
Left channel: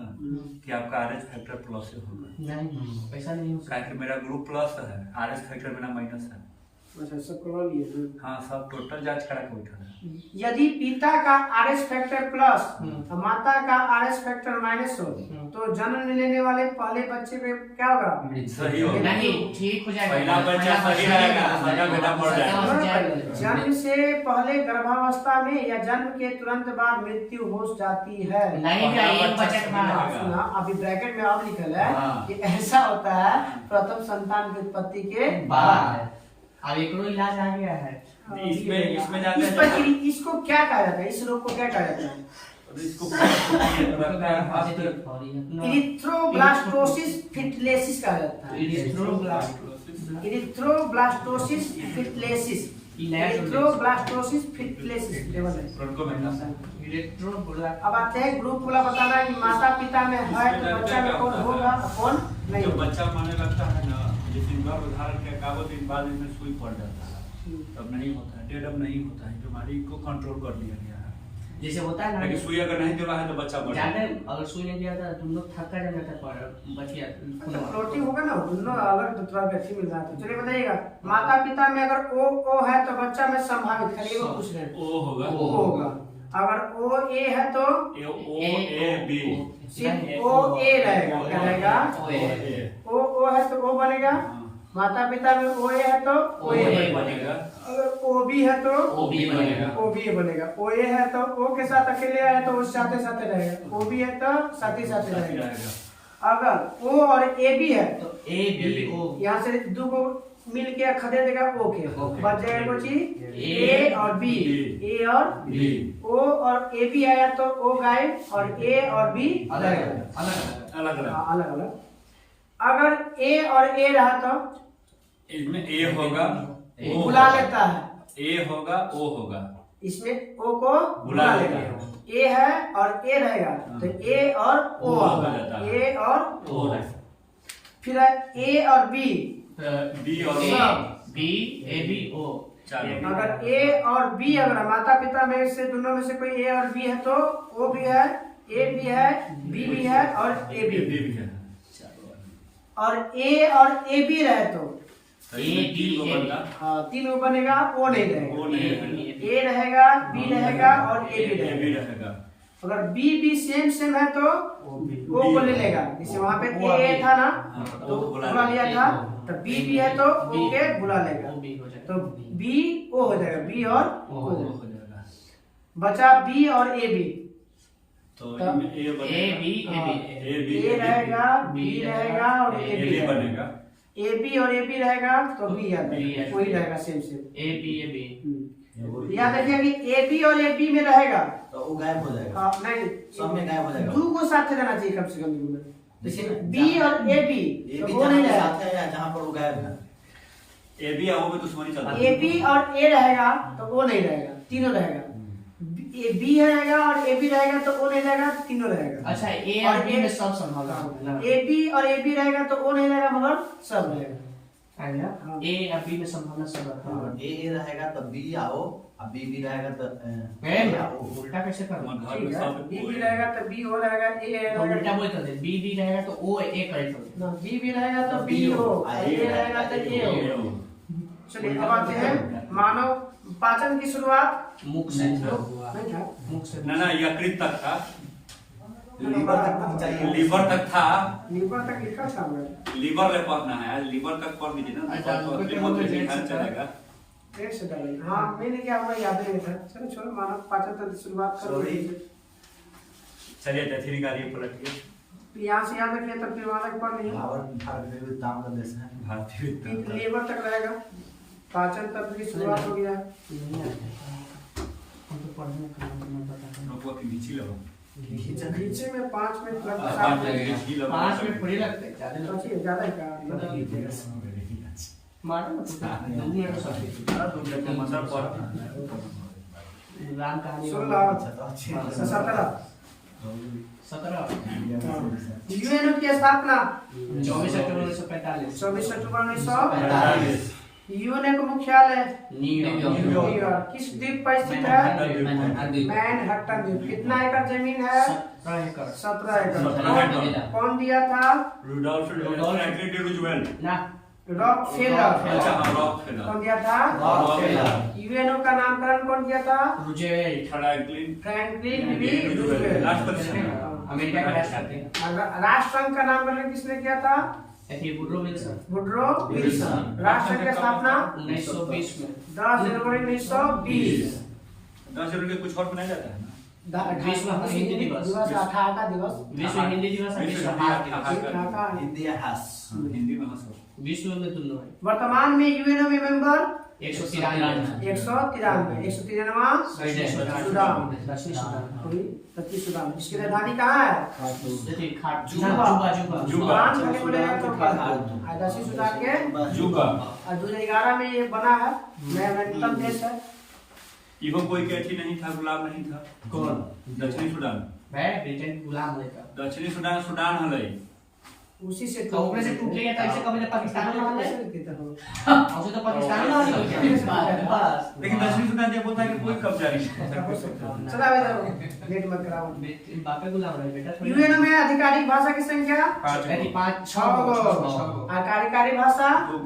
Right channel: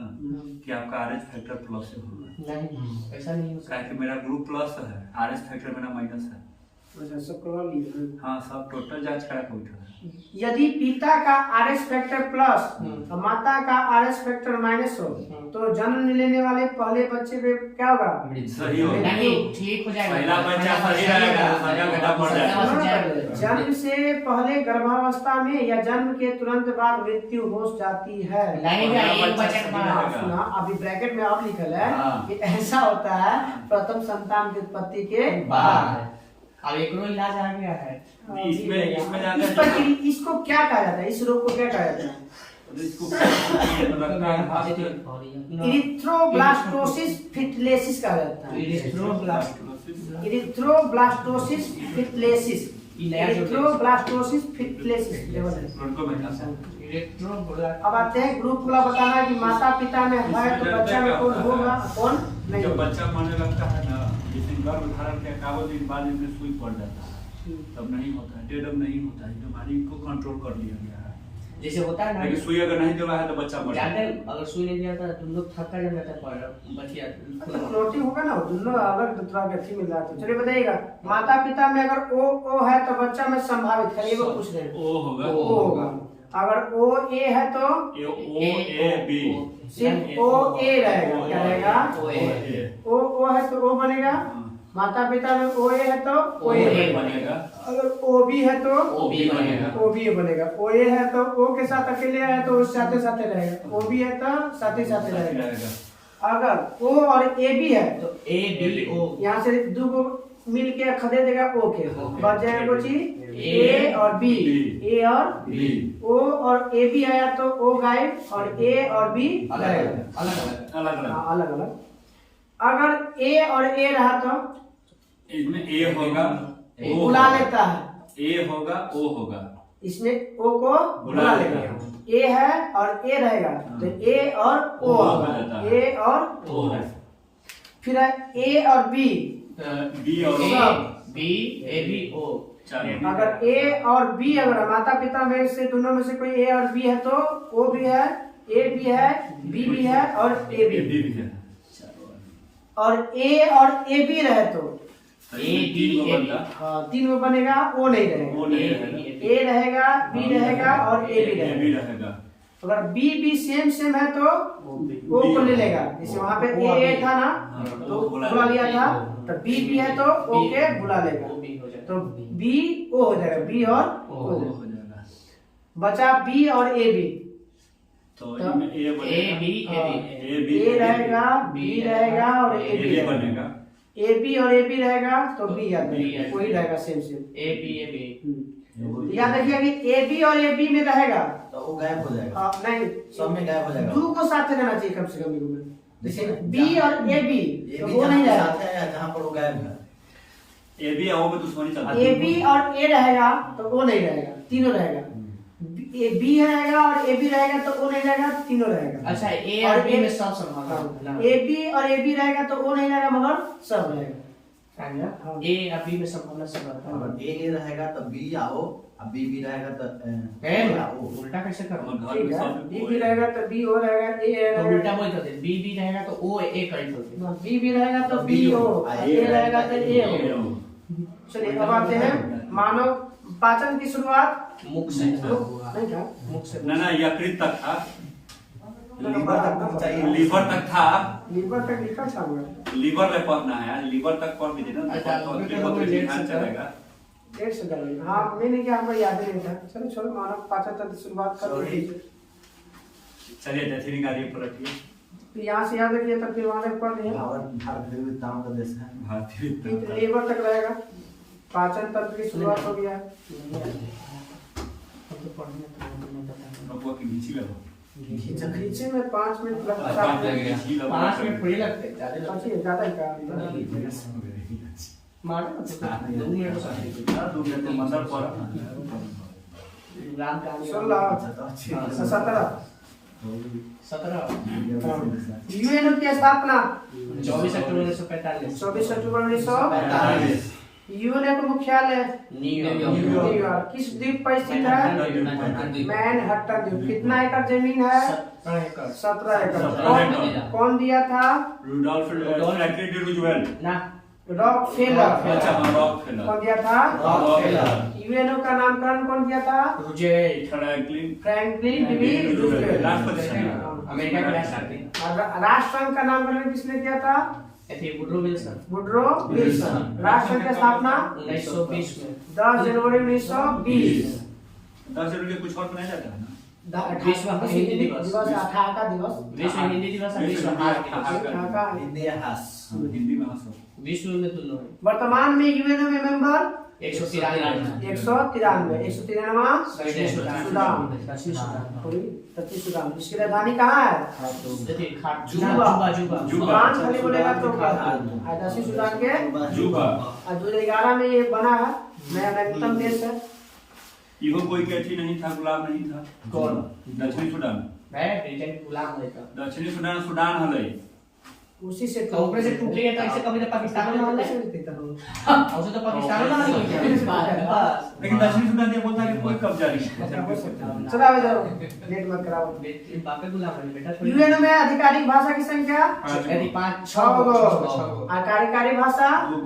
कि आपका आरएस फैक्टर प्लस से होगा। नहीं ऐसा नहीं हो सकता कि मेरा ग्रुप प्लस है, आरएस फैक्टर मेरा माइनस है। अच्छा सब करवा लिए। हाँ सब टोटल जांच करा के उठा है। यदि पिता का आरएस फैक्टर प्लस और माता का आरएस फैक्टर माइनस हो तो जन्म लेने वाले पहले बच्चे पे क्या होगा? सही होगा। नहीं ठीक हो जाएगा। पहला बच्चा सही रहेगा, दूसरा बेटा मर जाएगा। जन्म से पहले गर्भावस्था में या जन्म के तुरंत बाद मृत्यु हो जाती है। नहीं एक बच्चे के बाद सुना अभी ब्रैकेट में आप लिखल है कि ऐसा होता है प्रथम संतान की उत्पत्ति के बाद। अब एक इलाज आ गया है इसमें इस पर इसको क्या कहा जाता है? इस रोग को क्या कहा जाता है? इरिथ्रोब्लास्टोसिस फिटलेसिस कहा जाता है। इरिथ्रोब्लास्टोसिस फिटलेसिस। इरिथ्रोब्लास्टोसिस फिटलेसिस। अब आते हैं ग्रुप वाला बताना है कि माता पिता में है तो बच्चा में कौन होगा कौन नहीं। जब बच्चा मरने लगता है ना, जिस गर्भ धारण के कागज दिन बाद इसमें सुई पड़ जाता है, तब नहीं होता है, डेडम नहीं होता है, बीमारी को कंट्रोल कर लिया गया है। जैसे होता है ना, लेकिन सुई अगर नहीं दवा है तो बच्चा मर जाते अगर सुई नहीं दिया था तुम लोग थका जम जाता पर बचिया प्रोटीन होगा ना, दोनों अलग दूसरा व्यक्ति मिल रहा है। तो चलिए बताइएगा, माता पिता में अगर ओ है तो बच्चा में संभावित खाली वो पूछ रहे हैं ओ होगा। अगर ओ ए है तो ए बी सिर्फ ओ ए रहेगा। क्या रहेगा? ओ है तो ओ बनेगा। माता पिता में ओ ए है तो ओ ए बनेगा। अगर ओ बी है तो ओ बी बनेगा। ओ ए है तो ओ के साथ अकेले है तो उस साथे साथे रहेगा। ओ बी है तो साथे साथे रहेगा। अगर ओ और ए बी है तो ए बी ओ यहाँ से दो को मिल के खदे देगा ओ के बच जाएगा कुछ ए और बी। ए और बी। ओ और ए बी आया तो ओ गायब और ए और बी अलग अलग। अगर ए और ए रहा तो इसमें ए होगा, बुला लेता है। ए होगा, ओ होगा, इसमें ओ को बुला लेगा। ए है और ए रहेगा तो ए और ओ होगा। ए और ओ। फिर है ए और बी। बी और बी ए बी ओ। अगर ए और बी अगर माता पिता में से दोनों में से कोई ए और बी है तो ओ भी है, ए भी है, बी भी है और ए भी है। और ए और ए बी रहे तो तीन वो बनेगा, ओ नहीं रहेगा। ए रहेगा, बी रहेगा और ए बी रहेगा। अगर बी सेम है तो ओ को ले लेगा। जैसे वहाँ पे ए था ना तो बुला लिया था, तो बी है तो ओ के बुला लेगा तो बी ओ हो जाएगा। बी और ओ हो जाएगा। बचा बी और ए बी तो ए रहेगा, बी रहेगा और ए बी बनेगा। ए बी और ए बी रहेगा तो बी वही रहेगा सेम ए बी। याद रखिए कि ए बी और ए बी में रहेगा तो वो गायब हो जाएगा। नहीं सब में गायब हो जाएगा। दो को साथ रहना चाहिए कम से कम में। देखिए बी और ए बी ये तो भी वो नहीं जहाँ रहेगा। साथ है या जहाँ पर वो गायब है। ए बी आओ में दुश्मनी चलता ए बी और ए रहेगा तो वो नहीं रहेगा, तीनों रहेगा। ए बी रहेगा और ए बी रहेगा तो वो नहीं रहेगा, तीनों रहेगा। अच्छा ए और बी में सब संभालना है। ए बी और ए बी रहेगा तो वो नहीं रहेगा मगर सब रहेगा। आ गया हाँ। ए और बी में संभालना सब रहता है। अगर ए रहेगा तो बी आओ, अब बी रहेगा तो ए आओ। उल्टा कैसे करूं? ठीक है, बी भी रहेगा तो बी हो रहेगा, ए तो रहेगा उल्टा बोल देते बी बी रहेगा तो ओ ए कर देते। बी भी रहेगा तो बी हो, ए रहेगा तो ए हो। चलिए अब आते हैं मानव पाचन की शुरुआत मुख से नहीं था। मुख से ना यकृत तक था, लीवर तक चाहिए। लीवर तक था, लीवर तक लिखा था हमें। लीवर में पढ़ना है, लीवर तक पढ़ लीजिए ना अच्छा, तो लीवर फिर वो तक तो लेट से चलेगा। एक सेकंड, हाँ मैंने क्या हमको याद नहीं था। चलो छोड़ो, मानव पाचन तंत्र की शुरुआत कर Sorry। दीजिए। चलिए दक्षिणी गाड़ी पर रखिए। यहाँ से याद रखिए तब फिर वहाँ तक पढ़ लिया। भारत में ताम का देश है। भारतीय फिर लीवर तक रहेगा, पाचन तंत्र की शुरुआत हो गया। हम तो पढ़ने का नहीं पता। नौकरी की नीचे लगो। नीचे में 5 मिनट लगता है। 5 मिनट थोड़ी लगते हैं, ज्यादा लगते सोचिए ज्यादा ही का। हैं। मारना ना तो 2 मिनट तो सकते हैं। मतलब पर राम कहानी 16 17 17 यूएनओ की स्थापना 24 अक्टूबर 1945 24 अक्टूबर 1945। यूएनओ का मुख्यालय न्यूयॉर्क। किस द्वीप पर स्थित है? मैनहट्टन द्वीप। कितना एकड़ जमीन है? 17 एकड़ 17 एकड़। कौन दिया था? Rudolph Franklin Roosevelt. ना रॉकफेलर। अच्छा हाँ रॉकफेलर। कौन दिया था? रॉकफेलर। यूएनओ का नामकरण कौन किया था? रूजेवेल्ट फ्रैंकलिन फ्रैंकलिन डी रूजवेल्ट। राष्ट्रपति। अमेरिका के राष्ट्रपति। और राष्ट्रसंघ का नामकरण किसने किया था? ऐसे वुडरो विल्सन वुडरो विल्सन। राष्ट्रसंघ की स्थापना 1920 में 10 जनवरी 1920। 10 जनवरी कुछ और मनाया जाता है ना। विश्व हिंदी दिवस। 18 का दिवस। विश्व हिंदी दिवस और विश्व हास्य दिवस। का हिंदी हास। हिंदी में हंसो। विश्व में दोनों है। वर्तमान में यूएनओ में मेंबर 193 193। 193 दक्षिण सुडान। दक्षिण सुडान। दक्षिण सुडान। इसकी राजधानी कहाँ है? देखिए खाट जुबा। जुबा सुडान खाली बोलेगा तो दक्षिण सुडान के जुबा। और 2011 में ये बना है, नया नवीनतम देश है। इहो कोई कहती नहीं था, गुलाम नहीं था। कौन? दक्षिणी सुडान। मैं ब्रिटेन के गुलाम रहता। दक्षिणी सुडान सुडान हलै। उसी से तो ऊपर से टूट गया था, ऐसे कभी पाकिस्तान में हाल है। और तो पाकिस्तान में हाल है। बस लेकिन दक्षिणी सुडान ये बोलता है कि कोई कब्जा नहीं। चला इधर लेट मत कराओ। बापे गुलाम रहे बेटा। यूएनओ में आधिकारिक भाषा की संख्या यदि 5 6 गो। और कार्यकारी भाषा दो।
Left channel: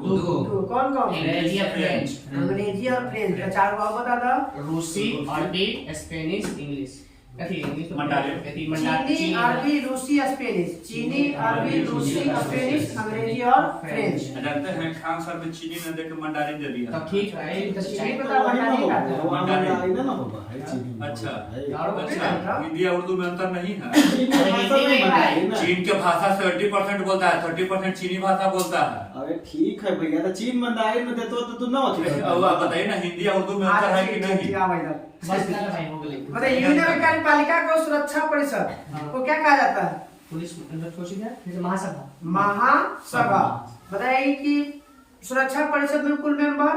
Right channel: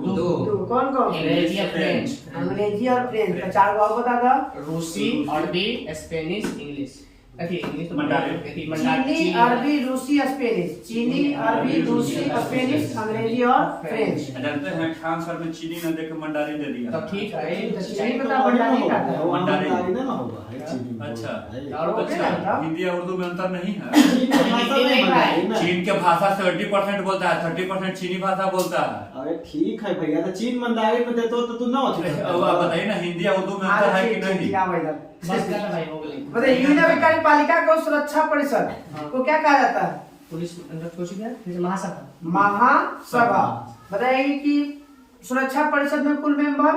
2। कौन कौन? अंग्रेजी और फ्रेंच। अंग्रेजी और फ्रेंच। तो 4 गो और बता दो। रूसी, अरबी, स्पेनिश, इंग्लिश। अथी इंग्लिश तो मंडारिन। अथी चीनी, अरबी, रूसी, स्पेनिश। चीनी, अरबी, रूसी, स्पेनिश, अंग्रेजी और फ्रेंच। जानते हैं खान सर में चीनी ने देख के मंडारिन दे दिया। तब ठीक है। तो चीनी पता मंडारिन का था। वो मंडारी ना होगा। अच्छा। और वो अच्छा हिंदी और उर्दू में अंतर नहीं है। हिंदी में भाई चीन के भाषा 70% बोलता है, 30% चीनी भाषा बोलता है। अरे ठीक है भैया, तो चीन मंडारी में देते हो तो तू ना अब आप बताइए ना हिंदी और उर्दू में अंतर है कि नहीं। बस का भाई हो गई। बताइए यूएनओ कार्यपालिका को सुरक्षा परिषद को क्या कहा जाता है? पुलिस अंदर कुछ क्या? फिर महासभा। महासभा। बताइए कि सुरक्षा परिषद में कुल मेंबर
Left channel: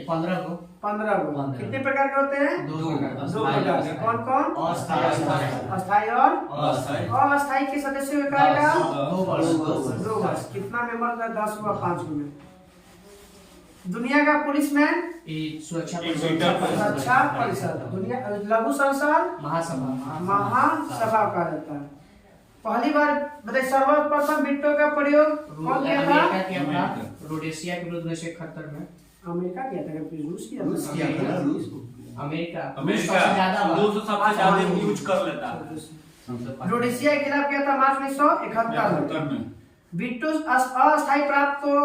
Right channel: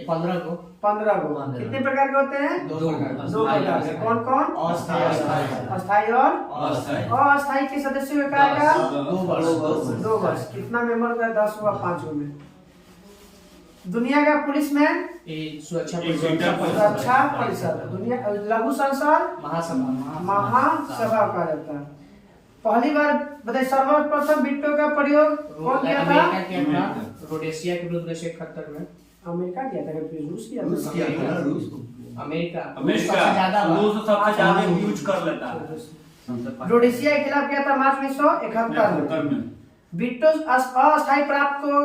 15 को 15 गो। कितने प्रकार के होते हैं? 2 प्रकार। 2 प्रकार के। कौन कौन? अस्थायी अस्थायी और अस्थायी के सदस्यों का कार्यकाल 2 वर्ष। 2 वर्ष। कितना मेंबर होता है? 10 हुआ 5 में। दुनिया का पुलिस में ये सुरक्षा सुरक्षा परिषद। दुनिया लघु संसद महासभा। महासभा कहा जाता है। पहली बार बताइए सर्वप्रथम बिट्टो का प्रयोग कौन किया था? अमेरिका किया था रोडेशिया के विरुद्ध 1971 में। अमेरिका किया था कि रूस किया रूस था? किया था। अमेरिका अमेरिका सबसे ज्यादा रूस सबसे ज्यादा यूज कर लेता है। रोडेशिया के खिलाफ किया था मार्च 1971 में। में बिट्टो अस्थायी प्राप्त को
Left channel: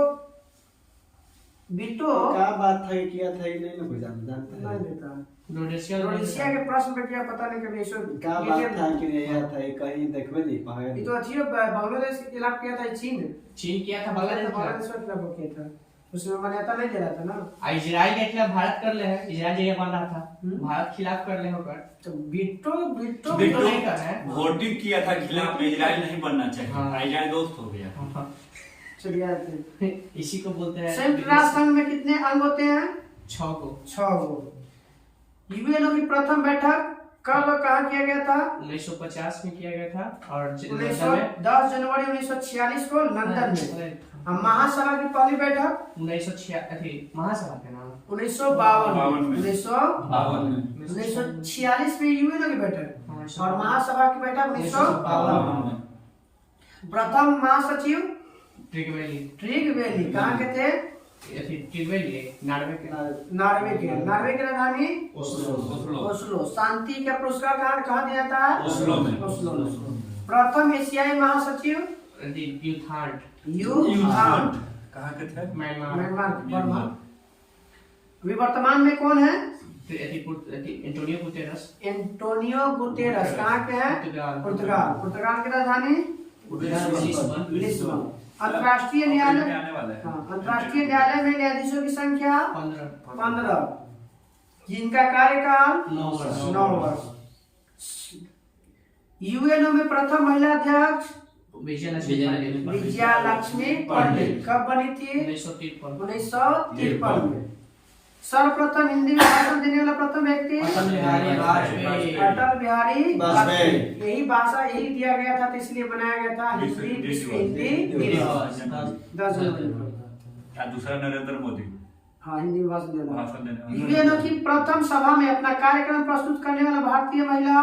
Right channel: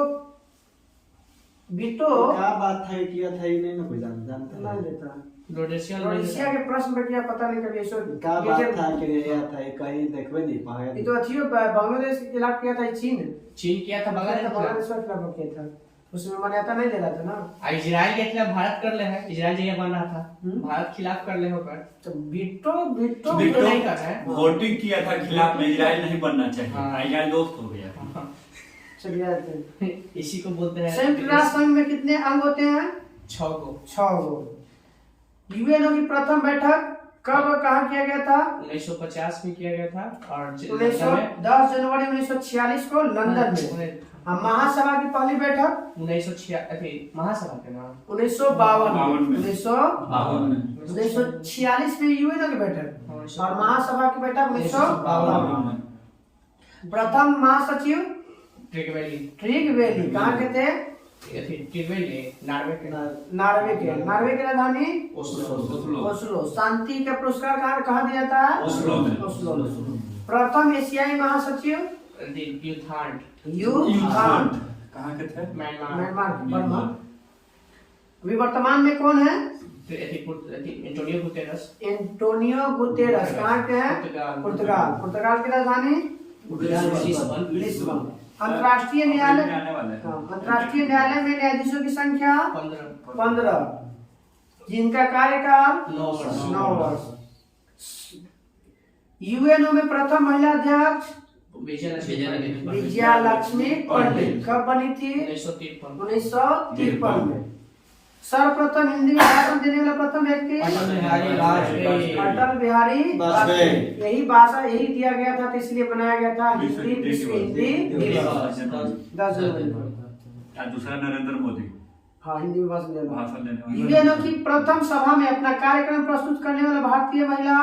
बिट्टो क्या बात था, किया था ही नहीं ना कोई जानता नहीं है। देता। रोडेशिया रोडेशिया के प्रश्न पे क्या पता नहीं कभी ऐसा क्या बात था कि यह था कहीं देखबे नहीं पाए। ये तो अच्छी बांग्लादेश के खिलाफ किया था चीन। चीन किया था बांग्लादेश बांग्लादेश के खिलाफ किया था। उसमें मान्यता नहीं दे रहा था ना। इजराइल के खिलाफ भारत कर ले है, इजराइल जगह बन रहा था, भारत खिलाफ कर ले होकर तो बीटो बीटो तो नहीं कर रहे हैं। वोटिंग किया था खिलाफ में, इजराइल नहीं बनना चाहिए। हाँ। इजराइल दोस्त हो गया। चलिए आते हैं। इसी को बोलते हैं संयुक्त राष्ट्र संघ में कितने अंग होते हैं? 6 को। 6 गो। यूएनओ की प्रथम बैठक कब कहाँ किया गया था? 1950 में किया गया था और 10 जनवरी 1946 को लंदन में। अब महासभा की पहली बैठक 1946 महासभा के नाम 1952 में। 1946 में यूएनओ की बैठक और महासभा की बैठक 1952। प्रथम महासचिव ट्रिगवेली कहाँ के थे? नार्वे के राजधानी ओस्लो। शांति के पुरस्कार कहाँ दिया था? ओस्लो में। ओस्लो में। प्रथम एशियाई महासचिव यूथांड कहाँ के थे? Myanmar Burma. अभी वर्तमान में कौन है? एंटोनियो गुतेरस कहाँ के हैं? पुर्तगाल की राजधानी लिस्बन। अंतर्राष्ट्रीय न्यायालय आने वाले हैं। अंतर्राष्ट्रीय न्यायालय में न्यायाधीशों की संख्या 15 जिनका कार्यकाल 9 वर्ष। यूएनओ में प्रथम महिला अध्यक्ष विजया लक्ष्मी पंडित कब बनी थी? 1953 में। सर्वप्रथम हिंदी में भाषण देने वाला प्रथम व्यक्ति अटल बिहारी वाजपेयी। यही भाषा यही दिया गया था तो इसलिए बनाया गया था हिंदी विश्व हिंदी दिवस 10 जनवरी को। या दूसरा नरेंद्र मोदी। हाँ, हिंदी में भाषण देना। भाषण देना। यूएनओ की प्रथम सभा में अपना कार्यक्रम प्रस्तुत करने वाला भारतीय महिला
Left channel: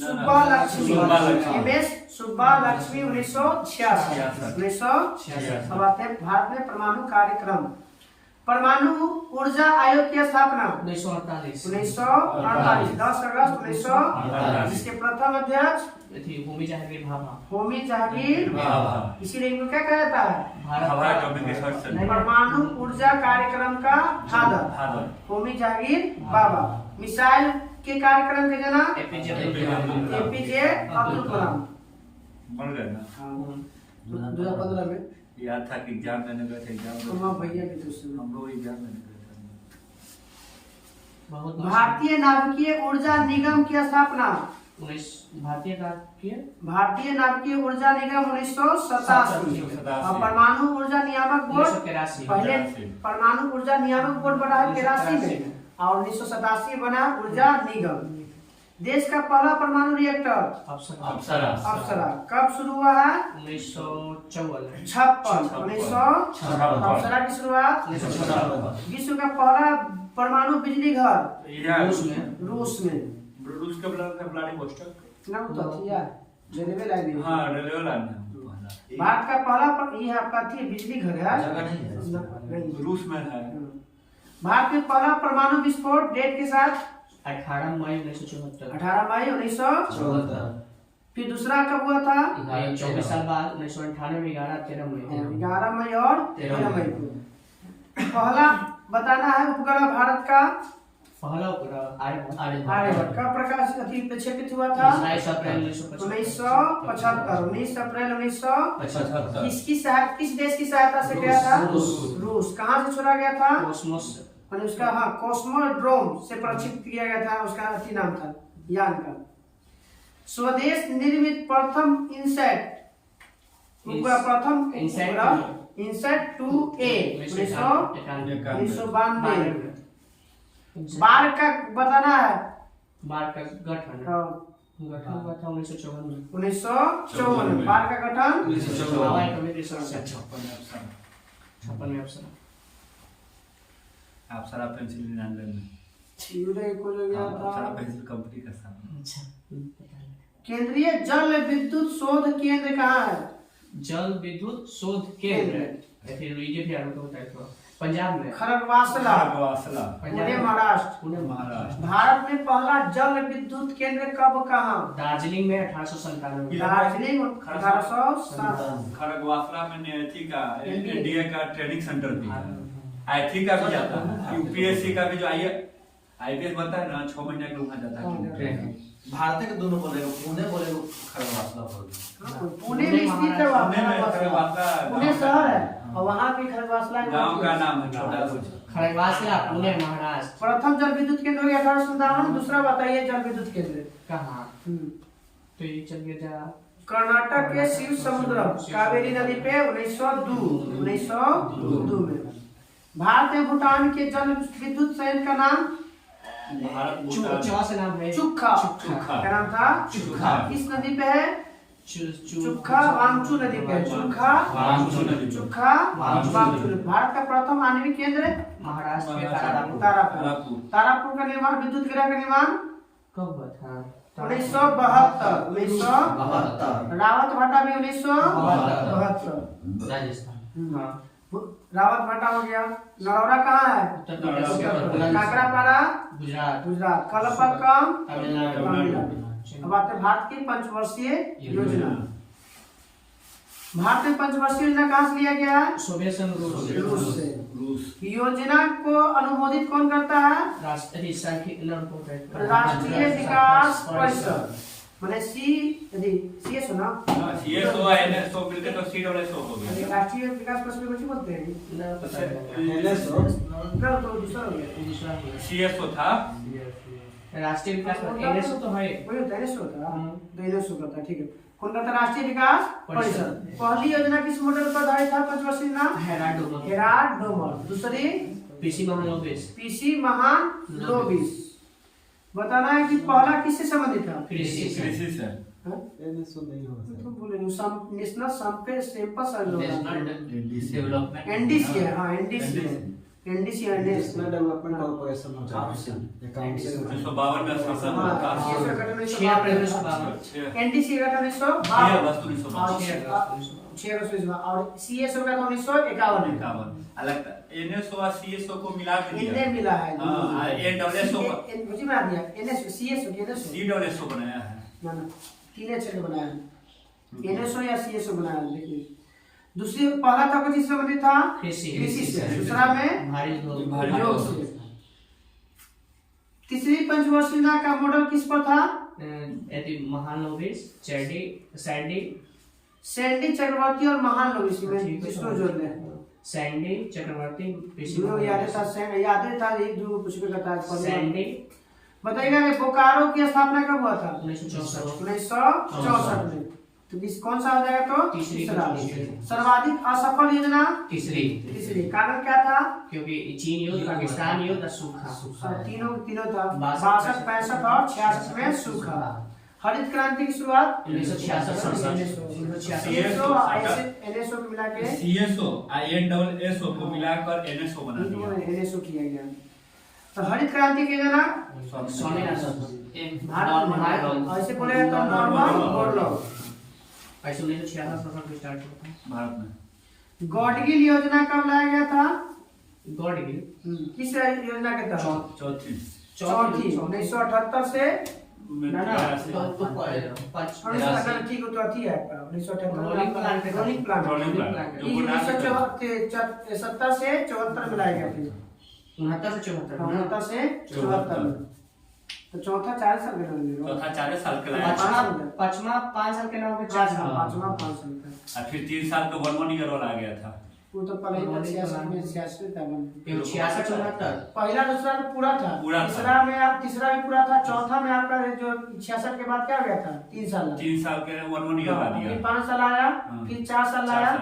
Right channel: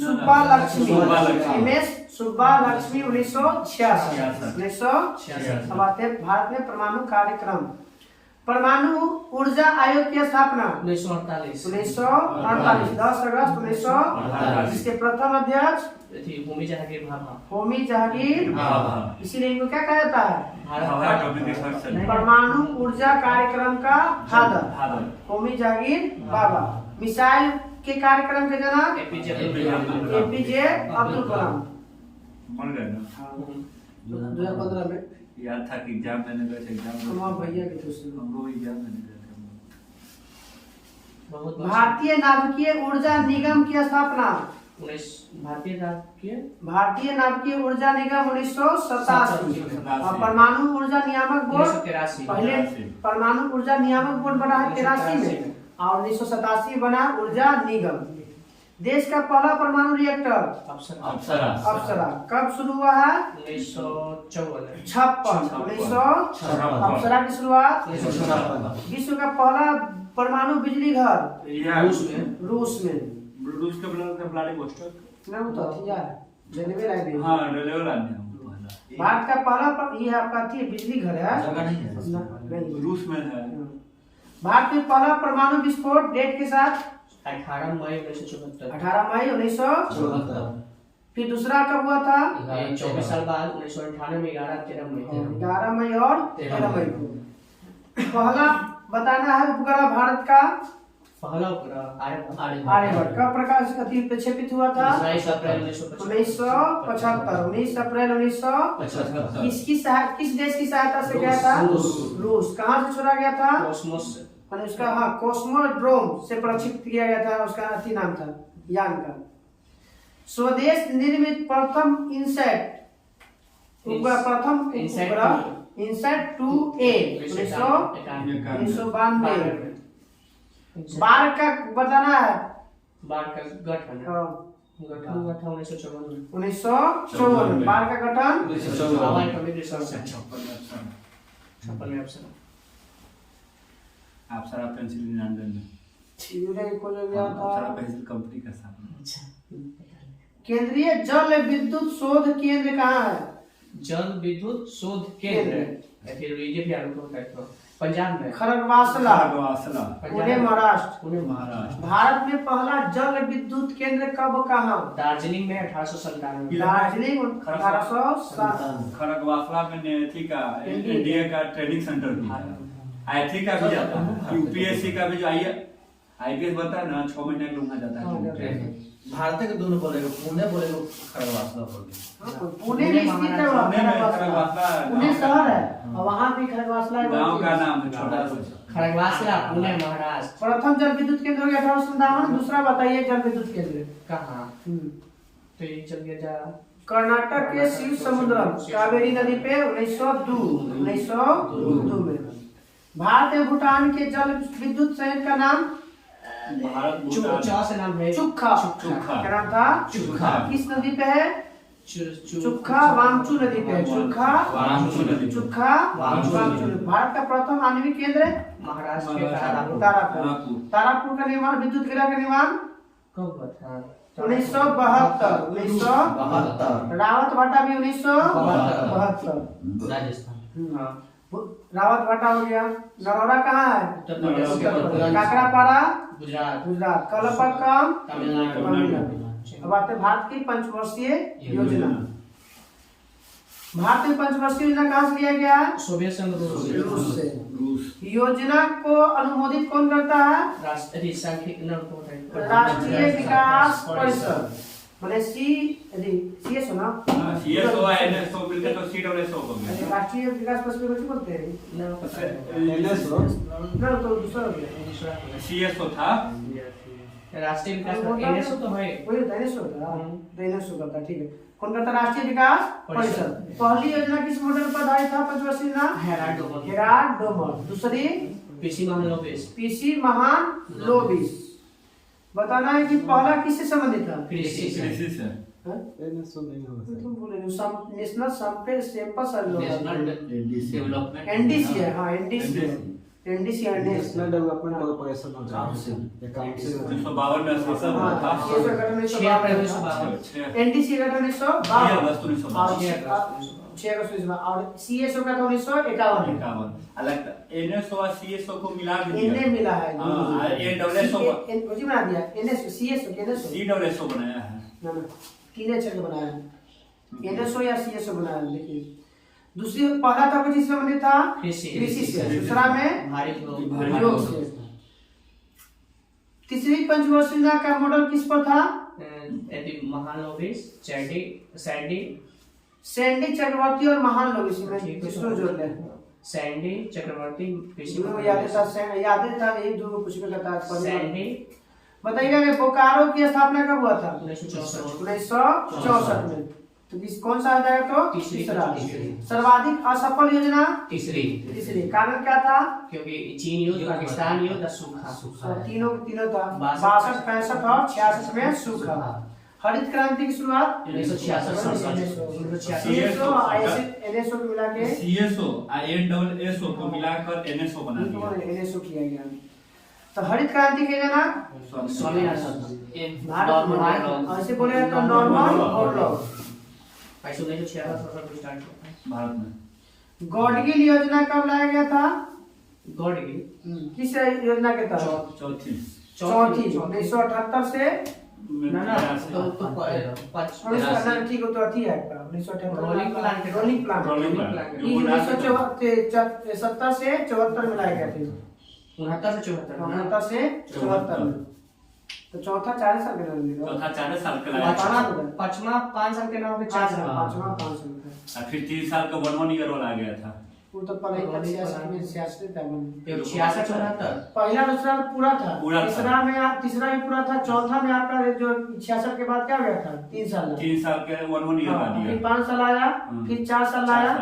सुब्बा लक्ष्मी एमएस सुब्बा लक्ष्मी 1986। अब आते हैं भारत में परमाणु कार्यक्रम। परमाणु ऊर्जा आयोग की स्थापना 1948 10 अगस्त 1948। जिसके प्रथम अध्यक्ष होमी जहांगीर भाभा। होमी जहांगीर। इसीलिए इनको क्या कहा जाता है? भारत परमाणु ऊर्जा कार्यक्रम का फादर होमी जहांगीर बाबा। मिसाइल के कार्यक्रम के जनक एपीजे अब्दुल कलाम। बन गए ना। 2015 में याद था कि एग्जाम देने गए थे। एग्जाम कुमार भैया के दोस्त हम लोग एग्जाम देने गए थे। भारतीय नाभिकीय ऊर्जा निगम की स्थापना भारतीय नाभिकीय ऊर्जा निगम 1987। और परमाणु ऊर्जा नियामक बोर्ड पहले परमाणु ऊर्जा नियामक बोर्ड बना है 83 में और 1987 बना ऊर्जा निगम। देश का पहला परमाणु रिएक्टर अप्सरा कब शुरू हुआ है? 1956। अप्सरा की शुरुआत। विश्व का पहला परमाणु बिजली घर रूस में। रूस के व्लादिवोस्टॉक ना वो तो थी यार रेलवे लाइन। हाँ, रेलवे लाइन है। भारत का पहला ये आपका थी बिजली घर है नहीं, रूस में है। भारत के पहला परमाणु विस्फोट डेट के साथ 18 मई 1974। 18 मई 1974। फिर दूसरा कब हुआ था? 24 साल बाद 1998 में 13 मई 11 मई और 13 मई को। पहला बताना है उपग्रह भारत का पहला उपग्रह आर्यभट्ट कब प्रक्षेपित हुआ था? 19 अप्रैल 1975। 19 अप्रैल 1975। किस देश की सहायता से गया था? रूस। कहाँ से छोड़ा गया था? कॉस्मोस। उसका हाँ कॉस्मोड्रोम से प्रक्षेपित किया गया था। उसका अति नाम था यान का। स्वदेश निर्मित प्रथम इनसैट उपग्रह इनसैट 2A 1992। बार का बताना है। बार का गठन हुआ था 1954 में। बार का गठन 56 में अप्सरा। अप्सरा पेंसिल लंदन में को जो गया अप्सरा था। पेंसिल कंपनी का साथ। केंद्रीय जल विद्युत शोध केंद्र कहाँ है? जल विद्युत शोध केंद्र फिर ये भी आपको बताया था पंजाब में खरगवासला पुणे महाराष्ट्र। भारत में पहला जल विद्युत केंद्र कब कहाँ? दार्जिलिंग में 1897। दार्जिलिंग 1807। खरगवासला में नेथी का एनडीए का ट्रेनिंग सेंटर भी है। आईटी का भी जाता है। यूपीएससी का भी जो आईपीएस बनता है ना 6 महीने के लिए जाता है। भारत के दोनों बोलेगा, पुणे बोलेगा, खरगवासला बोलेगा। पुणे में स्थित है वहाँ पुणे में खरगवासला। खरगवासला पुणे शहर है और वहाँ पे खरगवासला गांव का नाम है छोटा सा। खड़गवासला पुणे महाराष्ट्र। प्रथम जल विद्युत केंद्र हो गया 1857। दूसरा बताइए जल विद्युत केंद्र कहाँ? तो ये चल गया जा कर्नाटक के शिव समुद्रम कावेरी नदी पे 1902 में। भारत में भूटान के जल विद्युत संयंत्र का नाम भारत भूटान चौ से नाम है चुक्खा। चुक्खा। क्या नाम था? चुक्खा। किस नदी पे है? चुक्खा वांगचू नदी पे है। चुक्खा वांगचू नदी। चुक्खा वांगचू। भारत का प्रथम आणविक केंद्र महाराष्ट्र के तारापुर। तारापुर। तारापुर का निर्माण, विद्युत गृह का निर्माण कब हुआ था? 1972। रावत भाटा भी 1972। राजस्थान। हाँ, रावत भाटा हो गया। नरौरा कहाँ है? उत्तर प्रदेश। काकरापारा गुजरात। गुजरात। कलपक्कम तमिलनाडु। अब आते हैं भारत की पंचवर्षीय योजना। भारत में पंचवर्षीय योजना कहाँ से लिया गया है? सोवियत संघ रूस से। रूस। योजना को अनुमोदित कौन करता है? राष्ट्रीय राष्ट्रीय विकास परिषद। मैंने सीएसओ ना? सीएसओ एनएसओ मिलके तो सीडब्ल्यूएसओ हो गया। राष्ट्रीय विकास परिषद को बोलते हैं। इधर तो दूसरा हो गया। सीएसओ था। राष्ट्रीय विकास एनएसओ तो है। वही होता है एनएसओ होता है। तो एनएसओ करता है, ठीक है। कौन करता है? राष्ट्रीय विकास परिषद। पहली योजना किस मॉडल पर आधारित था? पंचवर्षीय योजना हेराल्ड डोमर। दूसरी पीसी महालनोबिस। बताना है कि पहला किससे संबंधित था? कृषि से। हाँ? एनएसओ नहीं हो सकता। तुम बोले national sample survey development NDC है। हाँ एनडीसी है। एनडीसी है नेशनल डेवलपमेंट कॉर्पोरेशन होता है। 1952 में शासन हुआ था। एनडीसी का 1952 6 अगस्त 1952। और सीएसओ का था 1951। 51। अलग एनएसओ और सीएसओ को मिला के इन्हें मिला है। हां एडब्ल्यूएसओ कुछ बना दिया। एनएसओ सीएसओ के एनएसओ सीडब्ल्यूएसओ बनाया है। ना ना तीन अक्षर का बनाया है। एनएसओ या सीएसओ बनाया है। देखिए दूसरी पहला था कुछ इससे संबंधित था कृषि से। दूसरा में भारी उद्योग से। तीसरी पंचवर्षीय योजना का मॉडल किस पर था? महानोबिस सैंडी चक्रवर्ती और महालनोबिस में इसको जोड़ ले। सैंडी चक्रवर्ती दोनों यादें था यही दोनों कुछ भी करता है। सैंडी बताइएगा बोकारो की स्थापना कब हुआ था? 1964 में। तो कौन सा आ जाएगा? तो तीसरा। सर्वाधिक असफल योजना तीसरी। कारण क्या था? क्योंकि चीन युद्ध, पाकिस्तान युद्ध और सूखा। तीनों था। 62, 65 और 66 में सूखा। हरित क्रांति की शुरुआत 1966। एनएसओ को मिला के सीएसओ और एडब्ल्यूएसओ को मिलाकर एनएसओ बना दिया। एनएसओ किया गया। तो हरित क्रांति की जनक स्वामीनाथन। भारत ऐसे बोलेगा तो नॉर्मन बोरलॉग। 1966 में स्टार्ट हुआ था भारत में। गॉडगिल योजना कब लाया गया था? गॉडगिल किस योजना के तहत? चौथी। 1978 से ना तो ठीक है। तो अथी है 1978 रोलिंग प्लान के रोलिंग प्लान 1970 से 74 में लाया गया था। 69 से 74 69 से 74 में। तो चौथा 4 साल का नाम चौथा 4 साल के लाया। पांचवा 5 साल के नाम पे 4 साल। पांचवा 5 साल का। और फिर 3 साल का वर्मन ईयर वाला आ गया था। वो तो पहले 86 था। 66 74 पहला दूसरा पूरा था। पूरा था। तीसरा भी पूरा था। चौथा में आपका जो 66 के बाद क्या हो गया था? 3 साल। 3 साल के वर्मन ईयर आ फिर दिया। 5 साल आया। फिर 4 साल आया।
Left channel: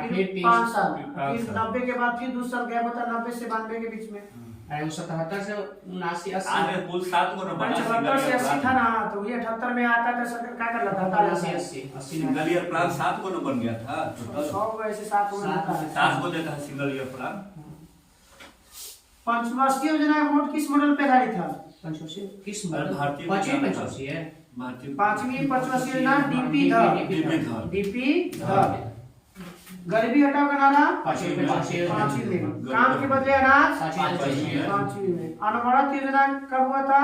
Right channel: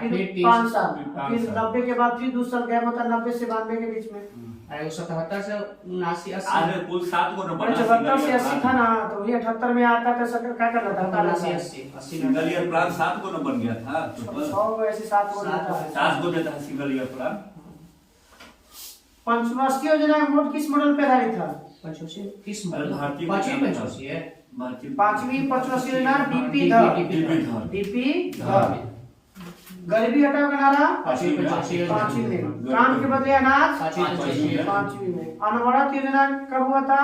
फिर 5 साल। पाँच फिर साल। 90 के बाद फिर 2 साल गैप होता। 90 से 92 के बीच में। अरे वो 77 से 79 आज 80 कुल 7 को नंबर 74 से 80 था ना। तो वही 78 में आता था। सरकार क्या कर रहा था? 80 सिंगल ईयर प्लान 7 को नंबर गया था। 100 ऐसे 7 को देता है। 7 को देता है सिंगल ईयर प्लान। पंचवर्षीय योजना वोट किस मॉडल पे आधारित था? पंचवर्षीय किस भारतीय पांचवी पंचवर्षीय है। पांचवी पंचवर्षीय योजना डीपी धर। गरीबी हटाओ का नारा पांचवी पंचवर्षीय पांचवी में। काम के बदले अनाज पांचवी पांचवी में। अनवरत योजना कब हुआ था?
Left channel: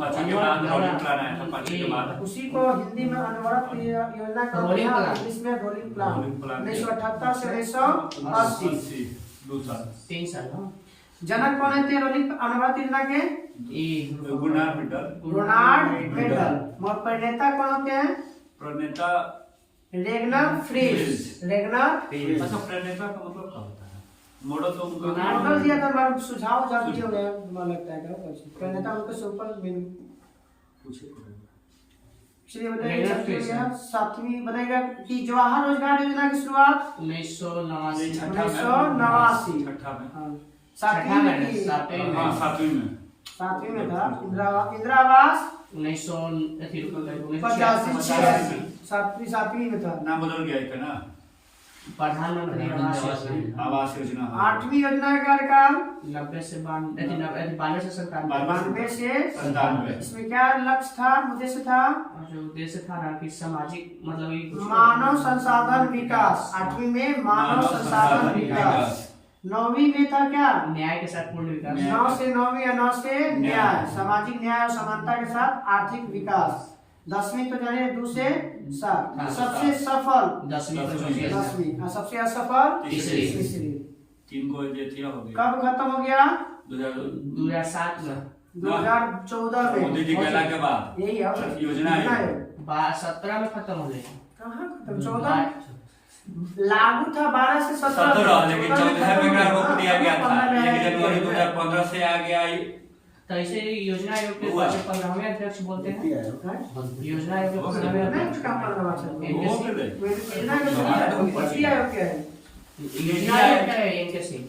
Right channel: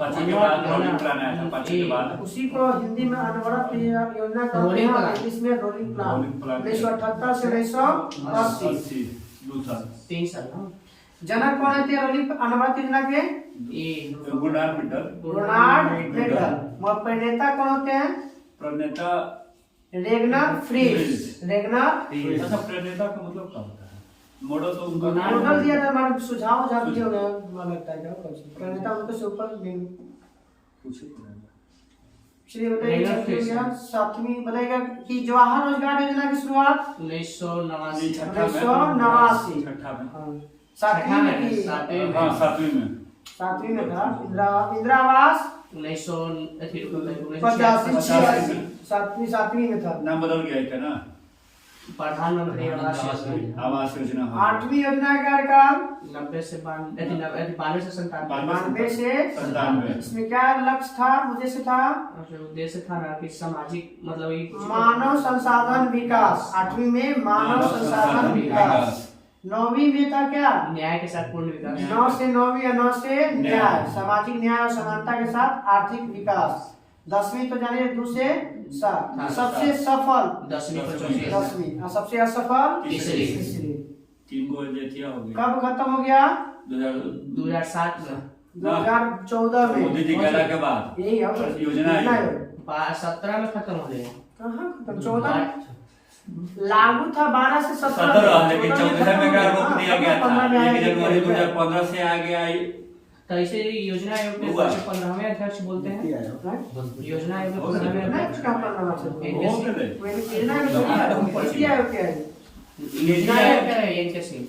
5 के बाद रोलिंग प्लान आया था। 5 के बाद उसी को हिंदी में अनवरत योजना का रोलिंग प्लान। इंग्लिश में रोलिंग प्लान। Rolling plan. 1978 से 1980 2 साल। 3 साल ना। जनक कौन थे रोलिंग अनवरत योजना के? ये रोनाल्ड मेडल। Ronald medal. और प्रणेता कौन होते हैं? प्रणेता रेगनर फ्रीज। रेगनर अच्छा, प्रणेता का मतलब क्या होता है? मॉडल तो उनका मॉडल दिया था, हमारा सुझाव दिए होंगे, मुझे लगता है क्या प्रणेता उनको से ऊपर पूछे चलिए बताइए। सातवीं बताइएगा कि जवाहर रोजगार योजना की शुरुआत 1989 1989। छठा में। सातवीं में की? हाँ, सातवीं में। सातवीं में था। इंदिरा आवास 1985 सातवीं में था। नाम बदल गया है ना? प्रधानमंत्री आवास योजना आवास योजना। आठवीं योजना का कार्यकाल 92 से 92 से 97 92 से 97। इसमें क्या लक्ष्य था, उद्देश्य था? और जो उद्देश्य था ना कि सामाजिक मतलब ये मानव संसाधन विकास। आठवीं में मानव संसाधन विकास। नौवीं में था क्या? न्याय के साथ पूर्ण विकास। 9 से 9वीं और 9 से न्याय, सामाजिक न्याय और समानता के साथ आर्थिक विकास। 10वीं तो जाने 2 से 7। सबसे सफल 10वीं 10वीं और सबसे असफल तीसरी। तीन को जेठिया हो गया। कब खत्म हो गया? 2007 में 2014 में। मोदी जी के आने के बाद यही है योजना है। 17 में खत्म हो गया। कहाँ खत्म? 14 लागू था 12 से 17 17, लेकिन 14 में क्या रोक दिया गया था? 15 में 1 जनवरी 2015 से आ गया। तो ऐसे योजना आयोग के 15वें अध्यक्ष बोलते हैं। योजना आयोग के 15वें अध्यक्ष कहाँ 15 वर्ष से? वो होते थे। योजना आयोग क्या है? योजना आयोग क्या है? एनके सिंह